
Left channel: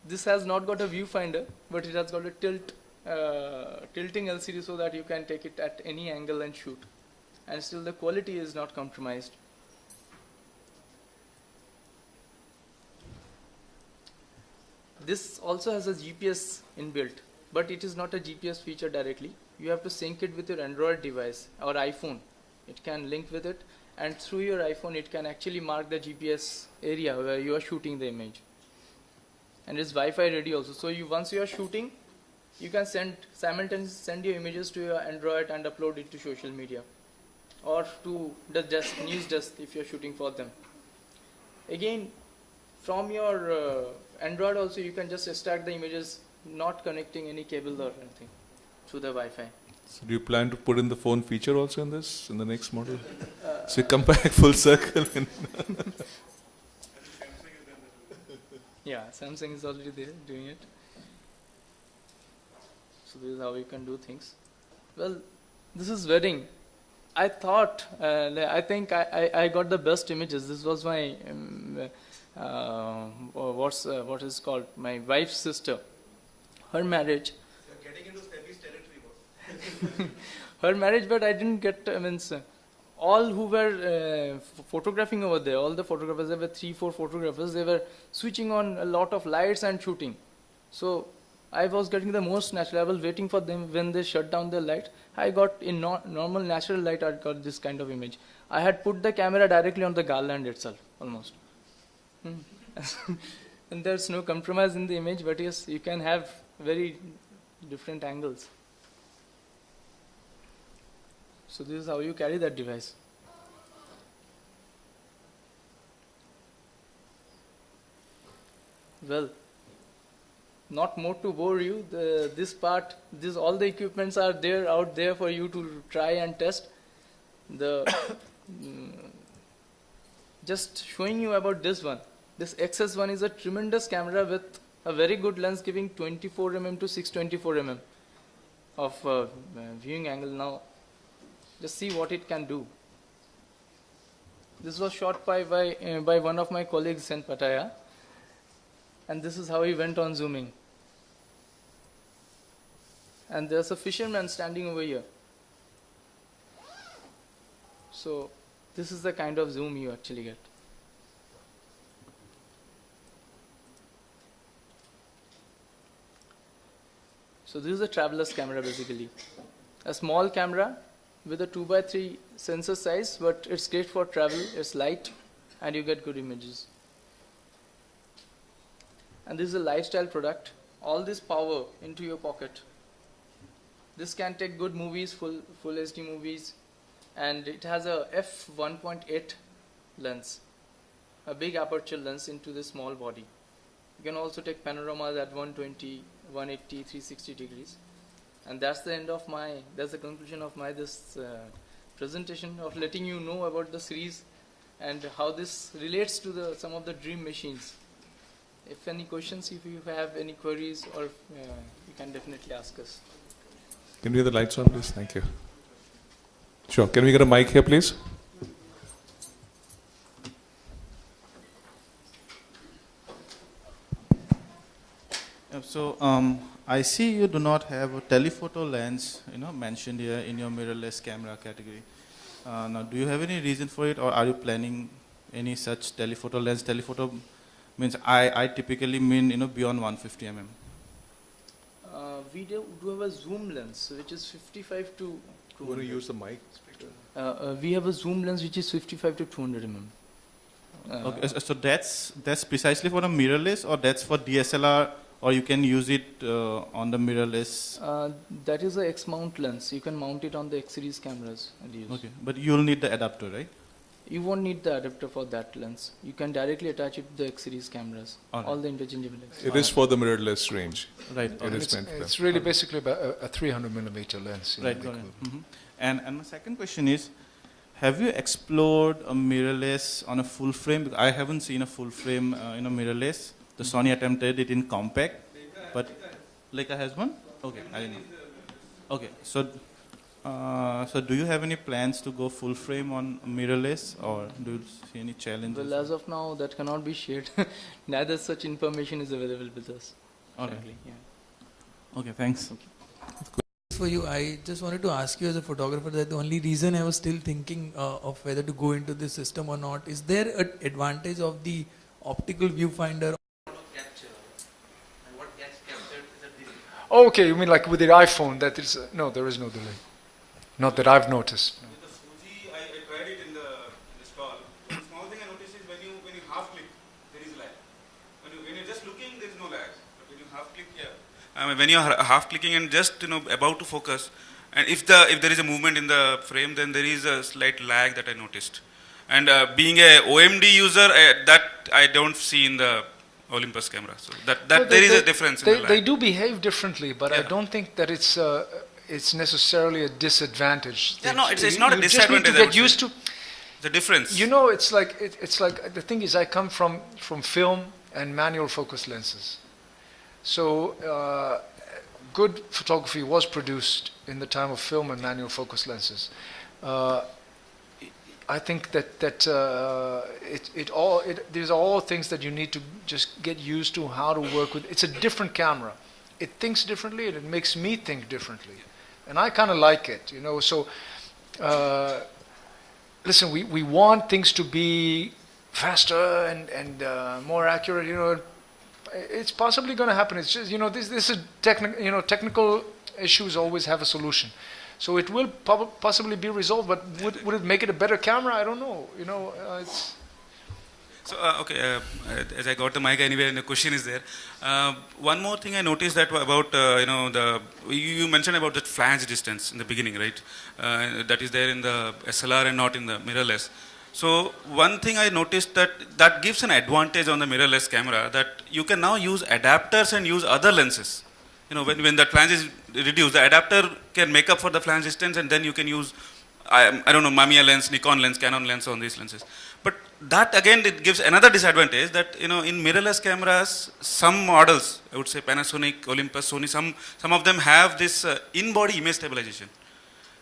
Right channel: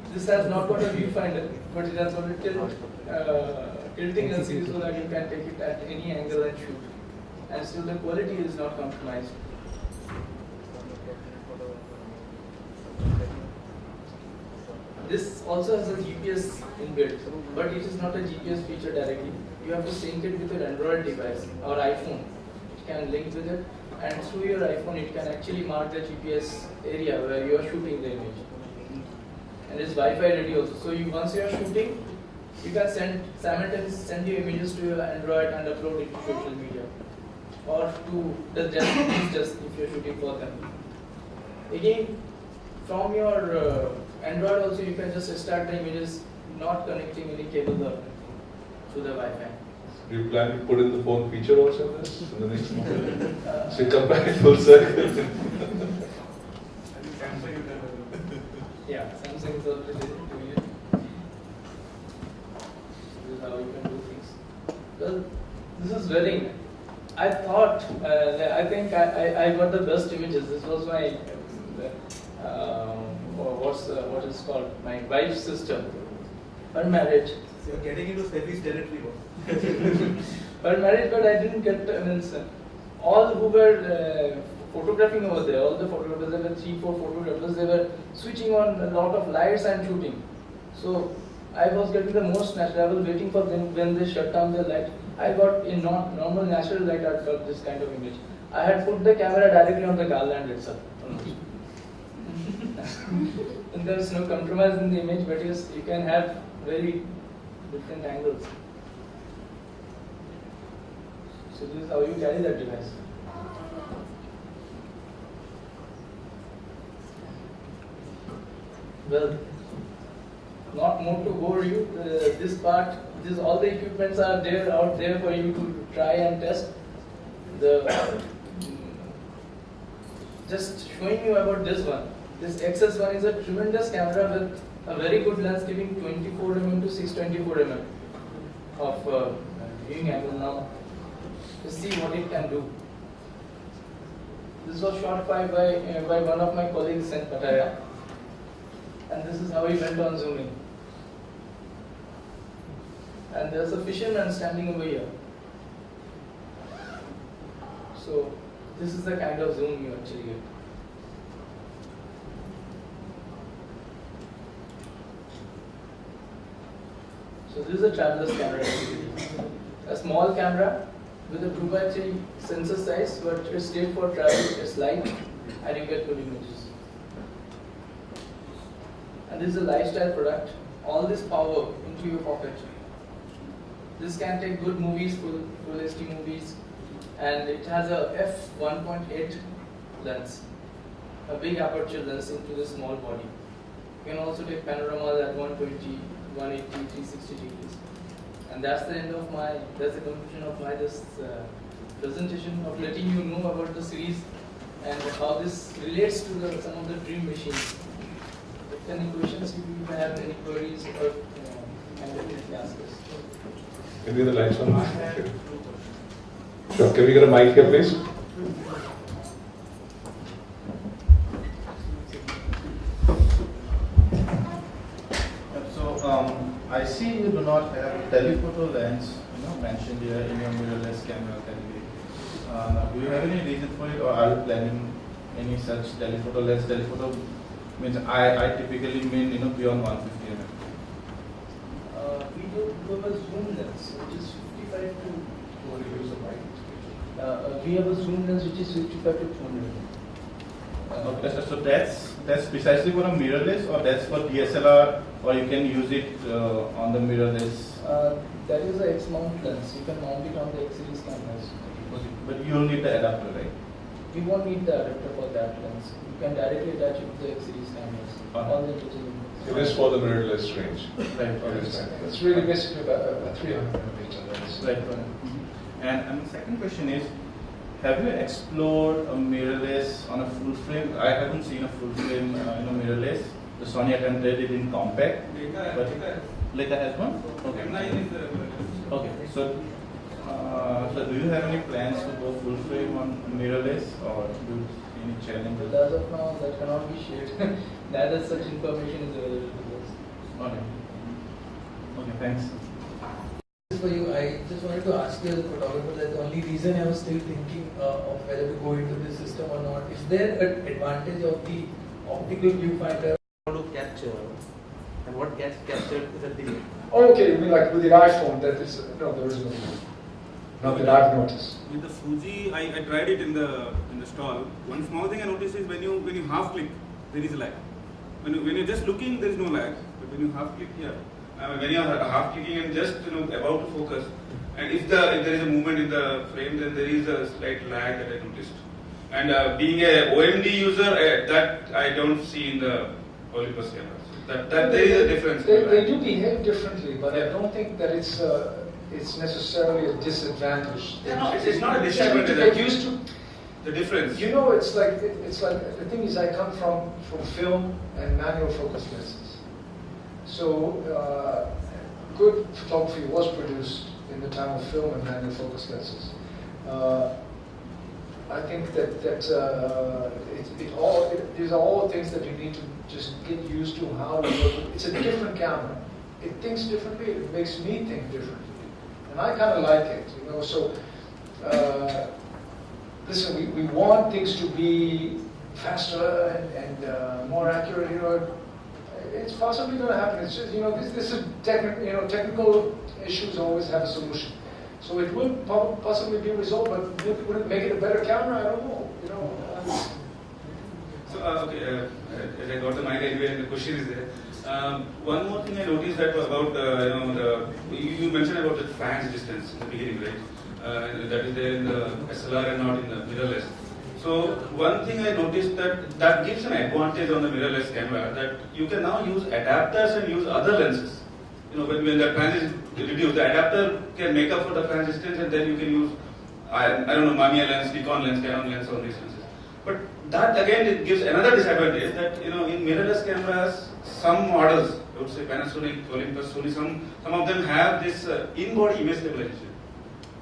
This has not got a viewfinder, but it has got a tilting LCD so that you can take it at any angle and shoot. And still the quality is not compromised. This also has a GPS inbuilt, but it is not a GPS feature directly. You have to sync it with your Android device or iPhone. It can link with it, and through your iPhone it can actually mark the GPS area where you are shooting the image. And it's Wi-Fi ready also. So once you are shooting, you can simultaneously send your images to your Android and upload it to social media, or to the desk if you're shooting for them. Again, from your Android also you can just extract the images, not connecting any cable or anything through the Wi-Fi. So do you plan to put in the phone feature also in this, in the next model? So you come back full circle. Yeah, Samsung is already doing it. So this is how you can do things. Well, this is wedding. I thought, I think I got the best images. This was my, what is called, my wife's sister. Her marriage. So you're getting into Sebi's territory. Her marriage, but I didn't get, all who were photographing over there, all the photographers, there were 3-4 photographers, they were switching on a lot of lights and shooting. So I was getting the most natural, I was waiting for them when they shut down the light. I got in normal natural light, I got this kind of image. I had put the camera directly on the garland itself, almost. And there's no compromise in the image, but yes, you can have very different angles. So this is how you carry that device. Well, not more to bore you. This part, all the equipments are there out there for you to try and test. Just showing you about this one. This XS1 is a tremendous camera with a very good lens, giving 24 mm to 624 mm of viewing angle. Now, let's see what it can do. This was shot by one of my colleagues in Pattaya, and this is how he went on zooming. And there's a fisherman standing over here. So this is the kind of zoom you actually get. So this is a traveler's camera basically. A small camera with a 2x3 sensor size, but it's great for travel, it's light, and you get good images. And this is a lifestyle product. All this power into your pocket. This can take good movies, full HD movies, and it has a f1.8 lens, a big aperture lens into the small body. You can also take panoramas at 120, 180, 360 degrees. And that's the conclusion of my presentation, of letting you know about the series and how this relates to some of the dream machines. If any questions, if you have any queries, or you can definitely ask us. Can we get the lights on, please? Thank you. Sure. Can we get a mic here, please? So I see you do not have a telephoto lens, mentioned here in your mirrorless camera category. Now, do you have any reason for it, or are you planning any such telephoto lens? Telephoto means I typically mean beyond 150 mm. We do have a zoom lens, which is 55 to. Want to use the mic? We have a zoom lens which is 55 to 200 mm. Okay, so that's precisely for a mirrorless, or that's for DSLR, or you can use it on the mirrorless? That is a X-mount lens. You can mount it on the X-series cameras. Okay, but you'll need the adapter, right? You won't need the adapter for that lens. You can directly attach it to the X-series cameras. All the interchangeable. It is for the mirrorless range. Right. It's really basically a 300 millimeter lens. Right. And the second question is, have you explored a mirrorless on a full frame? I haven't seen a full frame, mirrorless. The Sony attempted it in compact, but Leica has one. Okay. Okay. So do you have any plans to go full frame on mirrorless, or do you see any challenges? Well, as of now, that cannot be shared. Neither such information is available with us. All right. Okay. Thanks. For you, I just wanted to ask you as a photographer that the only reason I was still thinking of whether to go into this system or not, is there an advantage of the optical viewfinder To capture, and what gets captured is a delay. Oh, okay, you mean like with the iPhone? That is no, there is no delay. Not that I've noticed. With the Fuji, I tried it in the stall. One small thing I noticed is when you half click, there is a lag. When you're just looking, there is no lag. But when you half click, yeah. when you are half clicking and just about to focus, and if there is a movement in the frame, then there is a slight lag that I noticed. And being a OMD user, that I don't see in the Olympus camera. So that there is a difference. They do behave differently, but I don't think that it's necessarily a disadvantage. Yeah, no, it's not a disadvantage. You get used to the difference. It's like the thing is, I come from film and manual focus lenses, so good photography was produced in the time of film and manual focus lenses. I think that these are all things that you need to just get used to how to work with. It's a different camera. It thinks differently, and it makes me think differently, and I kind of like it, So, listen, we want things to be faster and more accurate. It's possibly going to happen. It's just this is technical issues always have a solution. So it will possibly be resolved, but would it make it a better camera? I don't know. So as I got the mic anyway, and the question is there. One more thing I noticed that about you mentioned about the flange distance in the beginning, right? That is there in the SLR and not in the mirrorless. So one thing I noticed that gives an advantage on the mirrorless camera, that you can now use adapters and use other lenses. When the flange is reduced, the adapter can make up for the flange distance, and then you can use, I don't know, Mamiya lens, Nikon lens, Canon lens on these lenses. But that again, it gives another disadvantage that, in mirrorless cameras, some models, I would say Panasonic, Olympus, Sony, some of them have this in-body image stabilization.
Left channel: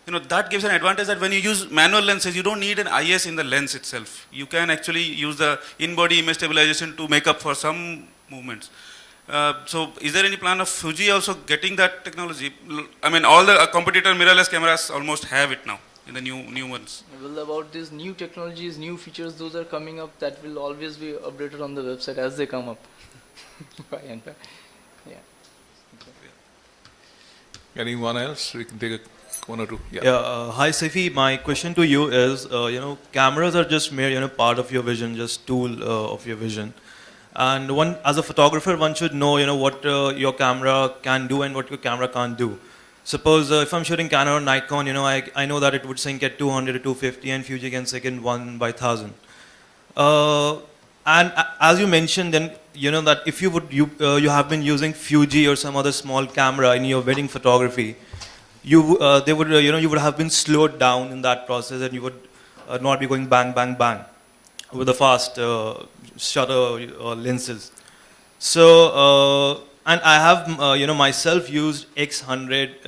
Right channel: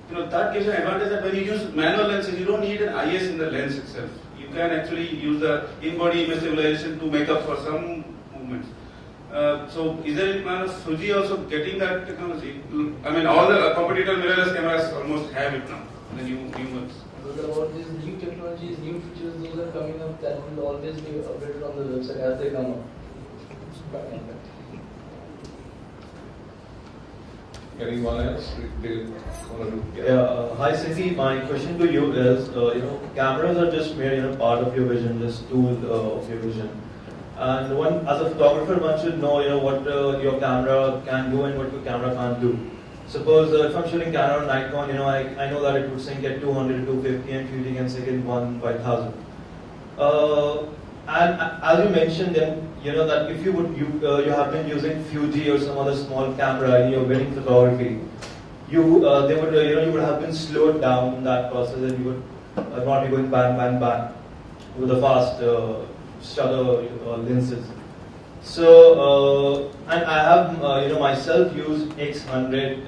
That gives an advantage that when you use manual lenses, you don't need an IS in the lens itself. You can actually use the in-body image stabilization to make up for some movements. So is there any plan of Fuji also getting that technology? I mean, all the competitor mirrorless cameras almost have it now in the new ones. Well, about these new technologies, new features, those are coming up, that will always be updated on the website as they come up. Anyone else? Take one or two. Hi Saifi, my question to you is, cameras are just mere, part of your vision, just tool of your vision. And as a photographer, one should know, what your camera can do and what your camera can't do. Suppose if I'm shooting Canon or Nikon, I know that it would sync at 200 to 250, and Fuji can sync in 1/1000. And as you mentioned, then that if you have been using Fuji or some other small camera in your wedding photography, you would have been slowed down in that process, and you would not be going bang bang bang with the fast shutter lenses. So and I have myself used X100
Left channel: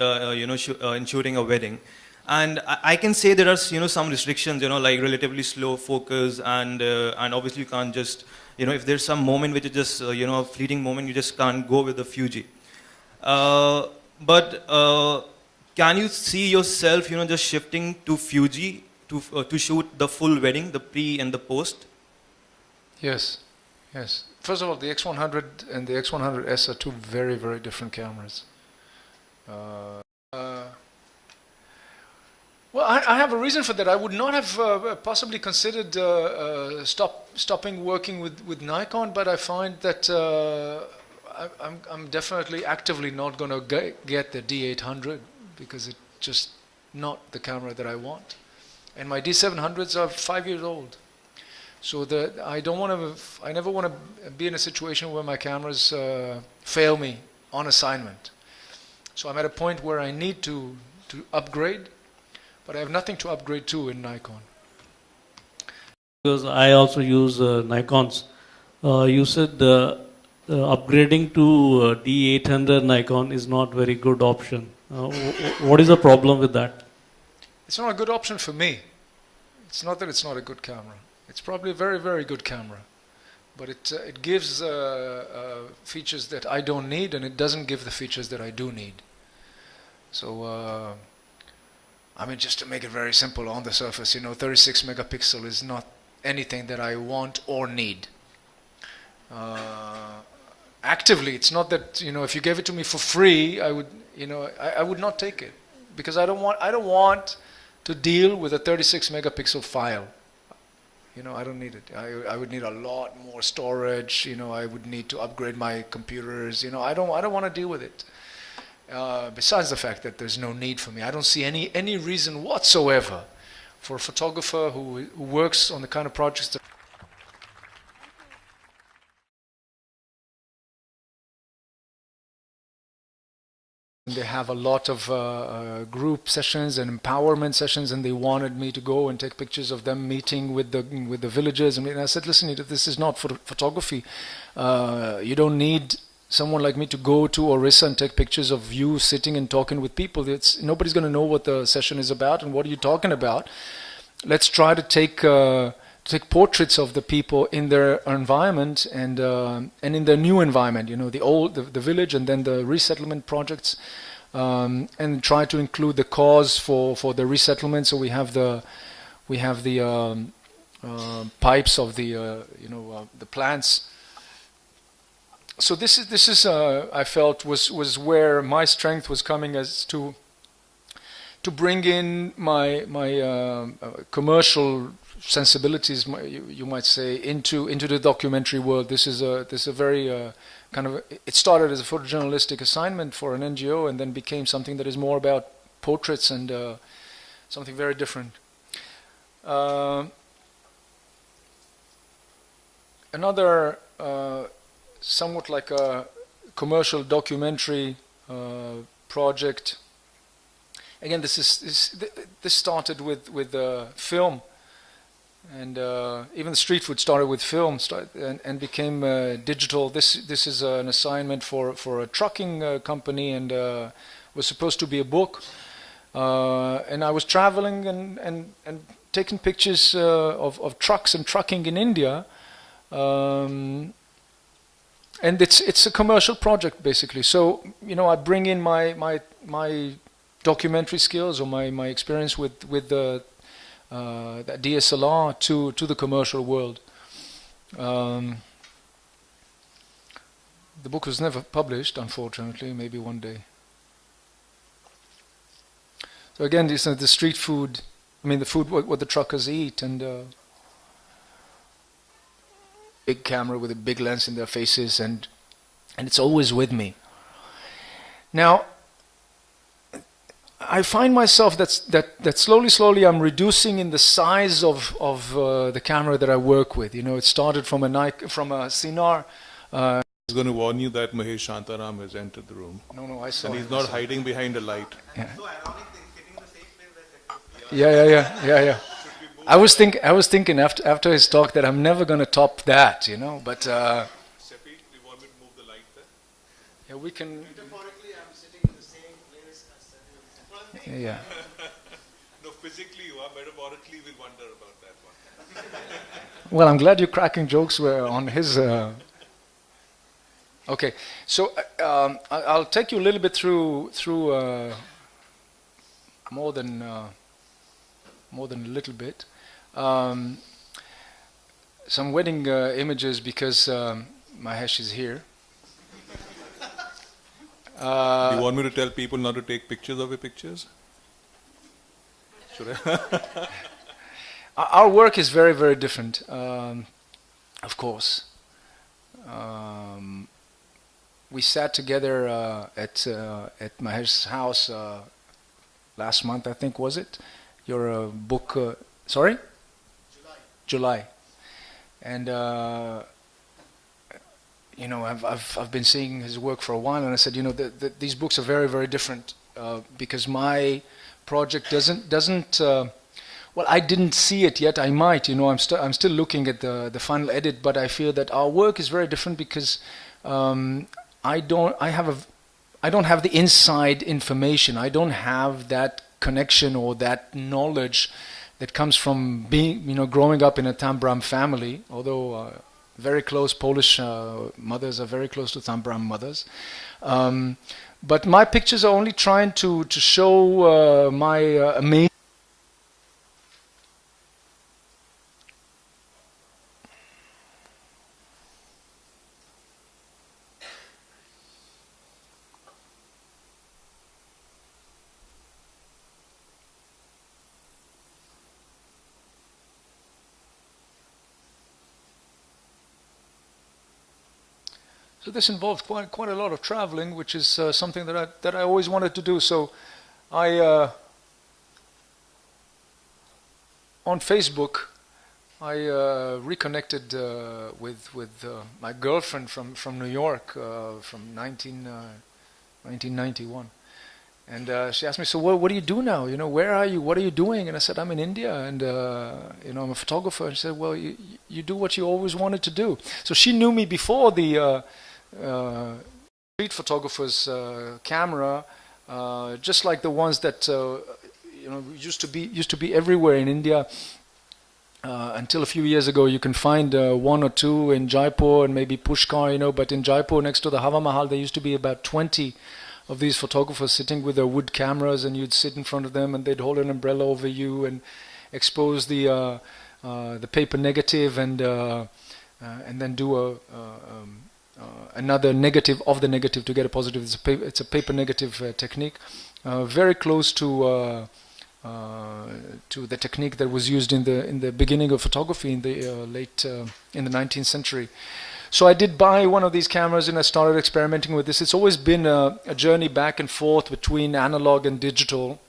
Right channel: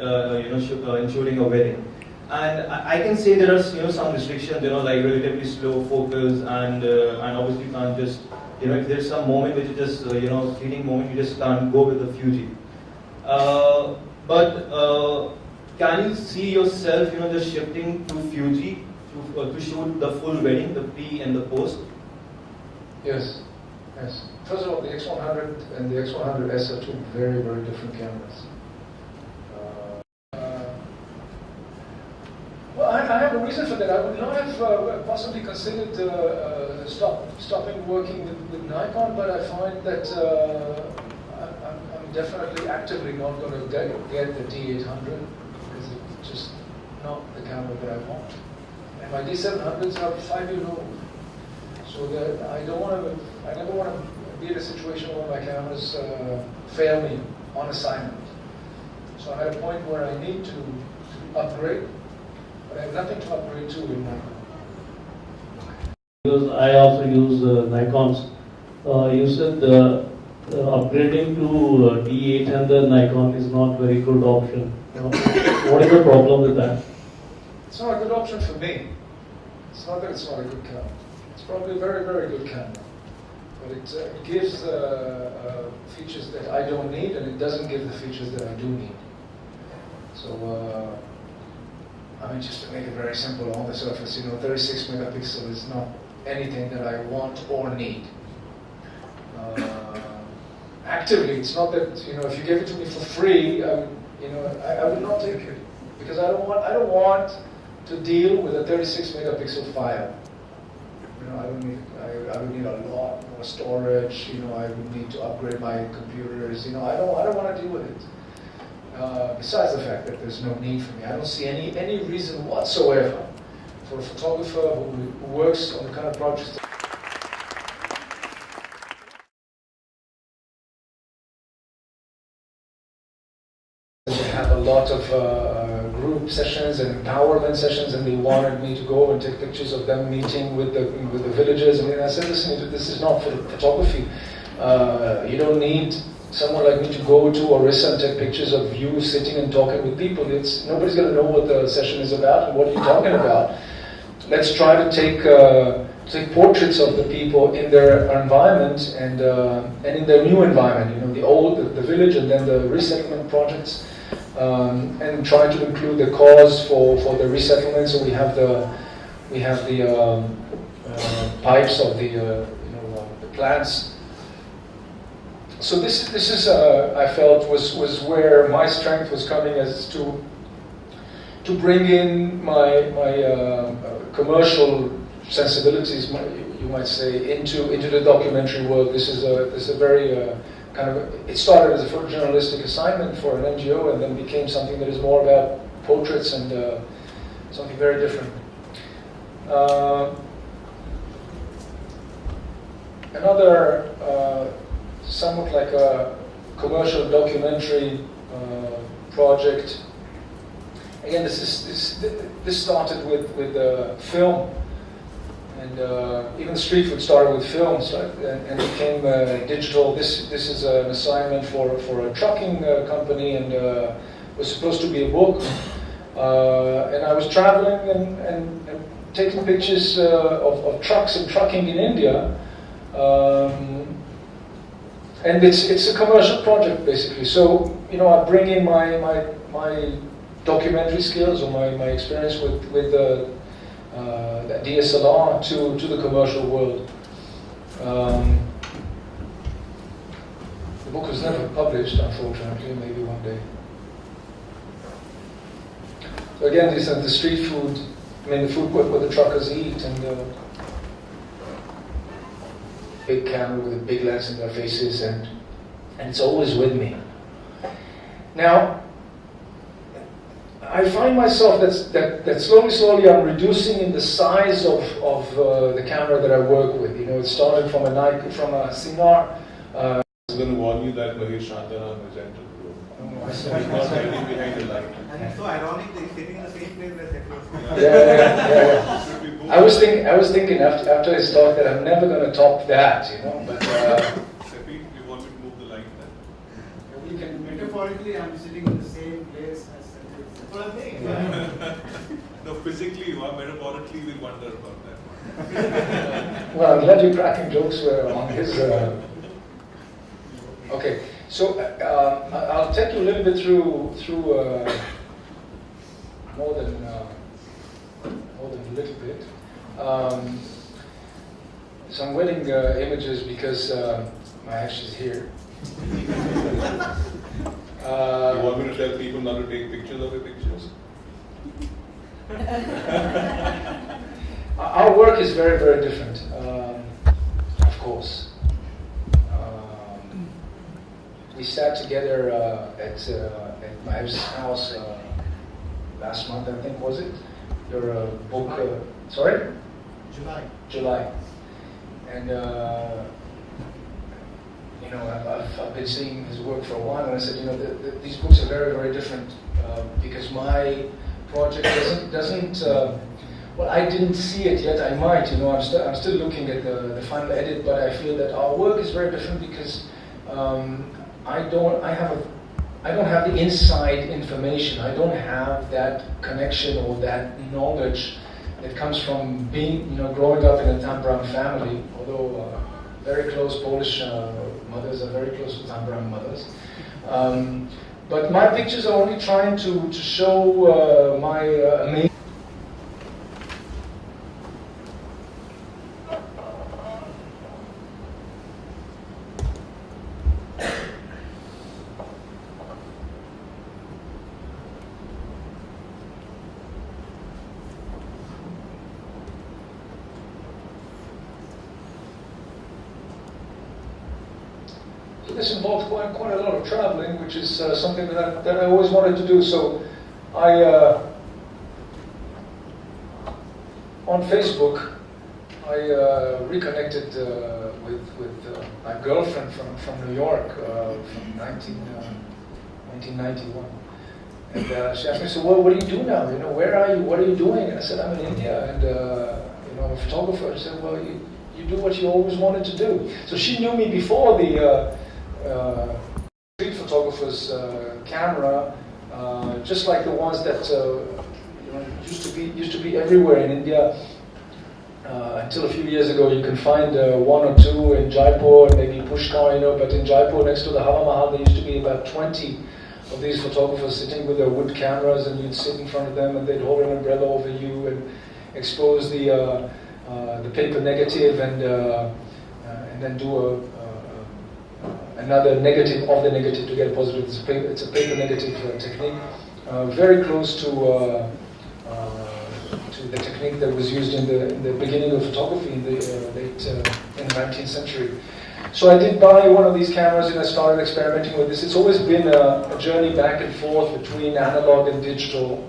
in shooting a wedding, and I can say there are some restrictions, like relatively slow focus, and obviously you can't just if there's some moment which is just a fleeting moment, you just can't go with the Fuji. But can you see yourself just shifting to Fuji to shoot the full wedding, the pre and the post? Yes. First of all, the X100 and the X100S are two very, very different cameras. Well, I have a reason for that. I would not have possibly considered stopping working with Nikon, but I find that I'm definitely actively not going to get the D800 because it's just not the camera that I want. And my D700s are 5 years old. So I never want to be in a situation where my cameras fail me on assignment. So I'm at a point where I need to upgrade, but I have nothing to upgrade to in Nikon. Because I also use Nikons. You said upgrading to D800 Nikon is not very good option. What is the problem with that? It's not a good option for me. It's not that it's not a good camera. It's probably a very, very good camera, but it gives features that I don't need, and it doesn't give the features that I do need. So, I mean, just to make it very simple on the surface, 36 megapixel is not anything that I want or need. Actively, it's not that, if you gave it to me for free, I would, I would not take it, because I don't want to deal with a 36 megapixel file. I don't need it. I would need a lot more storage. I would need to upgrade my computers. I don't want to deal with it. Besides the fact that there's no need for me, I don't see any reason whatsoever for a photographer who works on the kind of projects that they have a lot of group sessions and empowerment sessions, and they wanted me to go and take pictures of them meeting with the villagers. I said, listen, this is not for photography. You don't need someone like me to go to Orissa and take pictures of you sitting and talking with people. Nobody's going to know what the session is about and what you're talking about. Let's try to take portraits of the people in their environment and in their new environment. The village, and then the resettlement projects. And try to include the cause for the resettlement. So we have the pipes of the plants. So this is I felt was where my strength was coming, as to bring in my commercial sensibilities, you might say, into the documentary world. This is a very it started as a photojournalistic assignment for an NGO, and then became something that is more about portraits and something very different. Another somewhat like a commercial documentary project. Again, this started with film. And even street food started with films, right? And became digital. This is an assignment for a trucking company, and was supposed to be a book. And I was traveling and taking pictures of trucks and trucking in India. And it's a commercial project, basically. So I bring in my documentary skills, or my experience with the DSLR to the commercial world. The book was never published, unfortunately. Maybe one day. So again, these are the street food. The food what the truckers eat, and big camera with a big lens in their faces, and it's always with me. Now, I find myself that slowly I'm reducing in the size of the camera that I work with. It started from a Sinar. I was going to warn you that Mahesh Shantaram has entered the room. Oh, I saw. He's not hiding behind a light. And so ironic, they're sitting in the same place where Secretary. Yeah. I was thinking after his talk that I'm never going to top that, but. Secretary, we want to move the light then. Yeah, we can. Metaphorically, I'm sitting in the same place as Secretary. Yeah. No, physically you are, metaphorically we wonder about that. Well, I'm glad you're cracking jokes on his. Okay, so I'll take you a little bit through more than a little bit. Some wedding images, because Mahesh is here. You want me to tell people not to take pictures of your pictures? Our work is very, very different, of course. We sat together at Mahesh's house last month, I think, was it? Your book, sorry? July. And I've been seeing his work for a while, and I said, these books are very, very different, because my project doesn't. Well, I didn't see it yet. I might, I'm still looking at the final edit, but I feel that our work is very different because I don't have the inside information. I don't have that connection or that knowledge that comes from growing up in a Tambram family, although very close Polish mothers are very close to Tambram mothers. But my pictures are only trying to show my amazing. So this involved quite a lot of traveling, which is something that I always wanted to do. So I on Facebook I reconnected with my girlfriend from New York from 1991. And she asked me, so what do you do now? You know, where are you? What are you doing? And I said, I'm in India, and you know, I'm a photographer. She said, well, you do what you always wanted to do. So she knew me before the street photographer's camera, just like the ones that you know used to be everywhere in India. Until a few years ago, you can find one or two in Jaipur, maybe Pushkar, you know. But in Jaipur, next to the Hawa Mahal, there used to be about 20 of these photographers sitting with their wood cameras, and you'd sit in front of them, and they'd hold an umbrella over you and expose the paper negative, and then do another negative of the negative to get a positive. It's a paper negative technique, very close to the technique that was used in the beginning of photography in the in the 19th century. So I did buy one of these cameras, and I started experimenting with this. It's always been a journey back and forth between analog and digital,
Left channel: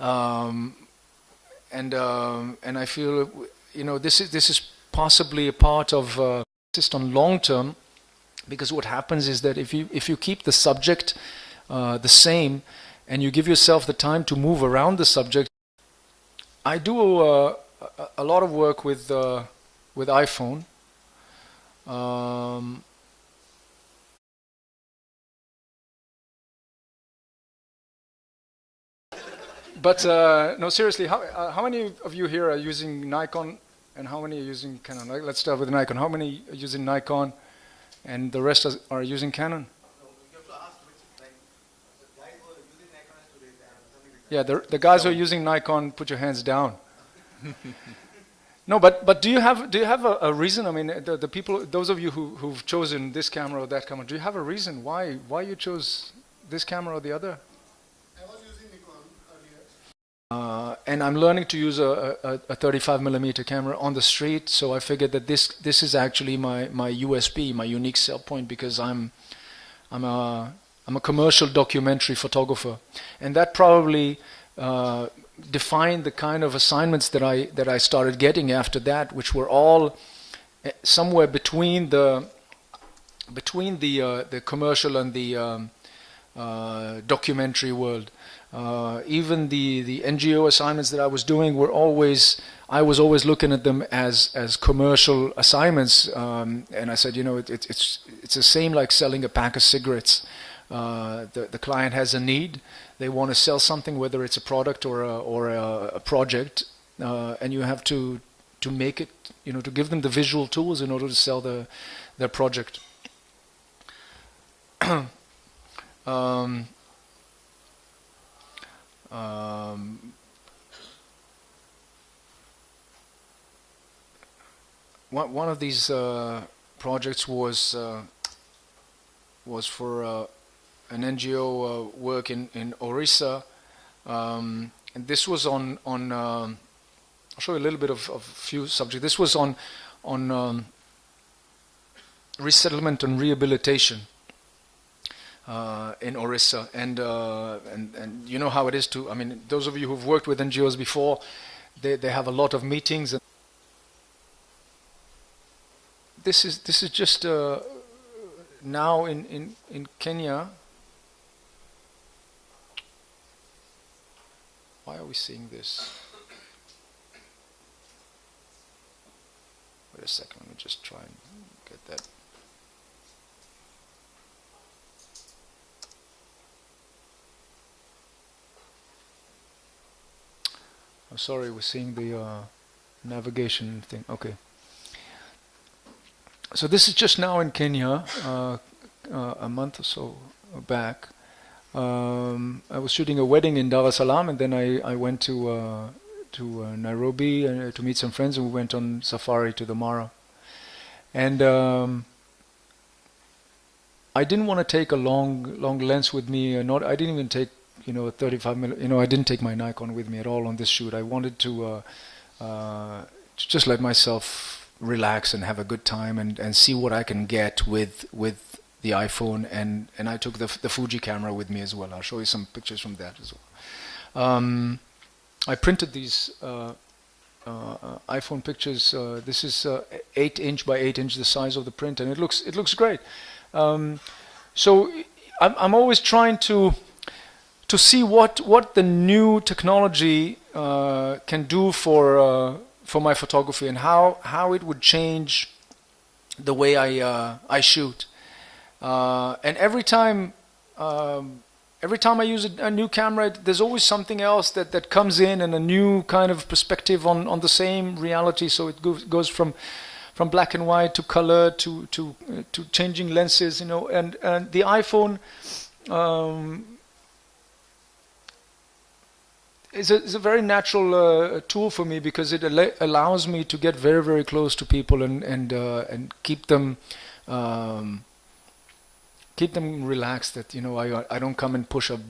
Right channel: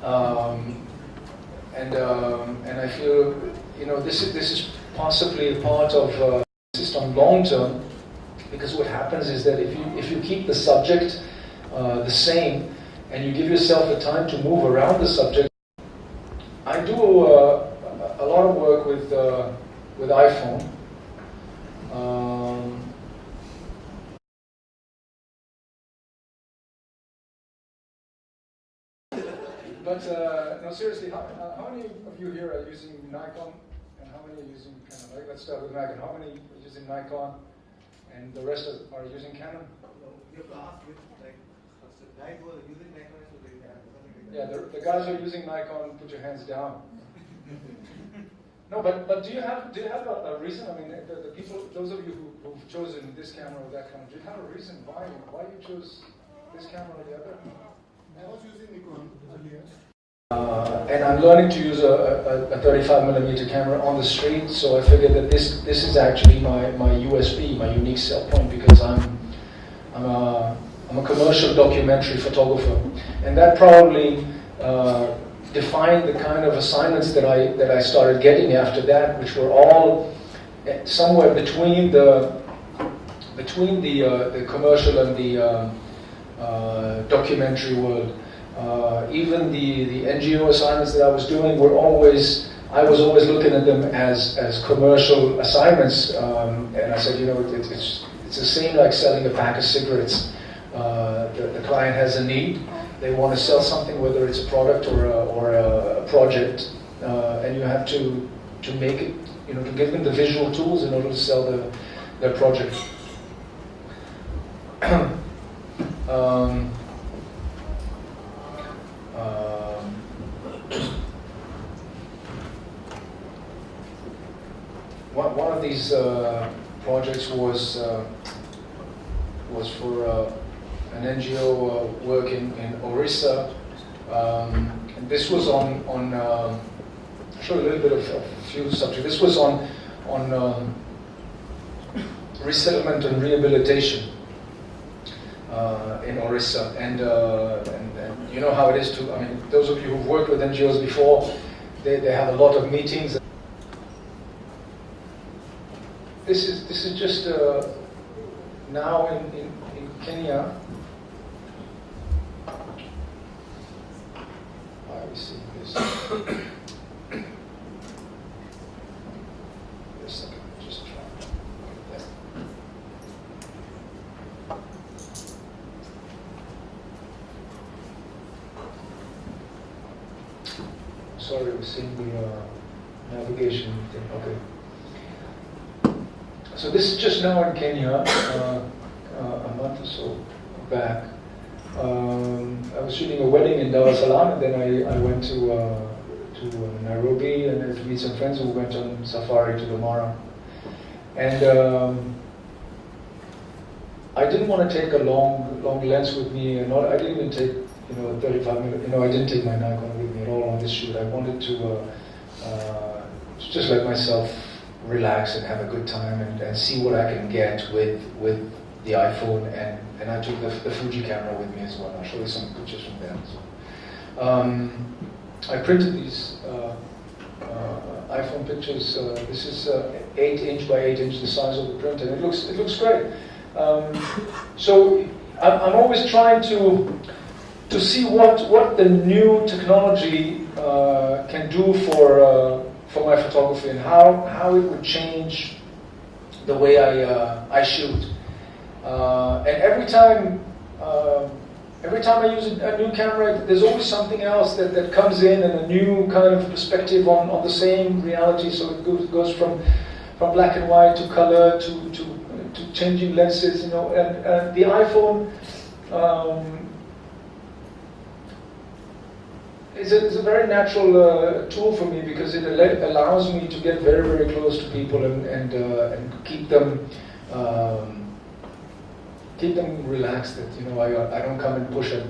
and I feel, you know, this is possibly a part of system long term, because what happens is that if you keep the subject the same, and you give yourself the time to move around the subject. I do a lot of work with iPhone. But no, seriously, how many of you here are using Nikon, and how many are using Canon? Let's start with Nikon. How many are using Nikon, and the rest are using Canon? Yeah, the guys who are using Nikon, put your hands down. No, but do you have a reason? I mean, the people, those of you who've chosen this camera or that camera, do you have a reason why you chose this camera or the other? I was using Nikon earlier. And I'm learning to use a 35mm camera on the street, so I figured that this is actually my USP, my unique sell point, because I'm a commercial documentary photographer, and that probably defined the kind of assignments that I started getting after that, which were all somewhere between the commercial and the documentary world. Even the NGO assignments that I was doing I was always looking at them as commercial assignments, and I said, you know, it's the same like selling a pack of cigarettes. The client has a need. They want to sell something, whether it's a product or a project, and you have to make it, you know, to give them the visual tools in order to sell their project. One of these projects was for an NGO work in Orissa. And this was on I'll show you a little bit of a few subjects. This was on resettlement and rehabilitation in Orissa, and you know how it is to. I mean, those of you who've worked with NGOs before, they have a lot of meetings. This is just now in Kenya. Why are we seeing this? Wait a second, just try to get that. Sorry, we're seeing the navigation thing. Okay. So this is just now in Kenya, a month or so back. I was shooting a wedding in Dar es Salaam, and then I went to Nairobi and to meet some friends who went on safari to the Mara. And I didn't want to take a long lens with me. I didn't even take, you know, a 35mm. You know, I didn't take my Nikon with me at all on this shoot. I wanted to just let myself relax and have a good time and see what I can get with the iPhone, and I took the Fuji camera with me as well. I'll show you some pictures from that as well. I printed these iPhone pictures. This is 8 inch by 8 inch, the size of the print, and it looks great. So I'm always trying to see what the new technology can do for my photography, and how it would change the way I shoot. And every time I use a new camera, there's always something else that comes in, and a new kind of perspective on the same reality. So it goes from black and white to color to changing lenses, you know. And the iPhone is a very natural tool for me, because it allows me to get very, very close to people and keep them relaxed. That, you know, I don't come and push a